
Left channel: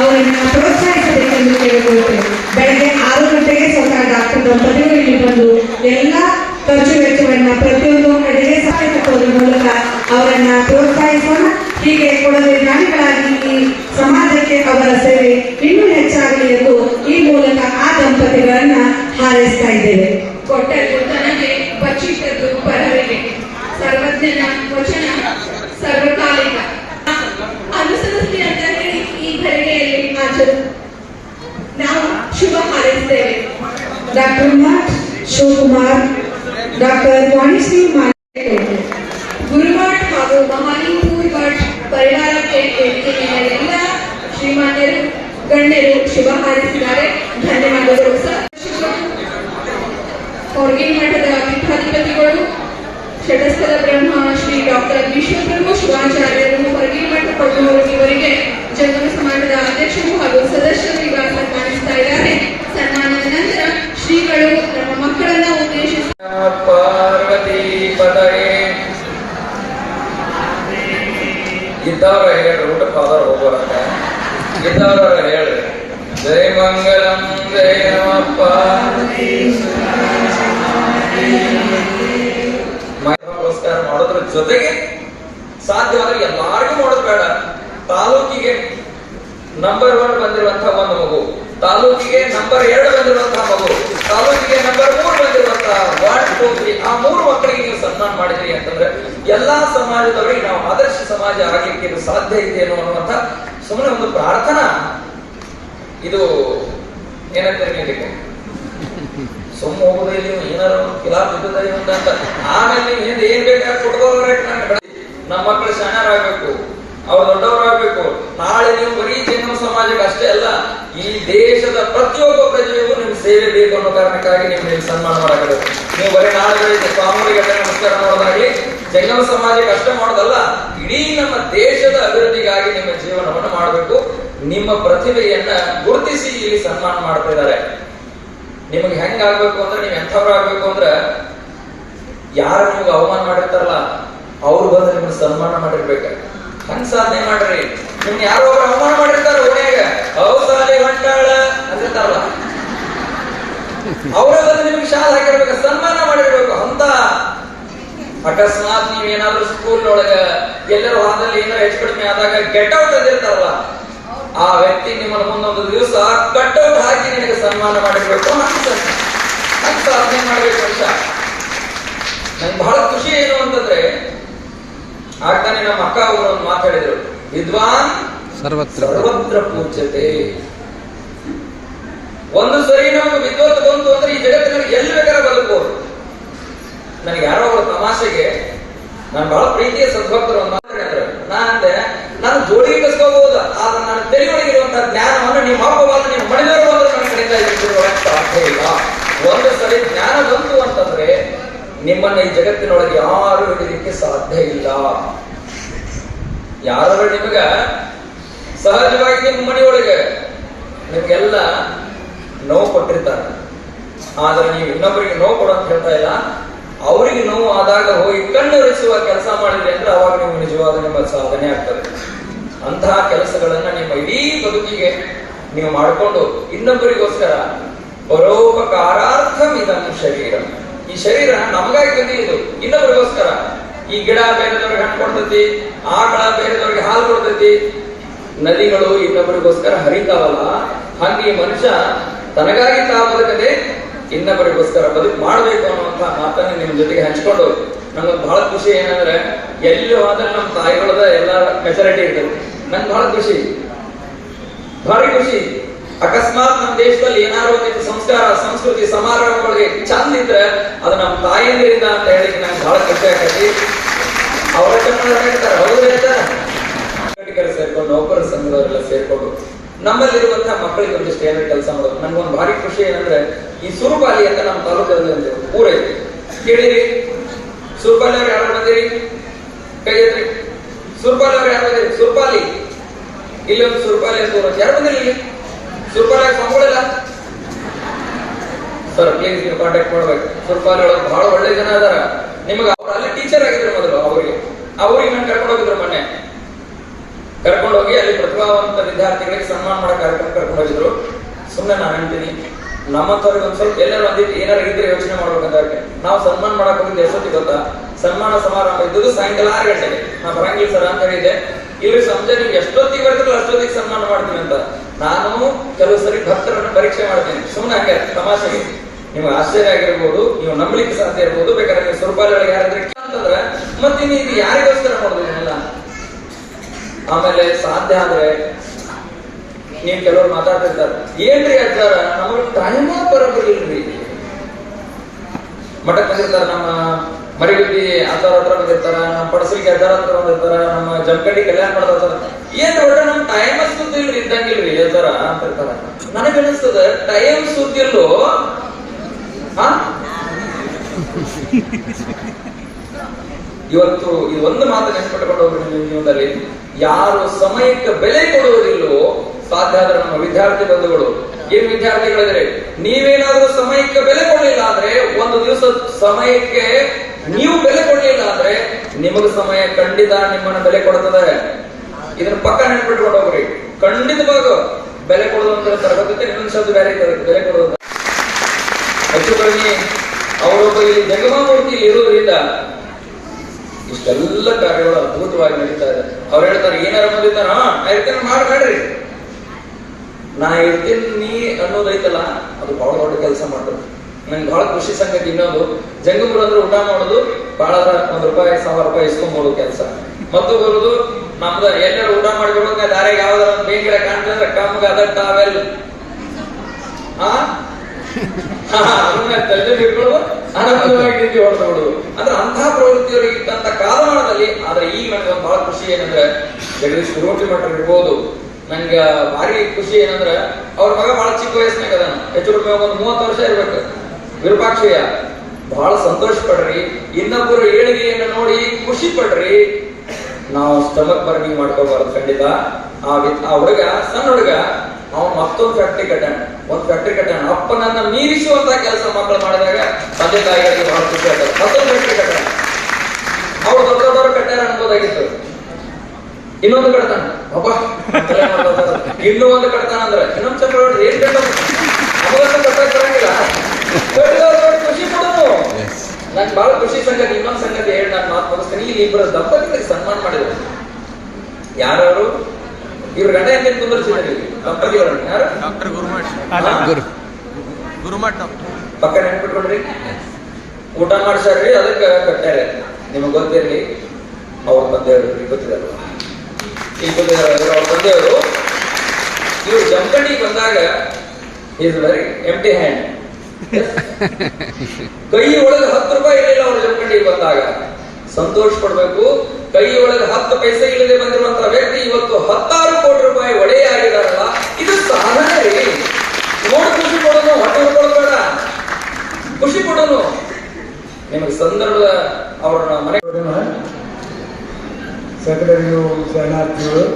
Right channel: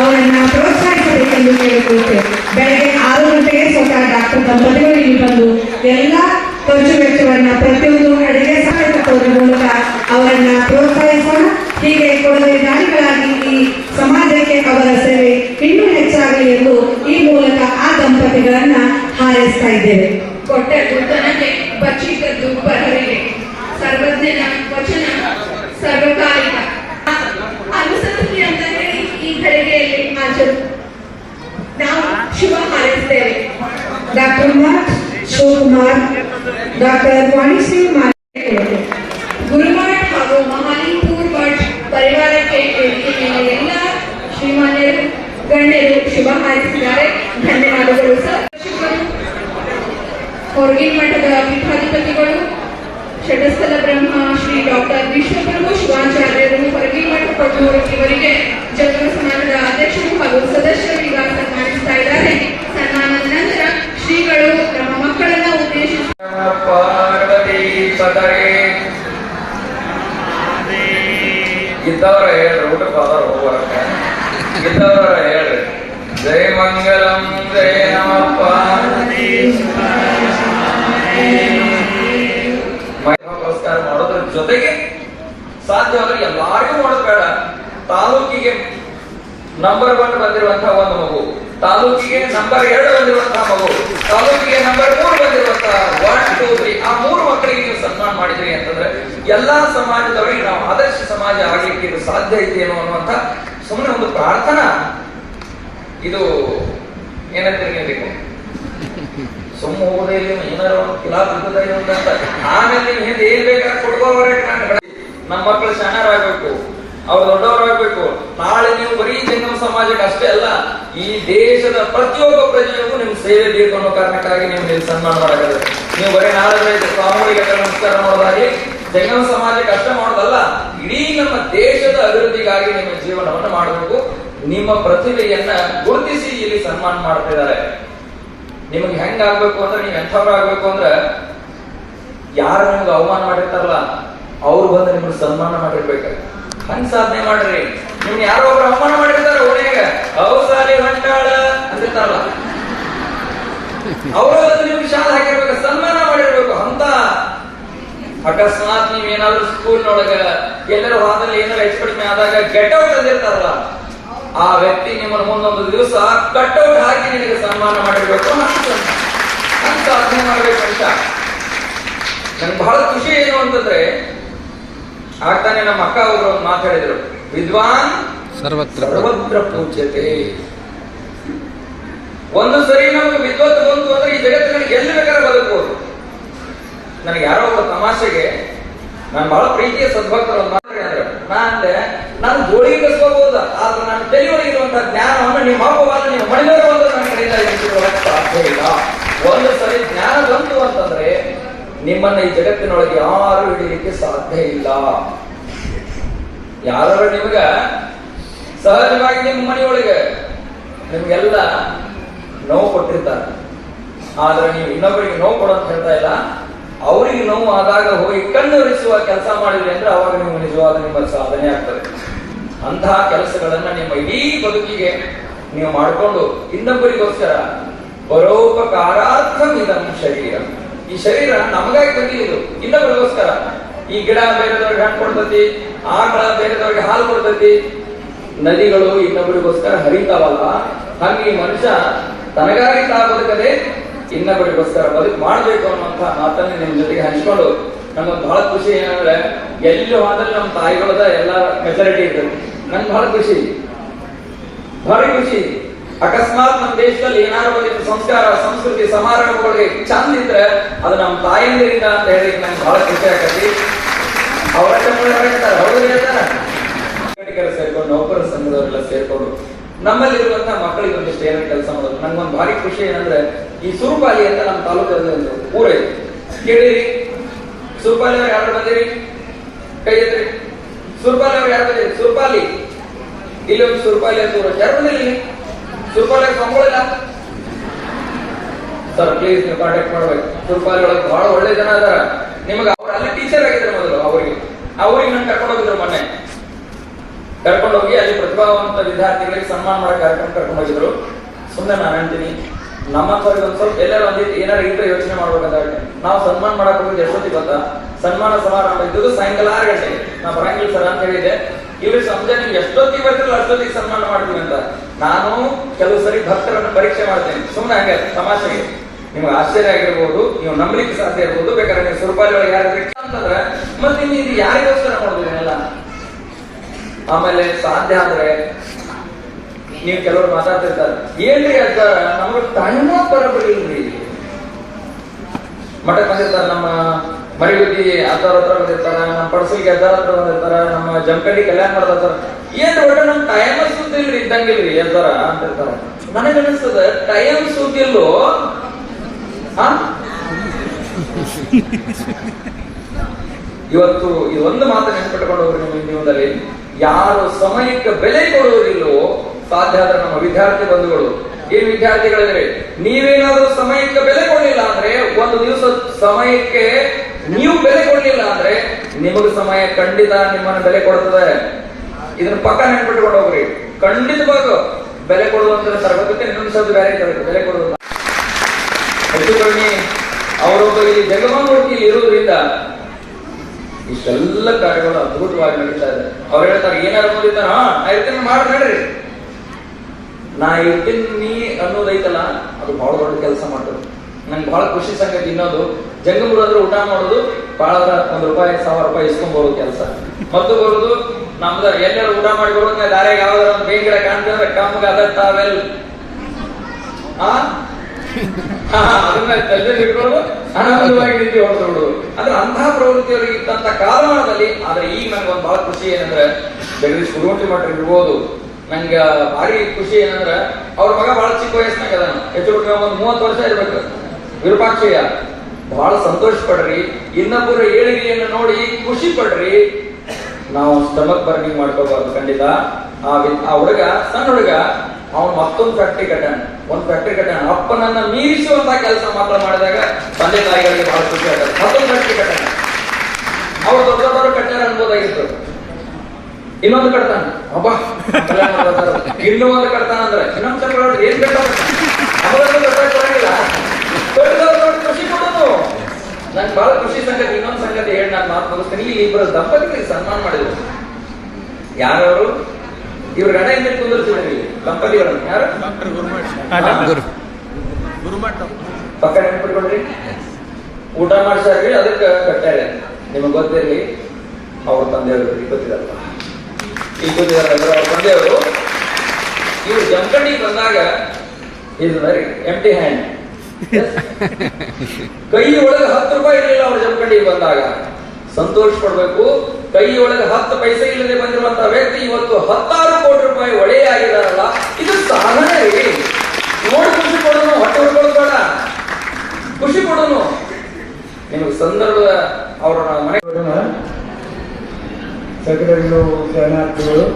ಅವರನ್ನ ಪ್ರೋತ್ಸಾಹಿಸಬೇಕೆಂದು ಕೇಳಿಕೊಳ್ಳುತ್ತೇವೆ. ಬೆಳಗ್ಗೆ 6 ಗಂಟೆಗೆ ಸ್ವತಃ ಡಾಕ್ಟರ್ ದಂಪತಿಗಳು ಇಲ್ಲಿ ಬಂದು ಎಲ್ಲ ಖರ್ಚು ವೆಚ್ಚವನ್ನ ಪ್ರತಿಯೊಂದು ಕಡೆಗೆ ಸಹಾಯ ಕಟ್ಟುವ ಮೂಲಕ ಅವರನ್ನ ಪ್ರೋತ್ಸಾಹಿಸೋಣ. ಹೀಗೆ ಕೊಡದೆ ದಾನಿಗಳಾಗಿ ಈ ಸಮಾಜಕ್ಕೆ ಅವರ ಸೇವೆ ಇನ್ನೂ ಹೆಚ್ಚಾಗಲಿ ಎಂದು ಈ ಮೂಲಕ ಆ ದಂಪತಿಗಳನ್ನ ಹಾರೈಸ್ತಾ ಇದ್ದೇವೆ. ಕೊಟ್ಟ ಗುರುತನಕ್ಕೆ ಬಚ್ಚಿಟ್ಟದ್ದು ಬರಲಿಗೆ ಸರ್ವಜ್ಞನ ವಚನ ಸರ್ವಕಾಲಿಕ ಅನುಸರಿಸಲಿ ಅಂತ ಹೇಳಿ ಈ ಘಳಿಗೆಯಲ್ಲಿ ನಾವು ಶುಭ ಹಾರೈಸ್ತೇವೆ. ಡಾಕ್ಟರ್ ಮಠ್ ಶಿವಕುಮಾರ್, ಡಾಕ್ಟರ್ ವಾಣಿಶ್ರೀ ಗುರುಮಠ್ ಹಾಗೂ ಮಹಾಲಿಪುರ್ ಮಠ್ ಪರಿವಾರಕ್ಕೆ ಎಲ್ಲ ಶ್ರೀಮಾನ್ಯರು ಗಣ್ಯರು ಶುಭ ಹಾರೈಸಿದ್ದಾರೆ. ಧನ್ಯವಾದಗಳು ಸರ್. ಕೊಡಗಿನ ಮಠದ ಪೀಠಾಧಿಪತಿಗಳು ಷಟಸ್ಥಲ ಬ್ರಹ್ಮ ಶ್ರೀ ಡಾಕ್ಟರ್ ವಿಶ್ವಪ್ರಭು ಶಿವಾಚಾರ್ಯರು ಕೊಡಗಿನ ಮಠ ಕೊಟ್ಟೂರು ಇವರಿಗೆ ಜಂಗಮ ಸಮಾಜದ ಅಧ್ಯಕ್ಷರು ಹಾಗೂ ಸದಸ್ಯರು ಈಗ ಸನ್ಮಾನಿಸ್ತಾ ಇದ್ದಾರೆ. ಸನ್ಮಾನದ ನಂತರ ಶ್ರೀಗಳು ನಮ್ಮ ಮಕ್ಕಳನ್ನ ಉದ್ದೇಶಿಸಿ ಇದ್ದವ್ರ ಹೇಳ್ರಿ, ಊಟಕ್ಕೆ ಹೋದವ್ರು ಹೋಗುವಂತ ಇದ್ದವ್ರ ಹೇಳ್ರಿ. ಜಯ ಮಂಗಲಂ ಜಯ ನಮಃ ಪಾರ್ವತಿ ನಮಸ್ಕಾರ ಮಾಡೋದ್ರ ಜೊತೆಗೆ ಸಾಧ್ಯವಾದ್ರೆ ಎಲ್ಲಾರಿಗೂ ಮಾಡೋದು ಬೇಡ. ತಾಲೂಕಿಗೆ ನಂಬರ್ 1 ಬಂದಿರುವಂತಹ ಒಂದು ಮಗು, ತಾಲೂಕಿಗೆ ನಂಬರ್ 2 ಬಂದಿರುವಂತಹ ಮಗು, ತಾಲೂಕಿಗೆ ನಂಬರ್ 3 ಬಂದಿರುವಂತಹ 1, 2, 3 ಆ 3 ಮಕ್ಕಳಿಗೆ ನೀವು ಸನ್ಮಾನ ಮಾಡಿದ್ರಿ ಅಂತಂದ್ರೆ ಎಲ್ಲಾ ಸಮಾಜದವರಿಗೆ ನಾವು ಆದರ್ಶ ಸಮಾಜ ಆಗ್ಲಿಕ್ಕೆ ಇದು ಸಾಧ್ಯ ಇದೆಯೇನೋ ಅನ್ನುವಂತ ಸುಮ್ಮನೆ ಒಂದು ಪ್ರಾರ್ಥನಾ. ಇದು ಏನಂತೀರಿ ಸುಮ್ಮ ಹೋಗುದೇ ಇಲ್ಲಿ ಏನಾರು ಒಂದು ಕಿಲಾಪಿದ್ದ ಅಂತ ಆಮೇಲೆ ನೀವು ಏನ್ ಬೇಕಾದ್ರೆ ಕೊಡ್ಕೊಂಡು ನಮ್ಮ ಮಕ್ಕಳು ಸಣ್ಣರಾಗಬೇಕು, ಅವ್ರು ದೊಡ್ಡವರಾಗಬೇಕು. ನಾಳೆ ನೀವು ಬರೀ ಜಂಗಮ ಸಮಾಜಕ್ಕೆ ಅಷ್ಟೇ ಅಲ್ಲ, ಈ ದೇಶದ ಪ್ರತಿಯೊಬ್ಬ ಪ್ರಜೆಗೂ ನಿಮ್ಗೆ ಸೇವೆ ಬೇಕು ಅನ್ನೋ ಕಾರಣಕ್ಕಾಗಿ ನಿಮ್ಗೆ ಸನ್ಮಾನ ಮಾಡಬೇಕು. ನೀವು ಬರೀ ನಾಳೆ ಸ್ವಾಮಿಗಳಿಗೆ ನಮಸ್ಕಾರ ಮಾಡೋದಾಗ್ಲಿ ಜಂಗಮ ಸಮಾಜಕ್ಕೆ ಅಷ್ಟೇ ಮಾಡೋದಲ್ಲ, ಇಡೀ ನಮ್ಮ ದೇಶದ ಅಭಿವೃದ್ಧಿಗಾಗಿ ನಿಮ್ಮ ಜೀವನವನ್ನು ಮಾಡಬೇಕು. ನಿಮ್ಮ ಪ್ರತಿಭೆಯನ್ನ ಗುರುತಿಸಿ ಇಲ್ಲಿ ಸನ್ಮಾನ ಮಾಡ್ತಾ ಇದ್ದಾರೆ. ನಿಮಗೆ ಹೆಂಗಾಗ್ಬೇಕು ಅಂದ್ರೆ, ನೀವು ಎಂಥವ್ರಾಗಬೇಕು ಅಂದ್ರೆ, ಯಾರು ನಿಮ್ಗೆ ಅವಮಾನ ಮಾಡಿರ್ತಾರಲ್ಲ ಅವ್ರು ಬಂದ್ರೆ ನಿಮ್ಗೆ ಸನ್ಮಾನ ಮಾಡಿರ್ಬೇಕು. ಹಂಗ ಸಾಧನೆ ಮಾಡ್ರಿ. ನಿಮ್ಗೆ ಯಾರೋ ಒಬ್ರು ಅವಮಾನ ಮಾಡಿರ್ತಾರ ಓಣ್ಯಾಗ, ಔಸಾಲಿ ಹೊಂಟಾಳ ಅಂದಿರ್ತಾರಲ್ಲ, ಅವರ ಬಂದು ನಿಮ್ಗೆ ಶಾಲೆ ಹಾಕಿರ್ಬೇಕು, ಸನ್ಮಾನ ಮಾಡಿರ್ಬೇಕು. ಅಂತ ಅಕಸ್ಮಾತ್ ನೀವ್ ಏನಾದ್ರು ಸ್ಕೂಲ್ ಒಳಗ ಎಲ್ಲರ ವಾರದಲ್ಲಿ ಏನಾರ ಹೆಚ್ಚು ಕಡಿಮೆ ಆದಾಗ ಗೆಟೌಟ್ ಅಂದಿರ್ತಾರಲ್ಲ, ಆ ವ್ಯಕ್ತಿ ನಿಮ್ಮನ್ನ ಮುಂದೊಂದು ದಿವಸ ಕಟ್ಔಟ್ ಹಾಕಿ ನಿನಗೆ ಸನ್ಮಾನ ಮಾಡಿರ್ಬೇಕು, ಹಂಗ ಸಾಧನೆ ಮಾಡ್ಬೇಕು ಅಂತ. ನನ್ಗೆ ಬಹಳ ಖುಷಿ ಏನು ಅಂತಂದ್ರೆ, ಆಗ್ತಾನೆ ನಮ್ಮ ಅಕ್ಕ ಅವರು ಒಂದು ಮಾತಾಡಿದ್ರು, ವಿದ್ವಾನ್ ಸರ್ವತ್ರ ಪೂಜ್ಯತೆ. ಒಂದು ಸರಿ ನಮ್ಗೆ ವಿದ್ವತ್ ಬಂತು ಅಂದ್ರೆ ಈ ಜಗತ್ತಿನಲ್ಲಿ ಎಲ್ಲಿ ಬೇಕಾದ್ರೆ ಬದುಕಬಹುದು. ನನಗೆ ಯಾರೋ ಒಬ್ಬ ತಮಾಷೆಗೆ, ನಾನು ಬಹಳ ಪ್ರೀತಿಯ ಸದ್ಭಕ್ತರು ಮಾತಾಡಿದ್ರೆ, ನಾನು ಜೋಡಿ ಇಡಿಸ್ಕೋಬಹುದ, ಆದ್ರೆ ನಾನು ತಿಳಿಯುವಂತಹ ಜ್ಞಾನವನ್ನು ನೀವು ಹಾಕುವಾಗ ನೀವು ಮಳೆಗಾಲ ಬಂದ್ರೆ ನನ್ನ ಕಡೆಯಿಂದ ಸಾಧ್ಯ ಇಲ್ಲ. ಒಂದು ಸರಿ ಜ್ಞಾನ ಬಂತು ಅಂತಂದ್ರೆ ನಿಮ್ಮನ್ನ ಈ ಜಗತ್ತಿನೊಳಗೆ ಯಾರು ಹಿಡಿಲಿಕ್ಕೆ ಸಾಧ್ಯ ಇಲ್ಲ. ಯಾರು ನಿಮ್ಗ ಸಹಜವಾಗಿ ನಿಮ್ಮ ಮನೆಯೊಳಗೆ ನಿಮ್ಗೆಲ್ಲ ನೋವು ಕೊಟ್ಟಿರ್ತಾರೆ, ಆದ್ರೆ ನೀವು ಇನ್ನೊಬ್ಬರಿಗೆ ನೋವು ಕೊಡೋಂತ ಹೇಳ್ತಾ ಇಲ್ಲ. ಅವರಿಗೆ ನೋವು ಆದಾಗ ಹೋಗಿ ಕಣ್ಣು ಒರೆಸುವ ಕೆಲಸ ಮಾಡಿದ್ರಿ ಅಂದ್ರೆ ಅವಾಗ ನಿಮ್ಮ ನಿಜವಾದ ನಿಮ್ಮ ಸಾಧನೆ ಆಗ್ತದೆ. ಅಂತಹ ಕೆಲಸಗಳನ್ನ ನಿಮ್ಮ ಇಡೀ ಬದುಕಿಗೆ ನೀವು ಮಾಡಿಕೊಂಡು ಇನ್ನೊಬ್ಬರಿಗೋಸ್ಕರ ಪರೋಪಕಾರಾರ್ಥಂ ಇದಂ ಶರೀರ. ಈ ಶರೀರ ನಮಗಾಗಿ ತಂದಿದ್ದು, ಇನ್ನೊಬ್ಬರಿಗೋಸ್ಕರ. ಈ ಗಿಡ ಬೇರೆದವ್ರಿಗೆ ಹಣ್ಣು ಕೊಡ್ತೈತಿ, ಆಕಳ ಬೇರೆದವ್ರಿಗೆ ಹಾಲು ಕೊಡ್ತೈತಿ, ನದಿಗಳು ಇನ್ನೊಬ್ಬರಿಗೋಸ್ಕರ ಹರಿತಾವಲ್ಲ, ಹಂಗೆ ಈ ಮನುಷ್ಯ ತನಗಾಗಿ ತಾ ಬದುಕದೆ ಇನ್ನೊಬ್ಬರಿಗೋಸ್ಕರ ಬದುಕು ಮಾಡಬೇಕು ಅನ್ನುವಂತಹ ಮಾತನ್ನು ನಿಮ್ ಜೊತೆಗೆ ಹಂಚಿಕೊಂಡು ನಮಗ್ ಬಹಳ ಖುಷಿ ಏನಂದ್ರೆ ಎಲ್ಲಿ ಹೋದ್ರೆ ನಮ್ಮ ತಾಯಿಗಳದ ಎಲ್ಲ ಫೆಸಿಲಿಟಿ ಇತ್ತು. ನನ್ಗೆ ಬಹಳ ಖುಷಿ, ಭಾರಿ ಖುಷಿ. ಅಕಸ್ಮಾತ್ ನಮ್ಮ ದೇಶದಲ್ಲಿ ಏನಾದ್ರು ಒಂದು ಸಂಸ್ಕಾರ, ಸಂಸ್ಕೃತಿ, ಸಮಾರಂಭಗಳಿಗೆ ಚಂದ ಇದ್ರೆ ಅದು ನಮ್ಮ ತಾಯಿಯಿಂದ ಅಂತ ಹೇಳಿ ನಂಗೆ ಬಹಳ ಖುಷಿ ಆಗತಿ. ಅವರ ಹೇಳ್ತಾರೆ, ಹೌದು ಹೇಳ್ತಾರೆ. ಸೇರ್ಕೊಂಡು ನೌಕರ ಸಂಘದವರೆಲ್ಲ ಸೇರ್ಕೊಂಡು ನಮ್ಮಲ್ಲಿರುವಂತಹ ಮಕ್ಕಳಿಗೆ ಒಂದಿಷ್ಟು ಏನಾದ್ರು ಕೆಲಸ ಮಾಡೋದು. ನನ್ಗೊಂದು ಭಾರಿ ಖುಷಿ ಏನಂದ್ರೆ ಈ ಸುರುಪಾಲಿ ಅಂತ ನಮ್ಮ ತಾಲೂಕಲ್ಲಿ ಒಂದು ಊರೈತಿ, ಕೇಳಿರಿ? ಸುರ್ಪಾಲಿ ಅವ್ರು ಯಾರು ಬಂದಿರಿ? ಕೈ ಎತ್ರಿ. ಸುರ್ಪಾಲಿ ಅವ್ರು ಯಾರು ಬಂದಿರಿ? ಸುರ್ಪಾಲಿ, ಇಲ್ಲಿ ಒಂದು ಸುರ್ಪಾಲಿ ಅಂತ ಯಾರು ಬಂದಿರಿ? ಸುರ್ಪಾಲಿ ಕೊಂಗಳಿಲ್ಲ ಸರ್, ಪ್ಲೀಸ್ ನೀವು ಕಾಂಟ್ಯಾಕ್ಟ್ ಮಾಡ್ಬೇಕು. ಸುರ್ಪಾಲಿ ಒಳಗೆ ಬಹಳ ಒಳ್ಳೆ ಜನ ಅದಾರ. ನಿಮ್ಗೆ ಅವ್ರು ಅಲ್ಲಿ ಟೀಚರ್ ಆಗಿದ್ರು ಮೊದಲು. ಅವ್ರಿಗೆ ನಾನು ಕರ್ಕೊಂಡು ಹೋಗಿದ್ರು ಮೊನ್ನೆ. ಕರ್ಕೊಂಡು ಹೋಗಿ ಅಲ್ಲಿ ಪ್ರತಿಭಾವಂತ ವಿದ್ಯಾರ್ಥಿಗಳಿಗೆ ಸನ್ಮಾನ ಮಾಡೋ ಕಾರ್ಯಕ್ರಮ ಕರ್ಕೊಂಡು ಹೋಗಿದ್ರು. ಸುಮ್ಮನೆ ನಾನು ಹೇಳ್ತೀನಿ, ನಮ್ಮಂತವ್ರಿಗೆ ಒಂದ್ ಸ್ವಲ್ಪ ಎಲ್ಲರೂ ಒಂದಿಟ್ಟು ಏನಾರು ಇದ್ರೆ ಯೋಚನೆ ಮಾಡ್ಬೇಕಂತ. ನಾವು ಸನ್ಮಾನ ಮಾಡಕ್ ಹೋಗಿದ್ದು ಎಷ್ಟೊತ್ತಿಗೆ ಗೊತ್ತಾ? ಸನ್ಮಾನ ಸಮಾರಂಭ ಇದ್ದು ಸಾಯಂಕಾಲ 6 ಗಂಟೆಗೆ. ನಾ ಬರಂಗಿಲ್ಲ ಸರ್ ಅಂತ ಹೇಳಿದ್ದೆ. ಇಲ್ಲಿ ಸಂಜೆ ನೀವು ಎಷ್ಟೊತ್ತಿಗೆ ಬರ್ತಿರಲ್ಲ ಅಷ್ಟೊತ್ತಿಗೆ ಸನ್ಮಾನ ಮಾಡ್ತೀನಿ ಅಂತ. ನಾನು ಕೆಲವು ಸರಿ ಭಕ್ತರನ್ನು ಪರೀಕ್ಷೆ ಮಾಡ್ತೇನೆ, ಸುಮ್ಮನೆ ಹಂಗೆ ತಮಾಷೆಗೆ. ನಿಮ್ಗೆ ಆಶ್ಚರ್ಯ ಆಗಿರ್ಬೋದು, ನೀವು ನಂಬಲಿಕ್ಕೆ ಸಾಧ್ಯ ಇರ್ಬೋದು. ಬೇಕಾದ್ರೆ ನೀವು ಸುರುಪಾಲಿ ಒಳಗೆ ಯಾರಾದ್ರೂ ಅಂತಂದ್ರೆ ಮತ್ತೆ ನೀವು ಯಾರಿಗೋಸ್ಕರ ಮಾಡೋದು ಇದನ್ನೆಲ್ಲ? ಆಮೇಲೆ ಸಾಧ್ಯ ಆದ್ರೆ ನೀವು ಕೆಲವರು ಮಾತಾಡ್ತಿರ್ತಾರೆ, ಏನ್ರಿ ಅಜ್ಜಾರ ನಮ್ಗೆ ಟೈಮ್ ಬರೋಬ್ಬರಿ ಇಲ್ರಿ. ಮಠಕ್ಕೆ ಬಂದಿರ್ತಾರ, ನಮ್ಮ ಮರಿಗುಡ್ಡಿ ಅಜ್ಜಾರ ಹತ್ರ ಬಂದಿರ್ತಾರ, ನಮ್ಮ ಪಡಸಲಿಗೆ ಅಜ್ಜಾರ ಹತ್ರ ಬಂದಿರ್ತಾರ, ನಮ್ಮ ಜಮಖಂಡಿ ಕಲ್ಯಾಣ ಮಾಡ್ತಾರ. ಏನ್ ಒಟ್ಟ ನಮ್ ಟೈಮ್ ಸುದ್ದಿಲ್ರಿ, ಇದ್ದಂಗಿಲ್ರಿ ಅಜ್ಜಾರ ಅಂತಿರ್ತಾರ. ನನಗನ್ನಿಸ್ತದ ಟೈಮ್ ಸುದ್ದಿಲ್ಲೋ. ಇವತ್ತು ಈ ಒಂದು ಮಾತು ನೆನ್ಪಿಟ್ಕೊಂಡು ಹೋಗ್ರಿ ನಿಮ್ಮ ಜೀವನದಲ್ಲಿ, ಯಾರು ಸಮಯಕ್ಕೆ ಬೆಲೆ ಕೊಡುವುದಿಲ್ಲೋ ಸಾಧ್ಯ ಆದ್ರೆ ನಮ್ಮ ವಿದ್ಯಾರ್ಥಿ ಬಂಧುಗಳು, ಏನ್ ವಿದ್ಯಾರ್ಥಿಗಳಿದ್ರೆ ನೀವೇನಾದ್ರೂ ಸಮಯಕ್ಕೆ ಬೆಲೆ ಕೊಡಲಿಲ್ಲ ಅಂದ್ರೆ, ಒಂದು ದಿವಸ ಸಮಯಕ್ಕೆ ನೀವು ಬೆಲೆ ಕೊಡಲಿಲ್ಲ ಅಂದ್ರೆ ನಿಮಗ ಸಮಯ ಖಂಡಿತ ನಿಮ್ಮನ್ನ ಬೆಲೆ ಕೊಡುತ್ತದೆ. ಇದನ್ನ ಪಕ್ಕ ನೆನ್ಪಿಟ್ಕೊಂಡು ಹೋಗ್ರಿ. ಖಂಡಿತವಾಗ ಬೆಲೆ ಕೊಡುವಂತ ತರಗತಿ ಇನ್ನೊಂದು ಶಬ್ದ ಬೇರೆ ಇರ್ತದೆ, ಬೆಲೆ ಕೊಡುವಂತ. ಹೆಚ್ಚು ಕಡಿಮೆ ಅವರೊಬ್ಬ ಇಲ್ಲಿ ಜಗನ್ಮೂರ್ತಿ ಇರುವುದರಿಂದ ಇಷ್ಟೆಲ್ಲ ಕಾರ್ಯಗಳು ಅದ್ಭುತವಾಗಿ ನಡೀತಾ ಇದೆ. ಅವ್ರು ಹೇಳ್ತಾರೆ, ಏನಾರು ಬಂದಿರ್ತಾರ, ನಾ ಇರ್ತೀನಿ ಮಾಡ್ರಿ, ನಾ ಇರ್ತೀನಿ ಅನ್ನೋದೈತಲ್ಲ, ಅದು ಬಹಳ ದೊಡ್ಡ ಕೆಲಸ ಮಾಡ್ತಾರೆ. ನಂಗೆ ಬಹಳ ಖುಷಿ ಸಂಗತಿ ಇನ್ನೊಂದು, ಜಂಗಮೂರು ಅಂದ್ರೆ ಊಟ ಮಾಡೋದು, ಬಹಳ $1 ರೂಪಾಯಿ 1000 ರೂಪಾಯಿ ಇಸ್ಕೊಂಡ್ಬರೋ ಕೆಲಸ. ಮತ್ತು ಬರೋದು ನಮ್ದು ಎಲ್ಲರೂ ಊಟ ಮಾಡಿ ಬರೋದ್ ದಾರಿಯಾಗ ಯಾವ್ದಾರ ಒಂದು ಬೇಂಗಿರ ಕಾಣ್ತಂದ್ರೆ ಕಮ್ಗ ಅದರ್ ತಾವೆಲ್ ಅದನ್ನ ತೆಗೆದಿಟ್ಕೊಂಡು ಆನಂದವಾಗಿ ನಿಂತು ಹೊರಬಿಡುದು. ಅಂದ್ರೆ ಅಂತಹ ಪ್ರವೃತ್ತಿಯವರಿಗೆ ಇದ್ದಂತ ಕಾಲಮಾನದಲ್ಲಿ. ಆದ್ರೆ ಈಗ ನಂಗೆ ಒಂದು ಬಹಳ ಖುಷಿ ಏನಂದ್ರೆ, ಜಗದೀಶ್ ಗುರುಮೂರ್ತಿ ಮಠರು ಇರ್ಬೋದು, ನಂಗೆ ಭಾರಿ ಖುಷಿ ಏನಂದ್ರೆ ಅವ್ರ ಮಗ ಬಹಳ ಚಿಕ್ಕ ವಯಸ್ಸಿನಾಗ ಅದಾನ, ಹೆಚ್ಚು ಕಡಿಮೆ ಒಂದು 30 ವರ್ಷ ಇರ್ಬೇಕು. ವಿರೂಪಾಕ್ಷಯ್ಯ, ಬಹಳ ಸಂತೋಷ ಪಡ್ರಿ. ಇನ್ನೊಬ್ಬರ ಏಳಿಗೆಯನ್ನು ನೋಡಿ ಖುಷಿ ಪಡ್ರಿ. ನಾವು ಸ್ಟಮಕ್ ಬರ್ನಿಂಗ್ ಮಾಡ್ಕೋಬಾರ್ದು ಖಂಡಿತ. ಆ ಹುಡುಗ, ಸಣ್ಣ ಹುಡುಗ, ಅವ್ನು ಮತ್ತೊಂದು ಫ್ಯಾಕ್ಟ್ರಿ ಕಟ್ಟಾನ, ಒಂದು ಫ್ಯಾಕ್ಟ್ರಿ ಕಟ್ಟಾನ. ಅಪ್ಪನನ್ನ ಮೀರಿಸುವಂತ ಕೆಲಸ ಮಕ್ಕಳು ಮಾಡಿದಾಗ ತಂದೆ ತಾಯಿಗಳಿಗೆ ಬಹಳ ಖುಷಿ ಆಗ್ತದೆ. ಮತ್ತೊಂದು ಫ್ಯಾಕ್ಟ್ರಿ ಕಟ್ಟಾನ. ಅವ್ರು ದೊಡ್ಡವರು ಕಟ್ಟಾರ ಅನ್ಬೋದಾಗಿತ್ತು. ಇನ್ನೊಂದು ಕಟ್ತಾನ, ಅಬ್ಬಾ ಇನ್ನೂ ಒಂದು ಕಟ್ತಾನ ಅಂದ್ರೆ ನಮ್ಮ ಚಂದ್ರ ಏನ್ ಬರಂಗಿಲ್ಲ. ಖುಷಿ ಕೊಡೋದು ನಂಗೆ ಬಹಳ ಖುಷಿ ಸಂಗತಿ. ಇನ್ನೊಂದು ಸಂಗತಿ ಹೇಳಿ ನಾನು ಮಾತು ಮುಗಿಸ್ತೀನಿ. ಇಲ್ಲಿ ಇಬ್ಬರು ದಂಪತಿಗಳಿಗೆ ಸನ್ಮಾನ ಮಾಡಿದ್ರು. ಯಾರವರು? ಇವ್ರ ಗಂಡ ಎಂತ ಕುಂದಿರ್ಸಿದ್ರಿ ದಂಪತಿಗಳನ್ನು. ಯಾರು? ಪಕ್ಕ ನೆನ್ಪಿಟ್ಕೊಳ್ರಿ. ಊಟ ಮಾಡಿಸ್ಯಾರ್ರಿ, ಅದಕ್ಕೆ ಕಟ್ಟಾಳೆ. ನಿಮಗ್ ಗೊತ್ತಿರ್ಲಿ, ಅವ್ರ ತಂದೆಯವರು ಗೊತ್ತಿದಾರ, ಈಗ ಗೊತ್ತಿದಾರ ಅವ್ರ ತಂದೆಯವರು. ಇವ್ರು ಜಮಖಂಡಿ ಬಂದಾಗ ಈಸ್ ವೆರಿ ಎಂಟಿ ಹ್ಯಾಂಡ್. ಕೈ ಒಳಗೆ 10 ರೂಪಾಯಿ ಇರಲಿಲ್ಲ ಅವ್ರು ಜಮಖಂಡಿಗೆ ಬಂದಾಗ. ಸಂತೋಷ ಪಡ್ಬೇಕು. ಕೈ ಒಳಗೆ 10 ಪೈಸೆ ಇಲ್ಲದೆ ಬಂದಿರುವಂತಹ ವ್ಯಕ್ತಿ ಇವತ್ತು 16 ಕೋಟಿ ರೂಪಾಯಿ ಒಡೆಯ ಆಗಿದಾರಲ್ಲ, ಇದು ಸಾಧನೆ ರೀ. ನೋಡಿ ಖುಷಿ ಪಡೋನು, ಹೊಟ್ಟೆ ಹೊಡ್ಕೊಳ್ಳೋದು ಬೇಡ, ಖುಷಿ ಪಡೋನು. ನಿಮ್ಗೆ ಸಂದರ್ಭ ಅವರ ಮನೆ ಸಕಲರಿಗೂ ಶರಣಾರ್ಥಿಗಳು.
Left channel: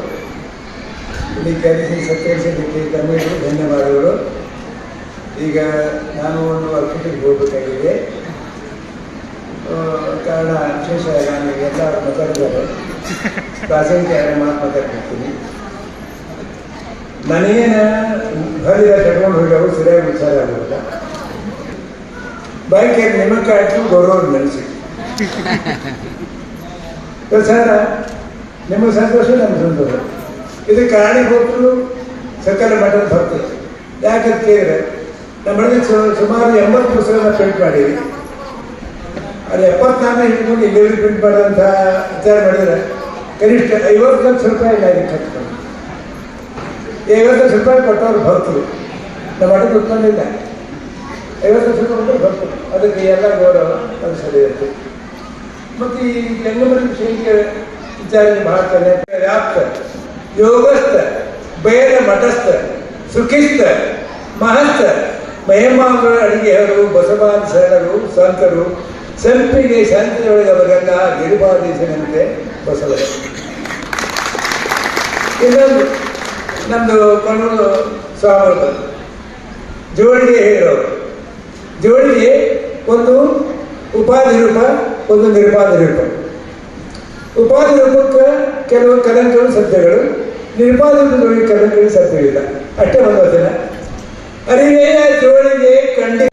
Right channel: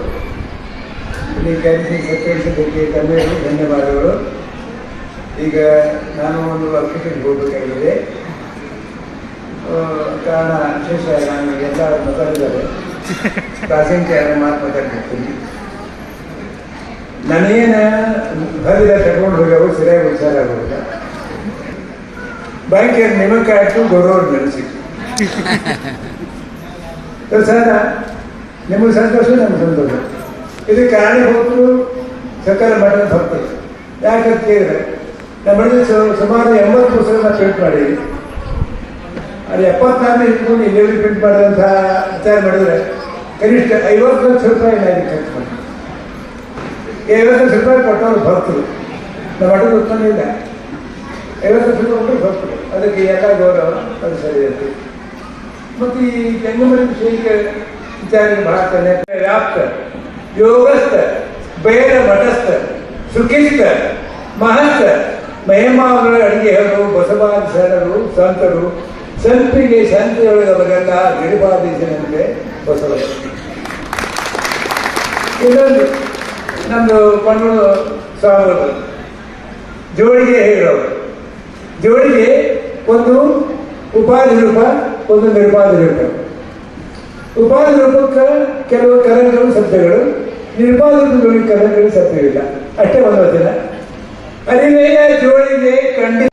ಇಲ್ಲಿ ಕರೆಸಿ ಸತ್ಯಕ್ಕೆ ತಮ್ಮೆಲ್ಲರಿಗೂ ಧನ್ಯವಾದಗಳು. ಈಗ ನಾನು ಒಂದು ಅರ್ಪಿಟಿಗೆ ಹೋಗಬೇಕಾಗಿದೆ. ಕಾರಣ ವಿಶೇಷ, ನಾನು ಎಲ್ಲ ಮಾತಾಡಿದ್ದಾರೆ, ಪ್ರಾಸಂಗಿಕ ಮಾತಾಡ್ತೀನಿ. ನನಗೇನ ಬರಿದ ಕಟ್ಕೊಂಡು ಹೋಗ್ಯಾವ ಸರಿಯಾಗಿ ವಿಚಾರ ಆಗೋದಿಲ್ಲ. ಬ್ಯಾಂಕಿಗೆ ನೇಮಕ ಆಯ್ತು, ಗೌರವ ನಡೆಸಿತ್ತು ಸರ್. ನಿಮಗೆ ಸಂತೋಷ, ನಮ್ಗೆ ಸಂತೋಷ. ಇದಕ್ಕೆ ಕಾರಣೀಭೂತರು ಸಕಲ ಮಠದ ಭಕ್ತರು. ಯಾಕಂತ ಕೇಳಿದ್ರೆ ನಮ್ಮ ಸುಮಾರು 80 ಪುಸ್ತಕಗಳನ್ನ ಪ್ರಿಂಟ್ ಮಾಡಿದ್ವಿ. ಅದು 74 ಇಟ್ಕೊಂಡು ಎಲ್ಲೆಲ್ಲಿ ಪ್ರಿಂಟ್ ಮಾಡಿದಂಥ ವಿಚಾರ ಮಾಡಿದರೆ ಕನಿಷ್ಠ 50 ಲಕ್ಷ ರೂಪಾಯಿ ಕಟ್ಕೊಂಡು 50 ಲಕ್ಷ ರೂಪಾಯಿ ಕೊಟ್ಟವ್ರು ಭಕ್ತರು ನಮ್ಮ ಮಠಕ್ಕೆ ಉತ್ಪನ್ನ ಇಲ್ಲ 50 ಲಕ್ಷ ರೂಪಾಯಿ ಭಕ್ತರು ಅದಕ್ಕೆ ಎಲ್ಲ ಗೌರವ ಅದು ಸರಿ ಇರುತ್ತೆ. ಮತ್ತು ಈ ಜಂಗಮಣಿ ವಿಷಯಕ್ಕೆ ವಿಚಾರ ಮಾಡ್ತಾನೆ ವ್ಯಾಪ್ತ ಯೋಗಸ್ಥ ಬೇಡ ಮಠಸ್ಥ ಸುಖಿಸ್ಥ ಮಹಸ್ಥ ಮಹಿಮಾವರ ಅಡಿಗೆ ಅವರು ಬಸವಾದ ಶರಣರು ಸಂತರು ಸಂಪಿಗೆ ಶಾಂತಿಯೊಳಗೆ ಅವರೆಲ್ಲ ಗಿರಿಬಾದೀಶನಂತೆ ಬಸವ. ಇನ್ನೊಂದು ನಮ್ಮದು ಕಣ್ಣು ಸ್ವಾಮಿಗಳು ಜೋಳಿಗೆ ಹೇಳೋರು, ಜೋಳಿಗೆ ಒಂದು ಉಪಾಧಿ ರೂಪ, ಒಂದು ನಿರ್ಪಾದಿ ರೂಪ. ಉಪಾಧಿ ರೂಪಕ್ಕೆ ಕೆಲವು ಕಲಂಗಳು ಸತ್ಯಗಳು, ನಿರ್ಪಾದಿ ರೂಪಗಳಿಗೆ ಕಲಂಗಳು ಸತ್ಯವಿಲ್ಲ, ಅಷ್ಟೇ ಒಂದು ವಚನ. ಅರಿವೆಯ ಜೋಳಿಗೆ ಖಂಡಿತ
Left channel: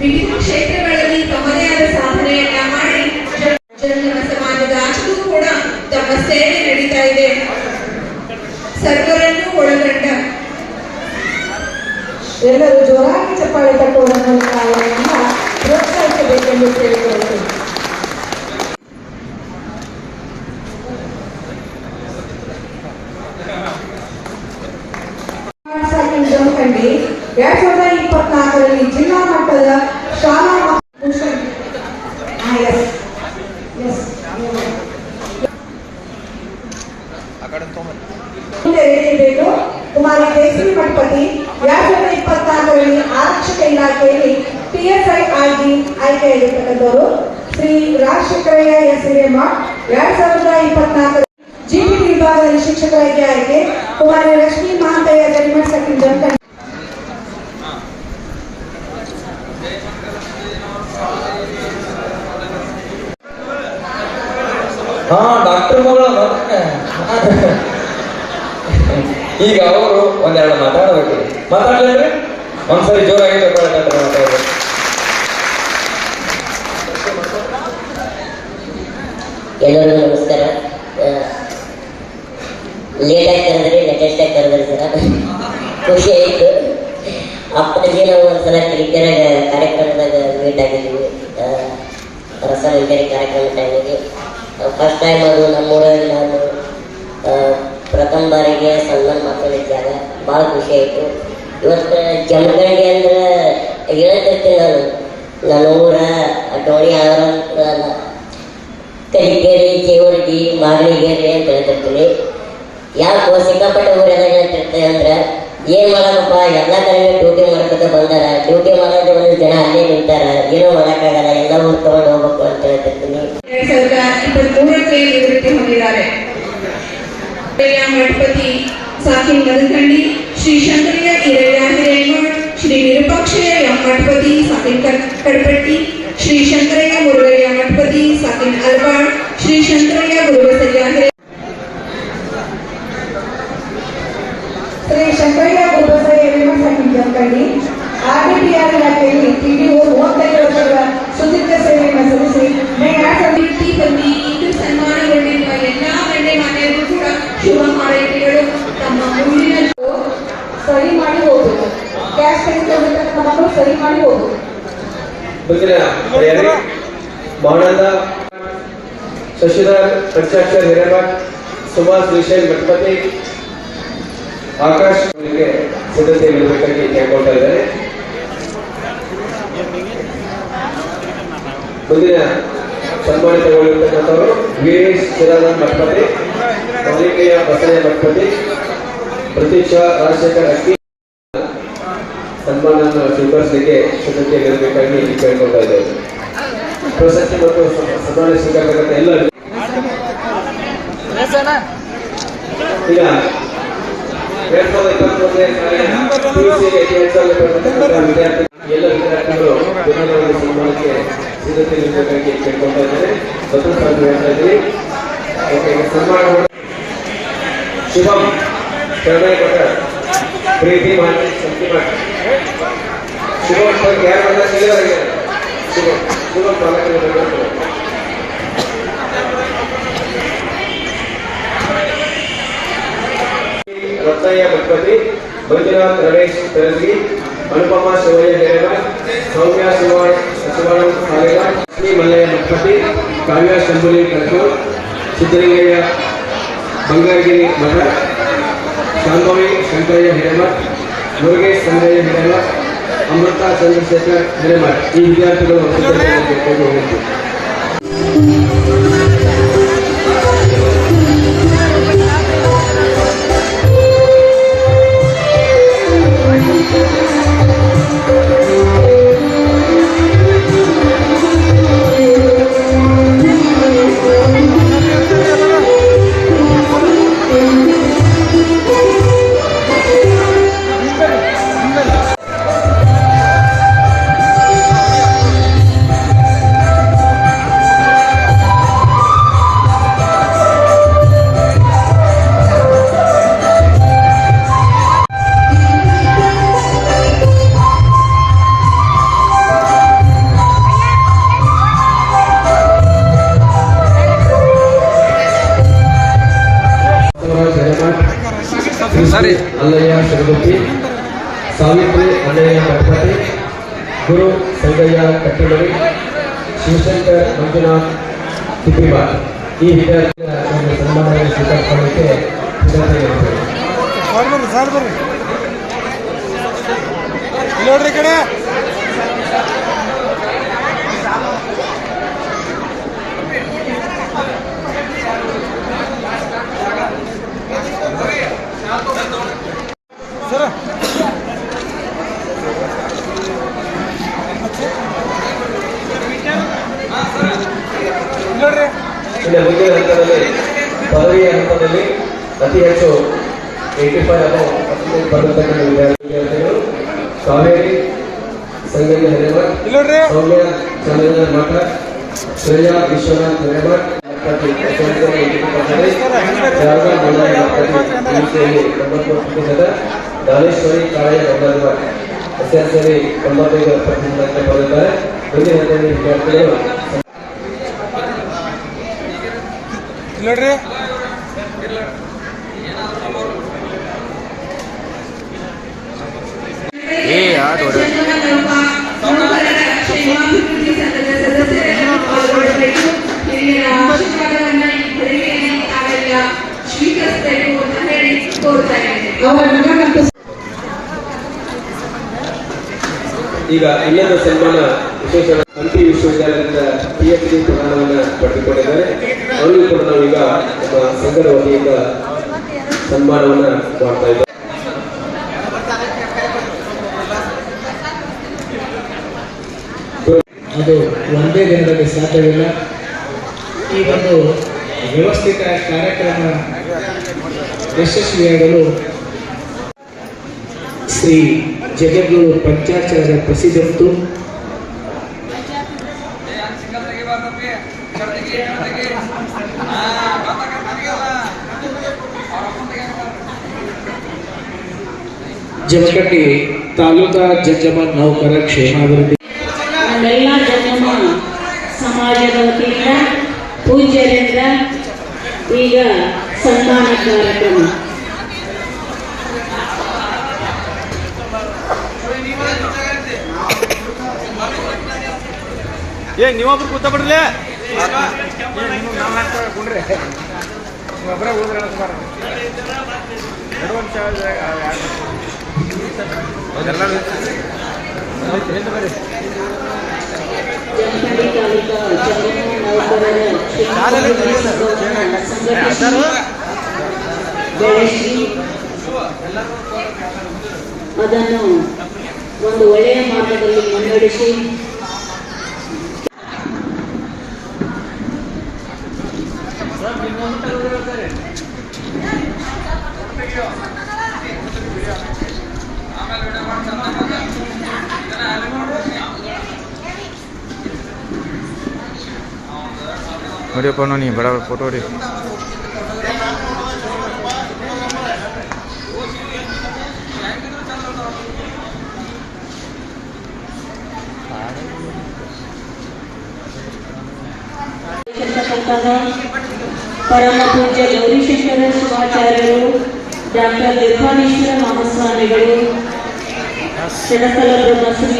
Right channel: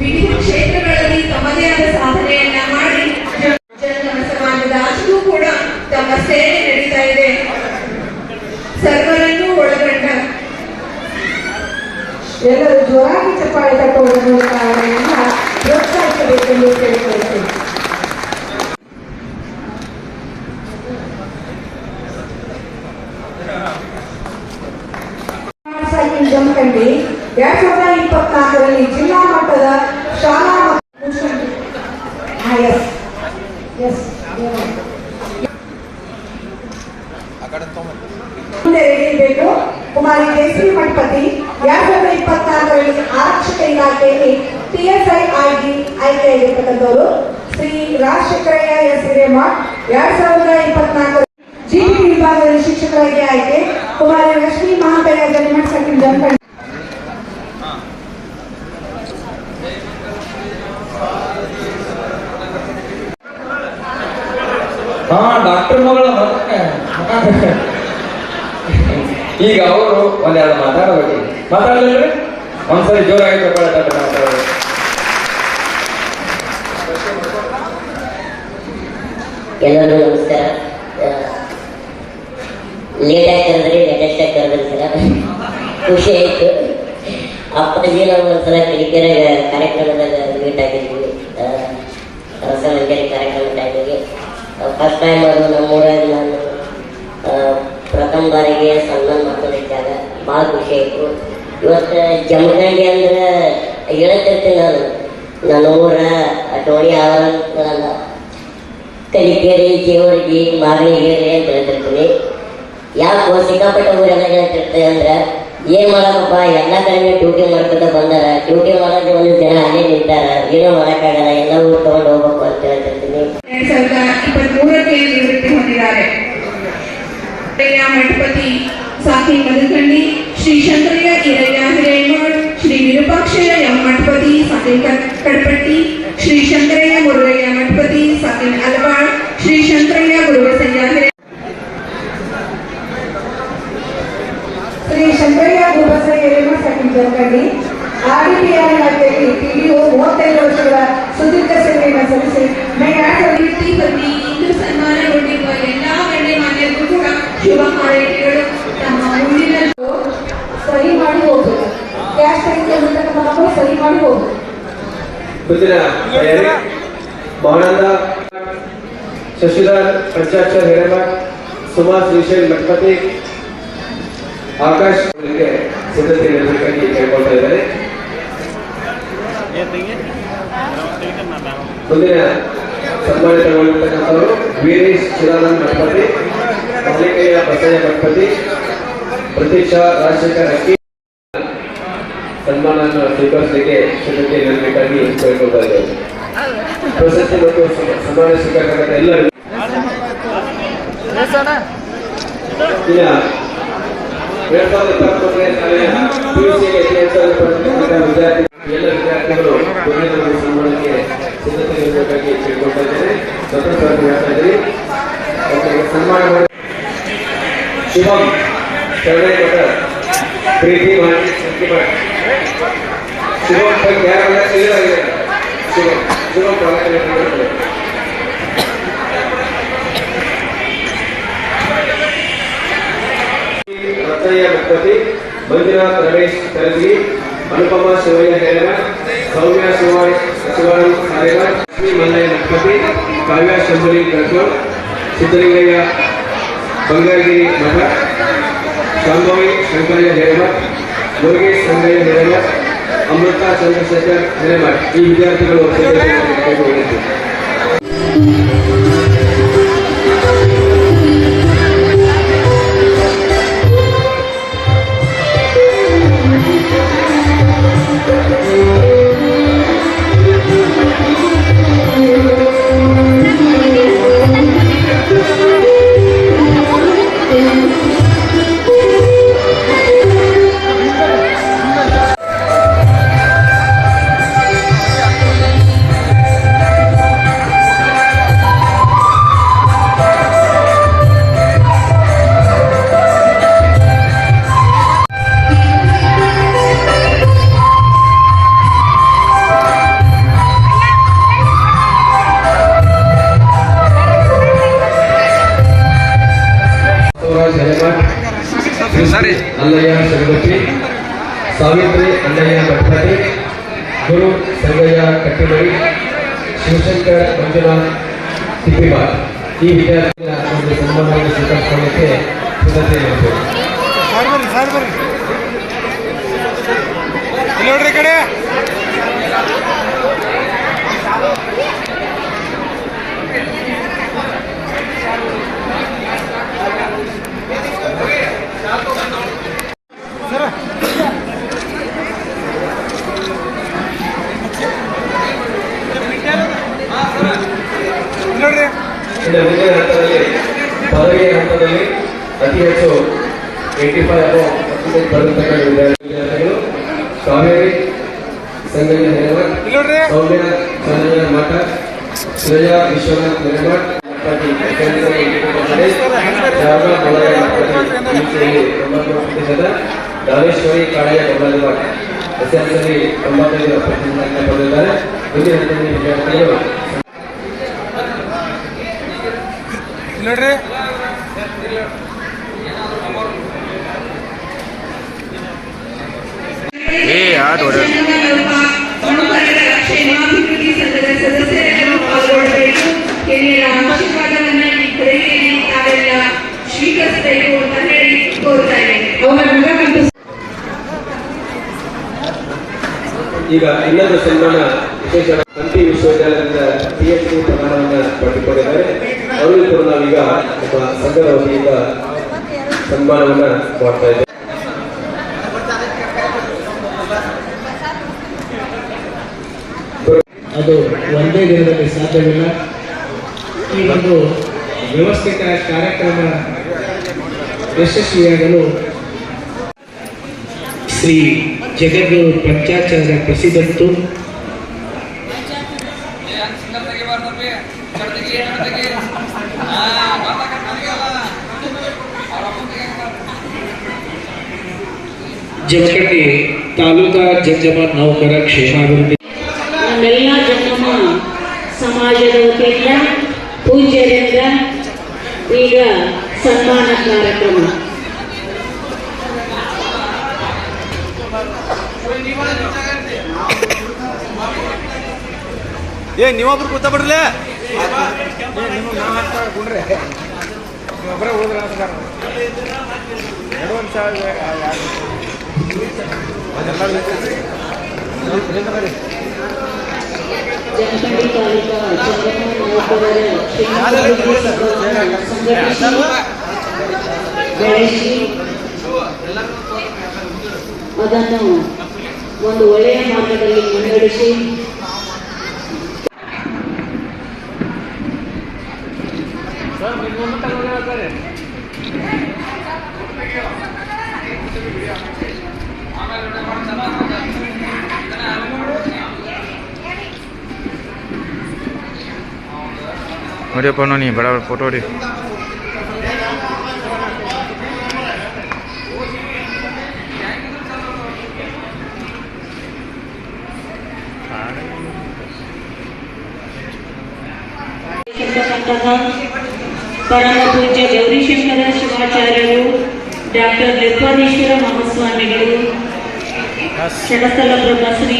ವಿವಿಧ ಕ್ಷೇತ್ರಗಳಲ್ಲಿ ತಮ್ಮದೇ ಆದ ಸಾಧನೆಯನ್ನ ಮಾಡಿ ಜಂಗಮ ಸಮಾಜದ ಆಚೆಗೂ ಕೂಡ ತಮ್ಮ ಸೇವೆ ನಡೀತಾ ಇದೆ. ಸರ್ವರನ್ನೂ ಒಳಗೊಂಡ ಎಲ್ಲರೂ ಜೋರಾಗಿ ಚಪ್ಪಾಳೆ ತಟ್ಟುವುದರ ಮೂಲಕ ಅವರನ್ನ ಪ್ರೋತ್ಸಾಹಿಸಬೇಕೆಂದು ಕೇಳಿಕೊಳ್ಳುತ್ತೇನೆ. ಜಮಖಂಡಿ 2024ರಲ್ಲಿ ಜಿಲ್ಲಾ ಮಟ್ಟದ ಶಾಲಾ ಬೇಕು. ಕುಮಾರಿ ಕೇಸರಿ ಮಠಪತಿ 2024ರಲ್ಲಿ ಆರಕ್ಷಕ ಇಲಾಖೆಯಲ್ಲಿ PSI ಆಗಿ ಆಯ್ಕೆಯಾಗಿರ್ತಕ್ಕಂಥವರು. ಶ್ರೀ ರಾಜಶೇಖರಯ್ಯ ಎಸ್ ಹಿರೇಮಠ್ 2024 GP ವಿಭಾಗದಲ್ಲಿ ಶಿಕ್ಷಕರಾಗಿ ಆಯ್ಕೆ. ಕುಮಾರಿ ಲಕ್ಷ್ಮೀ ಮಹಾಂತಯ್ಯ ಜನಿಮಠ ಸೆಕೆಂಡ್ ಜಮಖಂಡಿ. ಹಾ ಡಾಕ್ಟರ್ ಮಗಳ ಈಗ ಅವರು ಒಂದೆರಡು ಮಾತಾಡಬೇಕು. ಮಾತಾಡಲೇನ್ರಿ? ಒಂದ್ಸರಿ ಜೋರಾಗಿ ಮಾತಾಡಬೇಕು. ಎಲ್ಲರಿಗೂ ನಮಸ್ಕಾರ. ಲೇಟಾಗಿ ಕರೆದ್ರಿ, ಲೇಟೆಸ್ಟಾಗಿ ಕರೆದ್ರಿ ಸರ, ಖುಷಿ ಆಯಿತು. ಅಪ್ಪಾಜಿ ನಾವು ಒಂದ್ಸಲ ಕಿರಿಕೆರೆ ಕಾರ್ಯಕ್ರಮದಾಗ ಮೀಟ್ ಆಗಿದ್ವಿ, ರಸಮಂಜರಿ ಕಾರ್ಯಕ್ರಮ ಟೈಮಿಗೆ. ಫಸ್ಟ್ ಟೈಮ್ ಅವರು ನಮ್ಮೂರಾಗಿ ನಾನು ಪ್ರಥಮ ಬಾರಿಗೆ ಸನ್ಮಾನ ಮಾಡ್ಕೊಂಡಿದ್ದಾಗ ಭಾಳ ಖುಷಿ ಆಯಿತು. ಇವತ್ತು ಜಮಖಂಡಿ ಅಂದ್ರೆ ಹೇಳ್ತಿರ್ತೀನಿ ನನ್ನ ಊರ ಟೋಣಿ ಅವರ ಕಲಿಕೇರಿ, ಜೇವರ್ಗಿ, ಮಾಗಣಿಗೇರಿ ಅಂತ ಹೇಳ್ತಿರ್ತೀನಿ. ಯಾಕೆ ಸಿಕ್ಕಾಪಟ್ಟೆ ಊರೆಲ್ಲ ಹೇಳ್ತಿರ್ತೇವೆ ಅಂದ್ರೆ ಏನ್ ಮಾಡಬೇಕಪ್ಪ, ಎಲ್ಲ ಕಡೆ ಡ್ಯೂಟಿ ಮಾಡ್ಕೊತ ಬಂದಾರ, ಡ್ಯೂಟಿ ಮಾಡೋದ್ರೆ ಒಂದು ಜನ ಅಲ್ಲೇ ನಿಂತಾರ, ಏನೋ ಮಾಡೋಕ್ಕಾಗಲ್ಲ, ಎಲ್ಲ ಊರು ತಗೊಂಡು ಹೋಗ್ಬೇಕು ಅಂತ ಹೇಳ್ತಿರ್ತೀನಿ. 2023ಕ್ಕೆ ನಿವೃತ್ತಿ ಹೊಂದಿದ್ದಾರೆ. ಮಠಪತಿ ಸಾಕಿನ್ ಮದಕಂಡಿ, ಶ್ರೀ ಶಂಕರಯ್ಯ ಹಿರಯ್ಯ ಹಿರೇಮಠ್, ಶ್ರೀ ವಿರೂಪಾಕ್ಷಯ್ಯ ಎಂ ಮಠಪತಿ ಸಾಕಿನ್ ಕಡಪಟ್ಟಿ, ಶ್ರೀ ಶಂಕರಯ್ಯ ಮುರುಗಯ್ಯ ಮಠಪತಿ ಸಾಕಿನ್ ಅಲವಾಡ್, ಶ್ರೀ ಶಂಕರಯ್ಯ ಗುರುಬಸಯ್ಯ ಶ್ರೀ ಶಂಕರಯ್ಯ ಗುರುಬಸಯ್ಯ ಹಿರೇಮಠ ಸೆಕೆಂಡ್ ಜಮಖಂಡಿ. RDPR ಇಲಾಖೆಯಲ್ಲಿ PDO 35 ವರ್ಷಗಳ ಸುದೀರ್ಘ ಸೇವೆಯನ್ನು ಸಲ್ಲಿಸಿ ಪ್ರತಿ ಇಂದು ಸನ್ಮಾನಗೊಂಡಿರುವ ಎಲ್ಲಾ ಗಣ್ಯಮಾನ್ಯರು ಕೂಡ ಶುಭ ಹಾರೈಕೆಗಳು. ತಮ್ಮ ಮುಂದಿನ ಸಹಿ ಮಾಡಿ ಹೋಗ್ಬೇಕು, ಕ್ಯಾಶ್ ತೆಗೆದುಕೊಂಡು ಸಹಿ ಮಾಡಿ ಹೋಗ್ಬೇಕು. ಮುಂದಿನ ಮೌನಂದ ಶಶಿಧರ್ ಪಂಚಾಕ್ಷರ್ ಹಿರೇಮಠ್, ಸುಮಾಸ್ ಶ್ರೀಶೈಲ್ ಮಠಪತಿ, ಆಕಾಶ್ ಸಿದ್ಧತೆ ನೀಡಬೇಕಾಗಿ ಕೇಳ್ಕೊಳ್ತಾ ಇದ್ದಾರೆ. ಮುಂದಿನ ಸನ್ಮಾನಿತಗೊಳ್ಳಿರ್ತಕ್ಕಂಥವರು ವೀರೇಶ್ ಚಿದಾನಂದ ಮಠಪತಿ, ಮಲ್ಲಿಕೆಯ ಬಸಯ್ಯ ಮಠಪತಿ, ಪ್ರತೀಕ್ಷಾ ರಾಜಶೇಖರ್ ಅಕ್ಕಿ ಸನ್ಮಾನವನ್ನು ಸ್ವೀಕರಿಸಲಿಕ್ಕೆ ಸಿದ್ಧತೆ ನೀಡಬೇಕಾಗಿ ಕೇಳ್ಕೊಳ್ತಾ ಇದ್ದಾರೆ. ಪ್ರಶಸ್ತಿ ಮತ್ತು ಸನ್ಮಾನ ಸ್ವೀಕರಿಸತಕ್ಕಂಥ ಎಲ್ಲರಿಗೂ ಈಗ 2023ನೇ PUCಗೆ ವಿದ್ಯಾರ್ಥಿ ಎಲ್ಲ ವಿದ್ಯಾರ್ಥಿಗಳು ಸನ್ಮಾನಕ್ಕೆ ಸಿದ್ಧತೆ ನೀಡಬೇಕಾಗಿ ಕೇಳ್ಕೊಳ್ತಾ ಇದ್ದೇನೆ. ಸನ್ಮಾನ ಮಾಡಿ ಶಿವಂ ಶರಣಯ್ಯ ಪ್ರೀತಿ ಮಾಡಿ ಶಿವಂ ಯಾರೆಲ್ಲ ಕ್ಲಿಯರ್ ಆಗಿದೆ. ಶಿವಂ ರತ್ನಯ್ಯ ಮಠಪತಿ, ಮಂಜುನಾಥ್ ರಮೇಶ್ ತೆಲಂಗಿ, ಅನುಪಮ ಶಿವಯ್ಯ ಹೇರಳ, ಸೌಮ್ಯ ಶಿವಾನಂದ್ ರಾಜೇಶ್ವರಿ ಕರ್ಕೂರ್, ಸಿದ್ದಲಿಂಗಯ್ಯ ಬಂಗಾರಗಿರಿ ಮಠ, ಶಾಂಭವಿ ಶಂಕರಯ್ಯ ಹಿರೇಮಠ್, ಮುರುಗೇಶ್ ಸಂಗಯ್ಯ ಹಿರೇಮಠ್, ಅಮೃತ ಚಂದ್ರಶೇಖರ್ ಹಿರೇಮಠ್ ಈ ವಿದ್ಯಾರ್ಥಿಗಳು ಕೈಗೊಂಡಿದ್ದು. ಅಲ್ಲಯ್ಯ ಶರದಪ್ಪಿ, ಸಾವಿತ್ರಿ ಅಲ್ಲಯ್ಯ ಭಟ್ಪಾಟಿ, ಗುರು ಸಂಗಯ್ಯ ಕಟ್ಟಿಮಡಿ, ಶಿವಶಂಕರ್ ಮಂಜುನಾಥ್ ತಿಪ್ಪಿವಾರ್ ಈ ವಿದ್ಯಾರ್ಥಿಗಳ ಒಂದು ಸನ್ಮಾನವನ್ನು ಸ್ವೀಕರಿಸಿಕೊಳ್ಳಕ್ಕೆ ಸಿದ್ಧತೆ ನಡೆಸಿದರು. ದ್ವಿತೀಯ ಹಂತದಲ್ಲಿ ಪದವಿಯ ಹಂತದಲ್ಲಿ ಅತಿ ಹೆಚ್ಚು 85 ಪಡೆದಿರ್ತಕ್ಕಂಥ ವಿದ್ಯಾರ್ಥಿಗಳು ಕಾವೇರಿ ಸಂಗಯ್ಯ ಹಿರೇಮಠ್, ಸೌಮ್ಯ ಚಂದ್ರಯ್ಯ ಮಠ, ಶ್ರೇಯಾ ವಿಶ್ವನಾಥ್ ಹಿರೇಮಠ್, ದಾನೇಶ್ವರಿ ಕಾಳೆಯ ಬಂಗಾರಮಠ ಎಸ್ಎಲ್ಸಿಯಲ್ಲಿ 95% ಪಡೆದಿದ್ದಾರೆ. ದ್ವಿತೀಯ ಹಂತದಲ್ಲಿ ವಿದ್ಯಾರ್ಥಿಗಳು ಸ್ವೀಕರಿಸಬೇಕು ಅಂತ ಹೇಳಿ ಕೋರ್ತಾ ಇದ್ದೇನೆ. ಈಗ ಇನ್ನೊಂದು ಸನ್ಮಾನ ವಿಶೇಷ ಹಂಪಿ ವಿಶ್ವವಿದ್ಯಾಲಯದಿಂದ PhD ಪ್ರದಾನವನ್ನು ಪಡೆದುಕೊಂಡಿದ್ದಾರೆ. ಅವರು ಕೂಡ ನಾವೀಗ ನಮ್ಮ ಸಂಘದ ವತಿಯಿಂದ ಸನ್ಮಾನವನ್ನು ಮಾಡ್ತಾ ಇದ್ದೇವೆ. ಅದು ಒಂದೇ ದಿನದಲ್ಲಿ ಸಾಧ್ಯವಿಲ್ಲ. ಈ ಒಂದು ವ್ಯವಸ್ಥಿತ ಕಾರ್ಯಕ್ರಮ ಯಶಸ್ವಿಯಾಗಲು ಶ್ರೀ ಜಗದ್ಗುರು ಪಂಚಾಚಾರ್ಯ ಪ್ರಸಿದ್ಧಂತು ಜಮಖಂಡಿ ತಾಲೂಕಾ ಜಂಗಮ ನೌಕರ ಕ್ಷೇಮಾಭಿವೃದ್ಧಿ ನಮ್ಮೆಲ್ಲ ಜಂಗಮ ಸಮಾಜದ ವತಿಯಿಂದ ಪೂಜ್ಯರಿಂದ ಈಗ ಸನ್ಮಾನ ಕಾರ್ಯಕ್ರಮ. ನೀವೊಬ್ರು ಕೂತ್ಬಿಡ್ರಲೇ ಜಮಖಂಡಿ ತಾಲೂಕಾ ಜಂಗಮ ನೌಕರರ ಕ್ಷೇಮಾಭಿವೃದ್ಧಿ ಸಂಘವನ್ನು ಸಂಘಟಿಸಿ ಬೆಳೆಸಿ ಅದನ್ನು ಒಂದು ಒಳ್ಳೆಯ ಮಾರ್ಗದಲ್ಲಿ ಮುನ್ನಡೆಸಿ ನೋಡಿಯಪ್ಪ ನೀ ಬಡ ಫೋಟೋ ಹೊಡಿ. ಪರಮ ಪೂಜ್ಯ ಗೌರಿಶಂಕರ ಶಿವಾಚಾರ್ಯರು, ಡಾಕ್ಟರ್ ನಿರ್ವಾಣೇಶ್ವರ ಮಹಾಸ್ವಾಮಿಗಳು, ಷಡಸ್ಥಲ ಬ್ರಹ್ಮಶ್ರೀ